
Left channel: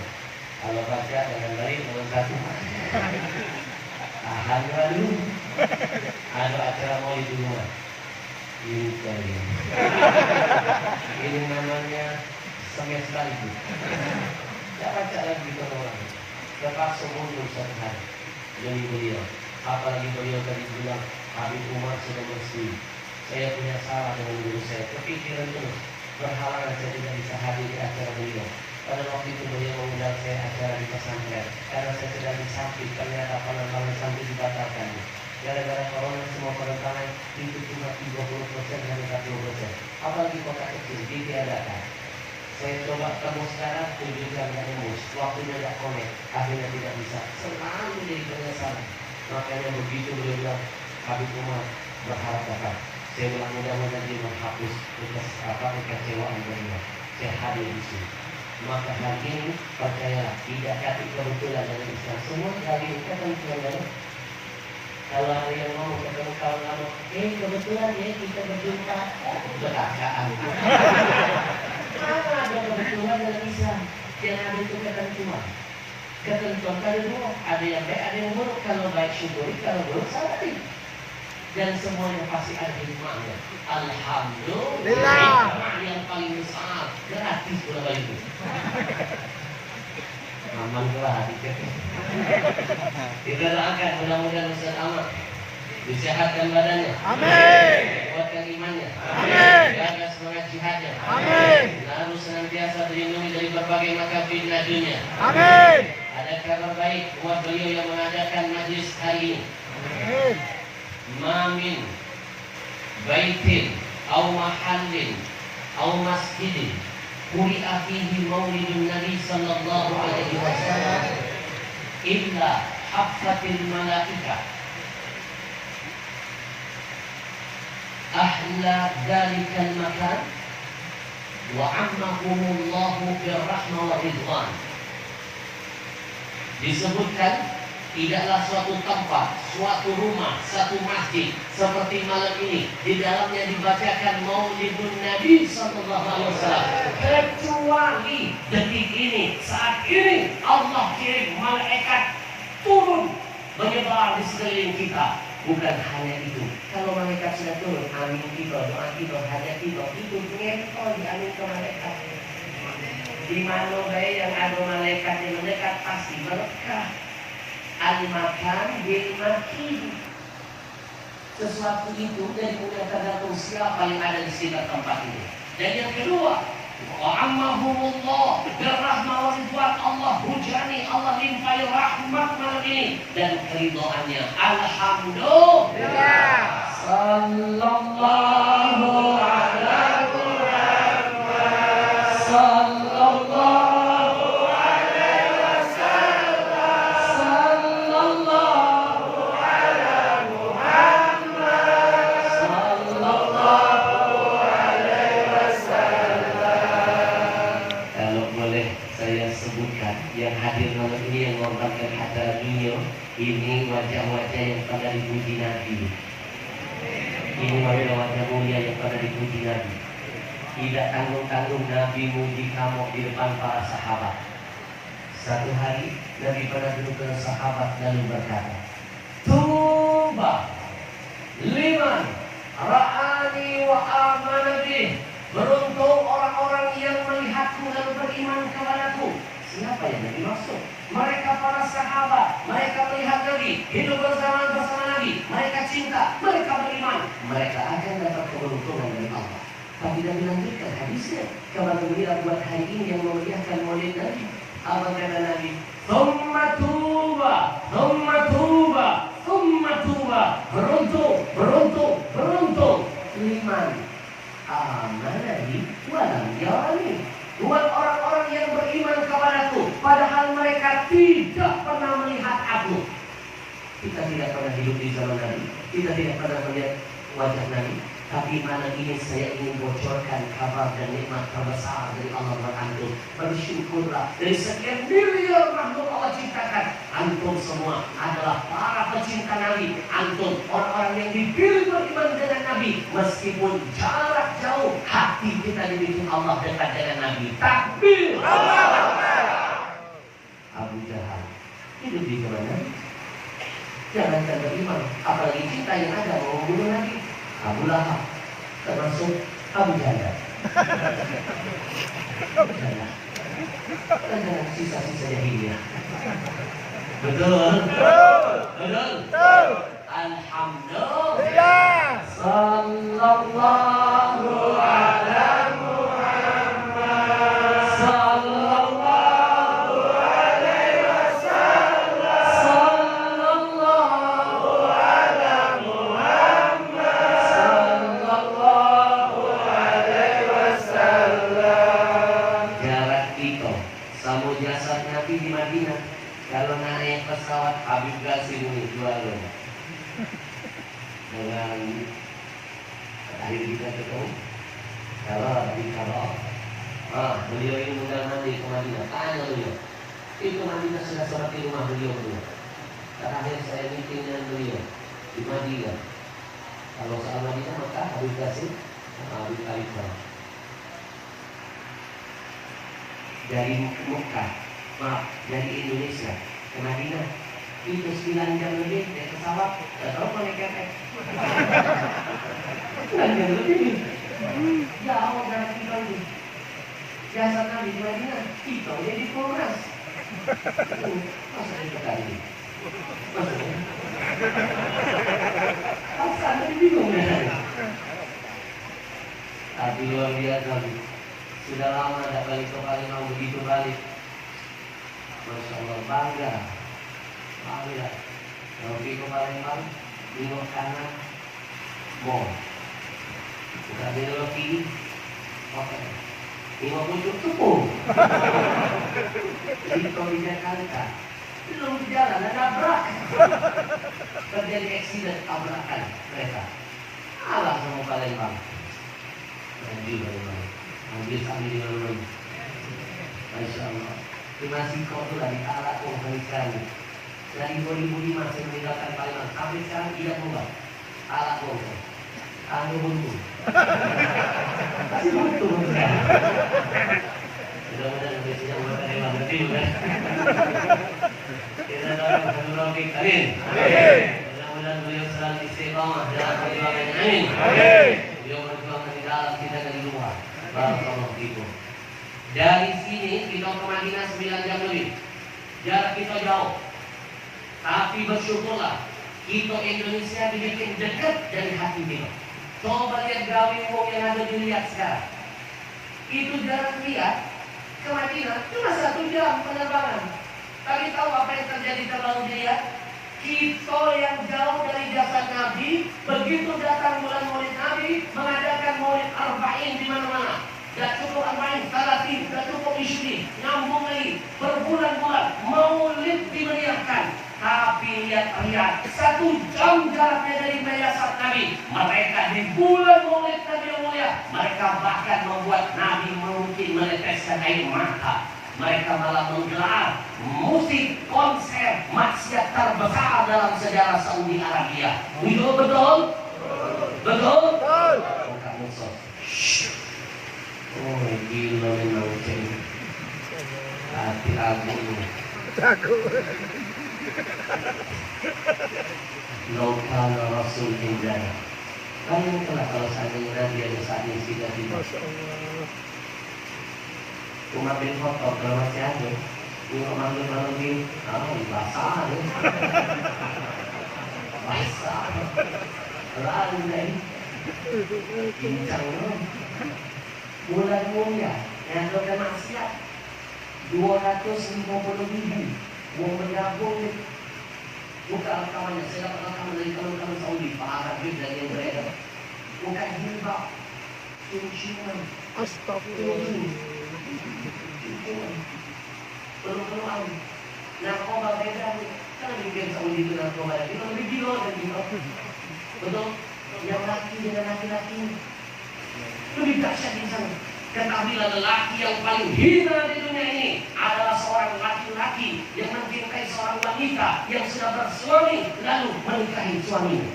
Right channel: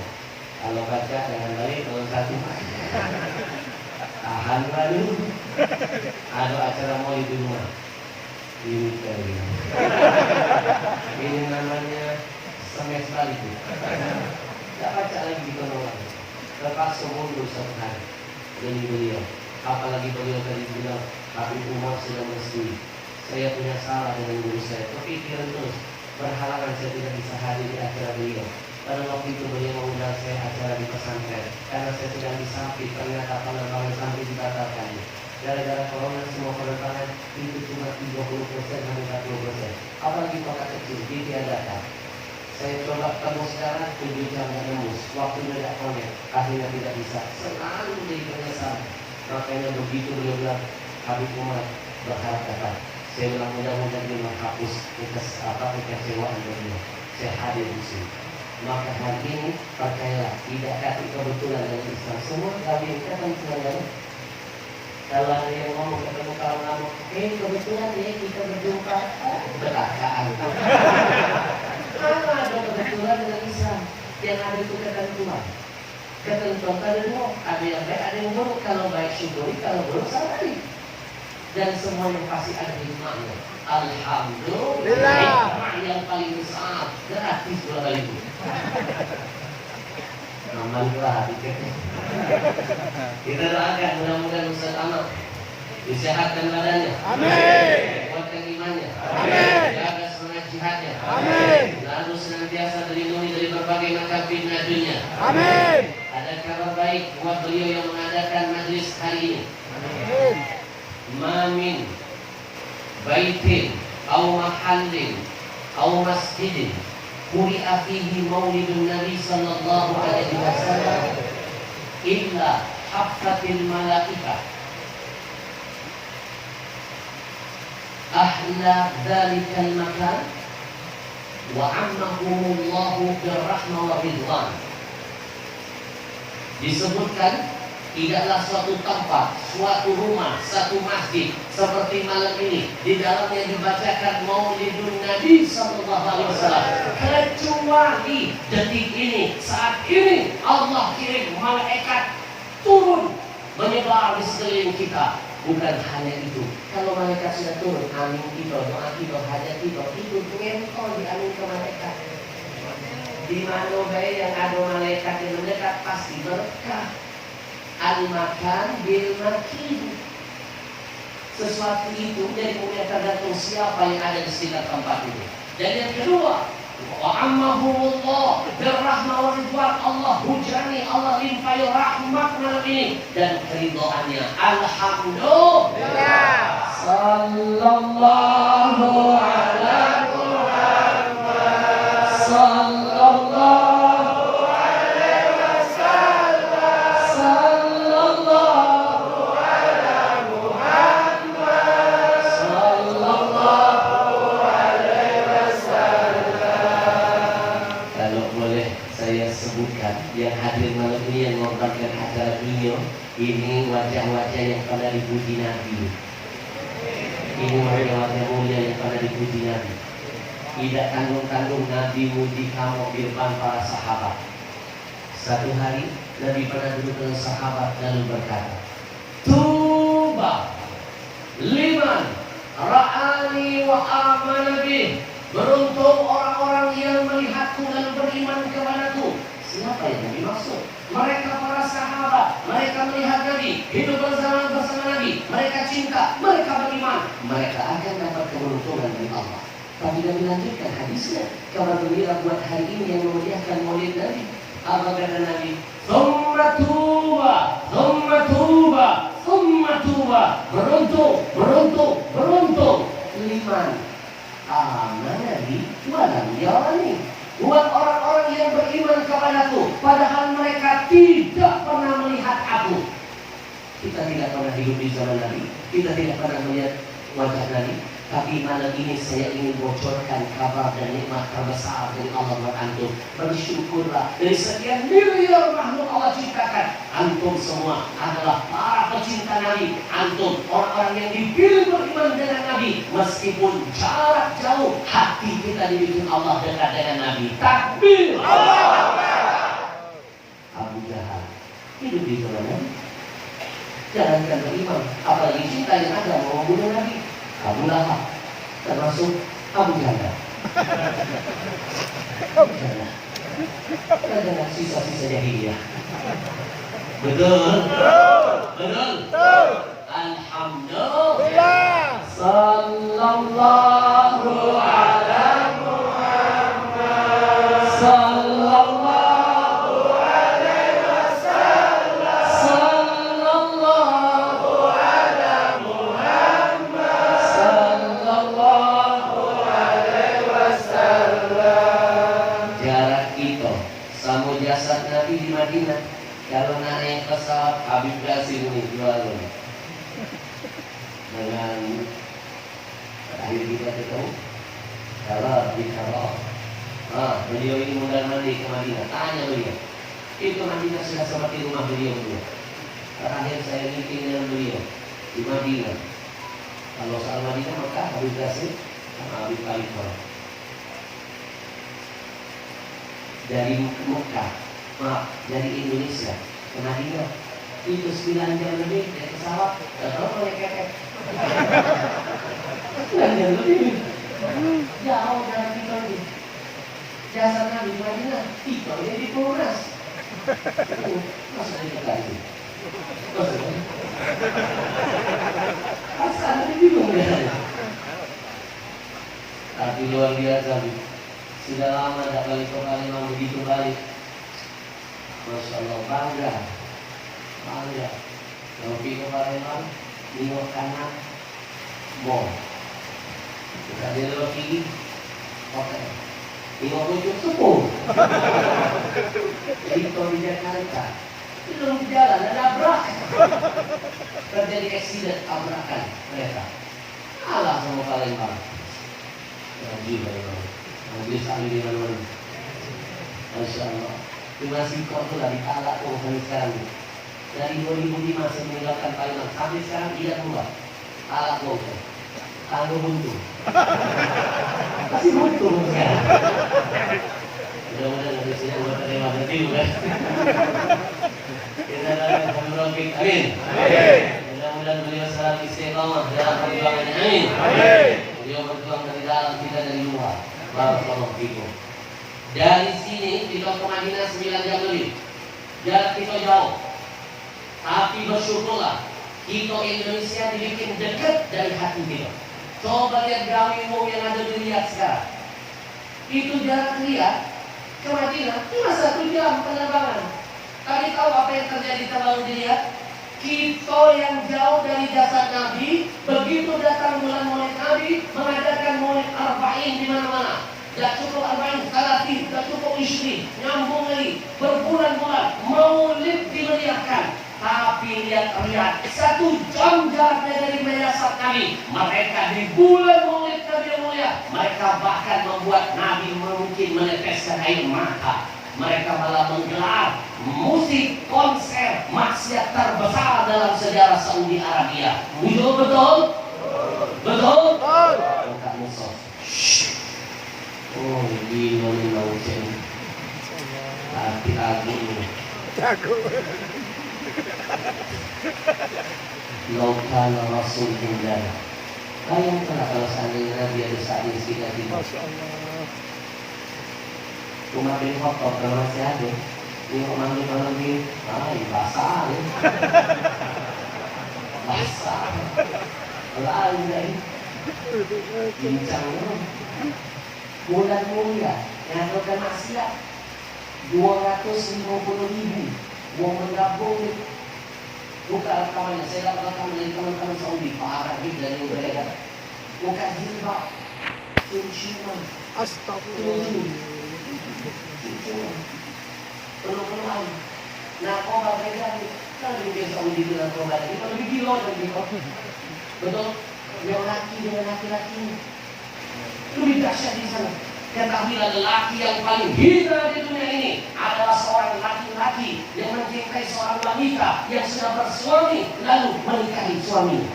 Kalau baca dengan baik, kalau satu tahan dulu. Ada acara mau di rumah. Ini namanya semester itu. Tidak baca lagi penolong. Terpaksa mundur satu hari demi beliau. Apalagi beliau tadi bilang Habib Umar sudah mesti. Saya punya salah dengan guru saya. Kepikiran terus. Berhalangan saya tidak bisa hadir di acara beliau. Pada waktu itu beliau mengundang saya acara di pesantren. Karena saya sedang disamping, ternyata penerbangan sampai dibatalkan. Gara-gara corona semua penerbangan itu cuma 30% sampai 40%. Apalagi kota kecil ditiadakan. Saya coba tembus sekarang, 7 jam tidak tembus. Waktunya tidak connect, akhirnya tidak bisa. Selalu jadi penyesalan. Makanya begitu beliau bilang, Habib Umar berharap dapat. Saya bilang mudah-mudahan dia menghapus kekecewaan beliau. Saya hadir di sini. Maka hari ini percayalah, tidak kati kebetulan dengan Islam. Semua kami kan kebetulan. Kalau ada yang mau ketemu kawan lama, kebetulan ya kita berjumpa. Berakaan. Mana ada kebetulan dengan Islam? Yang ada itu ketentuan. Ketentuan kedua, ada yang baik, ada yang buruk. Kalau baik syukuri, kalau buruk sabari. Dan semua yang pasti ada hikmahnya. Alhamdulillah. Hikmah yang paling besar, gratis pula itu. Aman pula tiketnya. Kita doakan mudah-mudahan Ustaz Amal disehatkan badannya. Amin. Kuatkan imannya. Amin. Jaga semangat jihadnya. Amin. Lalu senantiasa terlindungi dari berbagai macam fitnah dunia. Amin. Ada kabar baik buat beliau yang mengadakan majlis hari ini. Amin. Mamin baitin au mahallin au masjidin quri'a fihi maulidun Nabi sallallahu alaihi wasallam illa haffatil malaikah ahla dhalikal makan wa ammahumullahu birrahmah wa ridwan. Disebutkan tidaklah suatu tempat, suatu rumah, satu masjid seperti malam ini di dalamnya dibacakan Maulidun Nabi sallallahu alaihi wasallam kecuali detik ini, saat ini Allah kirim malaikat turun menyebar di sekeliling kita. Bukan hanya itu, kalau malaikat sudah turun, amin kita, doa kita, hajat kita, itu ngempel di amin ke malaikat. Di mana baik yang ada malaikat yang mendekat pasti berkah. Al-makan bil-makin. Sesuatu itu dari kemudian tergantung siapa yang ada di sekitar tempat ini. Dan yang kedua, wa ammahumullah birrahmah wa ridwan. Allah hujani, Allah limpahi rahmat malam ini dan keridhaannya. Alhamdulillah. Sallallahu ala Muhammad. Sallallahu boleh boleh saya sebutkan yang hadir malam ini yang mengorbankan acara dunia. Ini wajah-wajah yang pernah dipuji Nabi. Ini wajah-wajah mulia yang pernah dipuji Nabi. Tidak tanggung-tanggung Nabi muji kamu di depan para sahabat. Satu hari Nabi pernah duduk dengan sahabat lalu berkata, Tuba liman ra'ani wa amana bih. Beruntung orang-orang yang melihatku dan beriman kepadaku. Siapa yang Nabi maksud? Mereka para sahabat. Mereka melihat Nabi, hidup bersama Nabi. Mereka cinta, mereka beriman. Mereka akan dapat keberuntungan dari Allah. Tapi Nabi lanjutkan hadisnya. Kabar gembira buat hari ini yang memeriahkan maulid Nabi. Apa kata Nabi? Thumma tuba, thumma tuba, thumma tuba. Beruntung, beruntung, beruntung. Liman amanah bi walam yarani. Buat orang-orang yang beriman kepadaku, padahal mereka tidak pernah melihat aku. Kita tidak pernah hidup di zaman Nabi, kita tidak pernah melihat wajah Nabi. Tapi malam ini saya ingin bocorkan kabar dan nikmat terbesar dari Allah buat antum. Bersyukurlah dari sekian miliar makhluk Allah ciptakan, antum semua adalah para pecinta Nabi. Antum orang-orang yang dipilih beriman dengan Nabi. Meskipun jarak jauh, hati kita dibikin Allah dekat dengan Nabi. Takbir! Abu Jahal hidup di zaman Nabi. Jangankan beriman, apalagi cinta yang ada mau membunuh Nabi. Abu Lahab termasuk Abu Jahal. Dengan sisa-sisa jahiliyah. Betul? Betul? Alhamdulillah. Sallallahu ala Muhammad. Sallallahu alaihi wasallam. Sallallahu ala Muhammad. Sallallahu alaihi wasallam. Jarak kita sama jasad Nabi di Madinah. Kalau nak naik pesawat Habib Qasim ini jual dengan akhir kita ketemu. Kalau di beliau ini mundar mandi ke Madinah. Tanya beliau, itu Madinah sudah seperti rumah beliau dulu. Terakhir saya meeting dengan beliau di Madinah. Kalau soal Madinah maka Habib Qasim sama Habib Khalifah. Dari Mekah, dari Indonesia ke Madinah itu 9 jam lebih naik pesawat. Tahu kalau naik kepek 9 jam lebih jauh dari kita ini. Jasa Nabi di Madinah kita jadi Polres. Masa itu tadi masa Nabi bingung ya. Tapi luar biasa. Sudah lama tidak balik ke Palembang, begitu balik. Masya Allah, bangga. Yang pergi ke Palembang, nengok kanan, mall. Kita belok kiri, hotel. Nengok ujung sepuluh. Jadi kalau di Jakarta, belum jalan, ada nabrak. Terjadi aksiden, tabrakan kereta. Alah sama Palembang. Lagi Palembang. Nanti sambil di mana-mana. Masya Allah. Cuma sikok itu lah ditalak kok sampai sekarang. Dari 2005 saya meninggalkan Palembang sampai sekarang tidak berubah. Talak kok. Tangguh buntu. Masih buntu sekarang. Mudah-mudahan nanti sidang buat terima berarti juga. Kita doakan Habib Rafiq. Amin. Mudah-mudahan beliau selalu istiqamah dalam perjuangannya. Amin. Beliau berjuang dari dalam, kita dari luar. Barakallahu fikum. Dari sini kita ke Madinah 9 jam lebih. Jarak kita jauh. Tapi bersyukurlah kita Indonesia dibikin dekat dari hati kita. Coba lihat gawe umum yang ada dilihat sekarang. Itu jarak lihat ke Madinah cuma 1 jam penerbangan. Tapi tahu apa yang terjadi kalau dilihat? Kita yang jauh dari jasad Nabi, begitu datang bulan Maulid Nabi, mengadakan Maulid Arba'in di mana-mana. Gak cukup Arba'in, Salatin, gak cukup Ishri, nyambung lagi, berbulan-bulan Maulid dimeriahkan. Tapi lihat-lihat, 1 jam jaraknya dari jasad Nabi. Mereka di bulan Maulid Nabi yang mulia, mereka bahkan membuat Nabi mungkin meneteskan air mata. mereka malah menggelar musik konser maksiat terbesar dalam sejarah Saudi Arabia. Betul? Betul? Betul? Bukan musuh. Oh, gila nih naucen. Hati aku ini. Laukana Rasul Indana. Bayangkanlah kalau seandainya Nabi ada saat ini tidak tiba. Masya Allah. Umar bin Khattab kalau masih ada. Ini Umar bin Khattab ini basah ya. Basah. Lain dari bincang loh. Bulan mulia yang ada maksiat 250.000 mau menggabung. Buka rekamannya, saya dapat rekaman dari teman-teman Saudi, Pak Arabid dan yang beredar. Buka jilbab, cium-ciuman, Astagfirullah. penuh-penuhan. Narkoba beredar, kan lebih biasa Saudi itu narkoba, itu lebih gila dan gitu. Betul? Yang laki dengan laki-laki lebih dahsyat di sana. Ketahuilah lelaki yang paling hina di dunia ini adalah seorang laki-laki yang mencintai seorang wanita yang sudah bersuami lalu menikahi suaminya.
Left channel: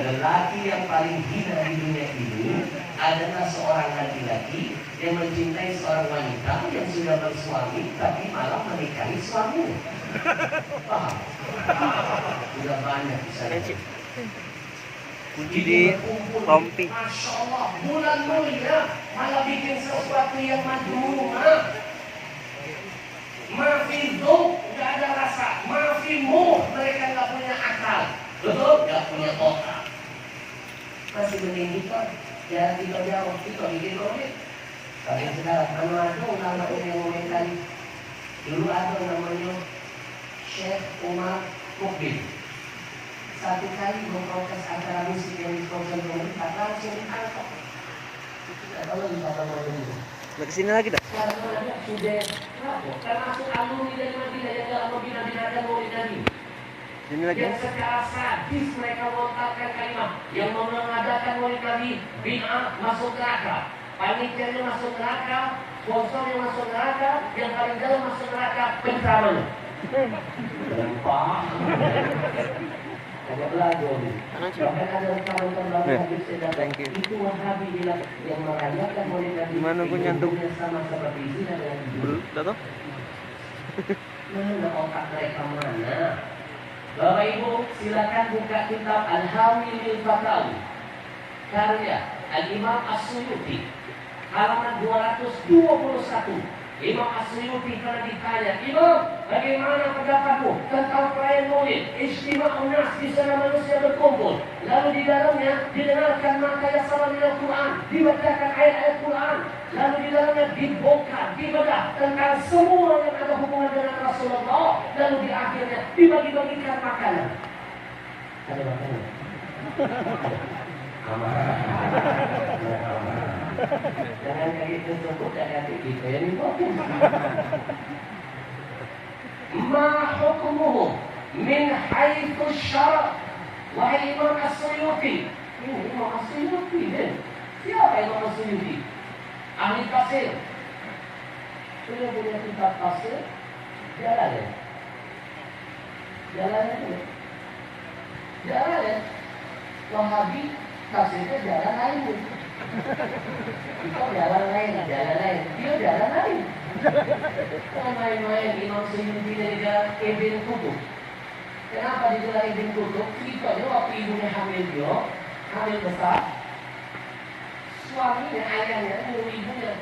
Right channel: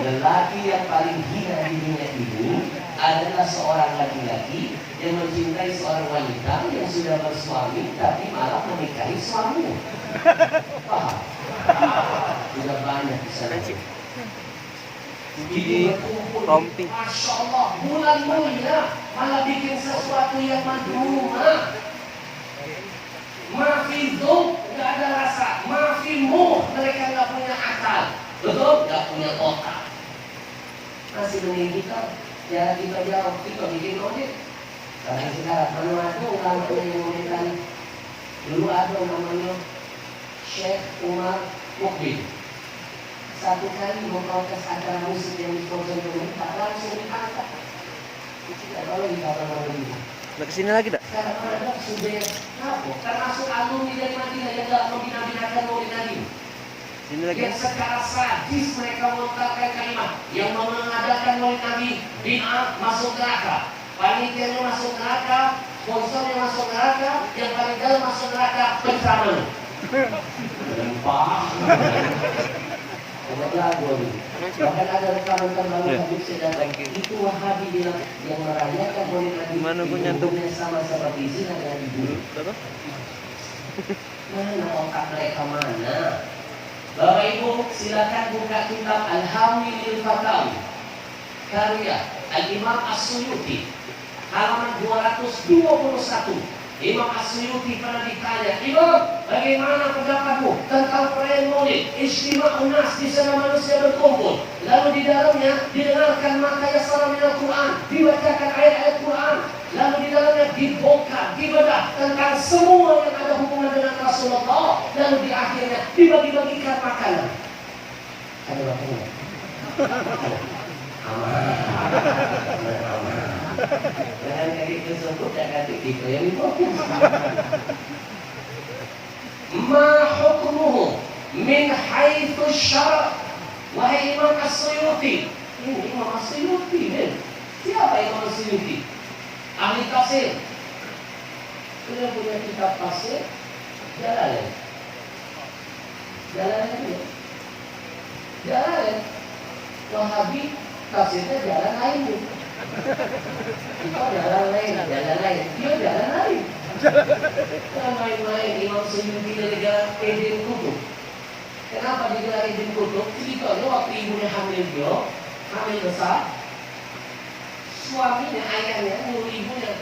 Lelaki yang paling hina di dunia ini adalah seorang laki-laki yang mencintai seorang wanita yang sudah bersuami tapi malah menikahi suaminya. Paham? Sudah banyak di sana. Di rompi. Masya Allah, bulan mulia malah bikin sesuatu yang madhumah. Mafidum, nggak ada rasa. Mafimu, mereka nggak punya akal. Betul? Nggak punya otak. Masih mending kita, ya kita jauh, kita bikin proyek. Sampai sekarang, mana namanya yang komentari. Dulu ada namanya Syekh Umar Mukbil. Satu kali memprotes acara musik yang disponsori pemerintah, langsung ditangkap. Tidak boleh dikatakan begitu. Nah, kesini lagi dah. Sekarang ada sudah termasuk alumni dari Madinah yang telah membina-binakan Maulid Nabi. Sini lagi. Yang secara sadis mereka melontarkan kalimat yang mengadakan Maulid Nabi bid'ah masuk neraka. Panitianya masuk neraka, sponsornya masuk neraka, yang paling dalam masuk neraka penceramahnya. Lempah. Coba lagu ini. Bahkan ada rekaman terbaru Habib Sedan. Itu Wahabi bilang yang merayakan Maulid Nabi. Gimana gua nyantuk? Sama seperti zina dengan ibu. Mana otak mereka mana? Bapak Ibu silakan buka kitab Al-Hawi lil Fatawi karya Al-Imam As-Suyuti halaman 221. Imam As-Suyuti pernah ditanya, Imam, bagaimana pendapatmu tentang perayaan Maulid? Ijtima'un nas, di sana manusia berkumpul. Lalu di dalamnya didengarkan makaya salam Al-Quran, dibacakan ayat-ayat Quran. Lalu di dalamnya dibongkar, dibedah tentang semua yang ada hubungan dengan Rasulullah. Lalu di akhirnya dibagi-bagikan makanan. Ada makanan. Aman. Jangan kayak tersebut dan kata kita yang difokus. Ma hukmuhu min haitsu syara'. Wahai Imam As-Suyuti. Ini Imam As-Suyuti kan? Siapa Imam As-Suyuti? Ahli tafsir. Sudah punya kitab tafsir. Jalan. Wahabi tafsirnya jalan lain. Kita jalan lain. Dia jalan lain. Kan main-main Imam Suyuti dari jalan Ibn Qutb. Kenapa digelar Ibn Qutb? Ceritanya waktu ibunya hamil besar, suaminya, ayahnya, nyuruh ibunya,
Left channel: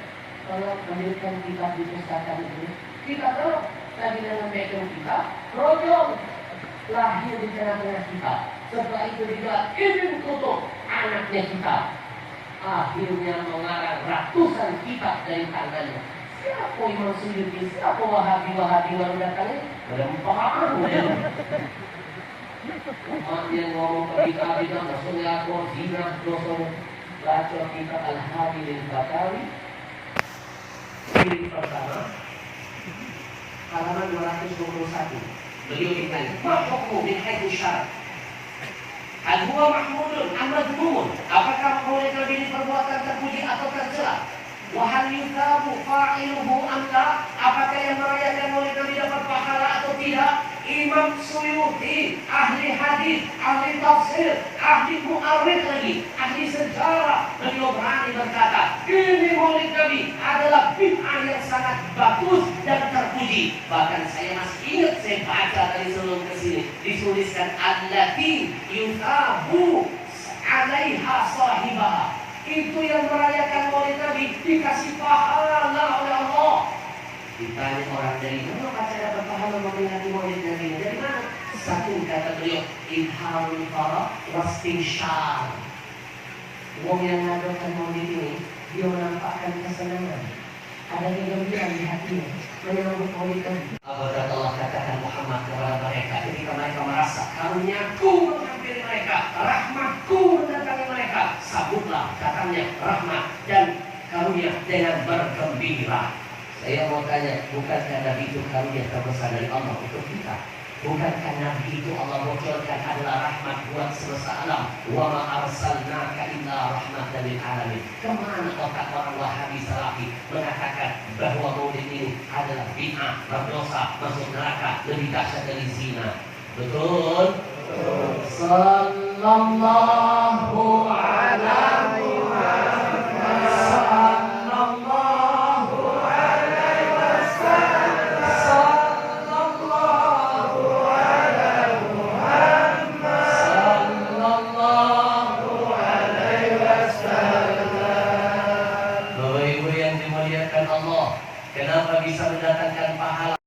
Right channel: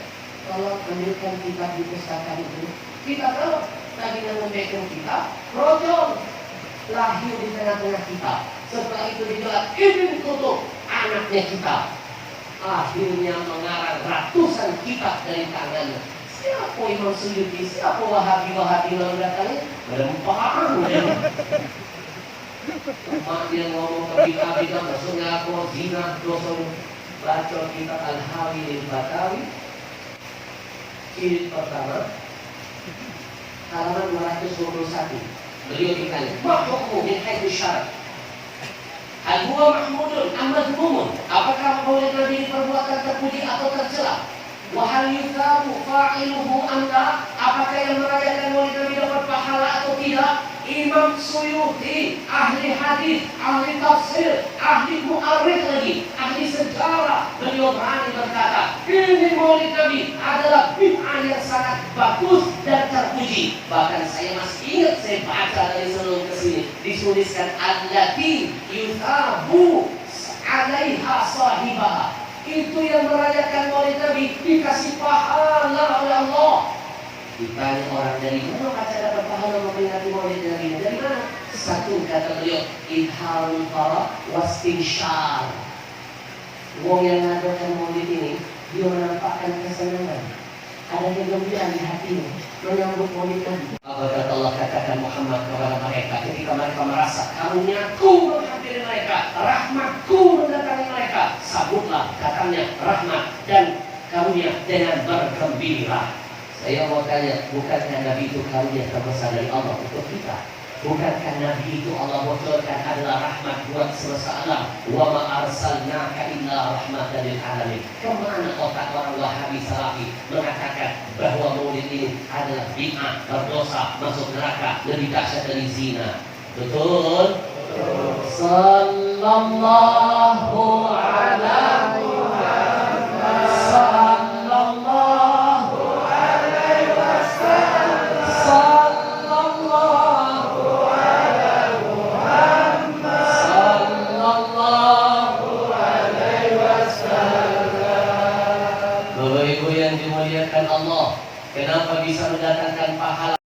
tolong ambilkan kitab di pustakaan itu. Kita tahu lagi memberikan kitab, rojol lahir di tengah-tengah kita. Setelah itu digelar Ibn Qutb, anaknya kita. Akhirnya mengarang ratusan kitab dari tangannya. Siapa Imam Suyuti? Siapa Wahabi lalu datangnya? Berempang ya. Dia ngomong ke kita maksudnya aku zina, dosa. Baca kitab Al-Hawi lil Fatawi jilid pertama halaman 221. Beliau ditanya, "Ma hukmu min haitsu syara'?" Hal huwa mahmudun am madhmumun? Apakah maulid Nabi ini perbuatan terpuji atau tercela? Wa hal yuthabu fa'iluhu am la? Apakah yang merayakan maulid Nabi dapat pahala atau tidak? Imam Suyuti, ahli hadis, ahli tafsir, ahli mu'arrikh lagi, ahli sejarah, beliau berani berkata, ini maulid Nabi adalah bid'ah yang sangat bagus dan terpuji. Bahkan saya masih ingat, saya baca dari sebelum ke sini, dituliskan allati yuthabu alaiha sahibaha. Itu yang merayakan maulid Nabi dikasih pahala oleh Allah. Ditanya orang dari mana baca dapat pahala memperingati maulid Nabi? Dari mana? Satu kata beliau, idharul farah wastinsyar. Wong yang mengadakan maulid ini, dia menampakkan kesenangan, ada kegembiraan di hatinya menyambut maulid Nabi. Apakah Allah katakan Muhammad kepada mereka ketika mereka merasa karuniaku menghampiri mereka, rahmatku mendatangi mereka, sambutlah datangnya rahmat dan karunia dengan bergembira. Saya mau tanya, bukankah Nabi itu karunia terbesar dari Allah untuk kita? Bukankah Nabi itu Allah bocorkan adalah rahmat buat semesta alam? Wa ma arsalnaka illa rahmatan lil alamin. Kemana otak orang Wahabi Salafi mengatakan bahwa maulid ini adalah bid'ah, berdosa, masuk neraka, lebih dahsyat dari zina? Betul? Sallallahu ala Muhammad. Sallallahu alaihi wasallam. Sallallahu ala Muhammad. Sallallahu alaihi wasallam. Bapak Ibu yang dimuliakan Allah, kenapa bisa mendatangkan pahala?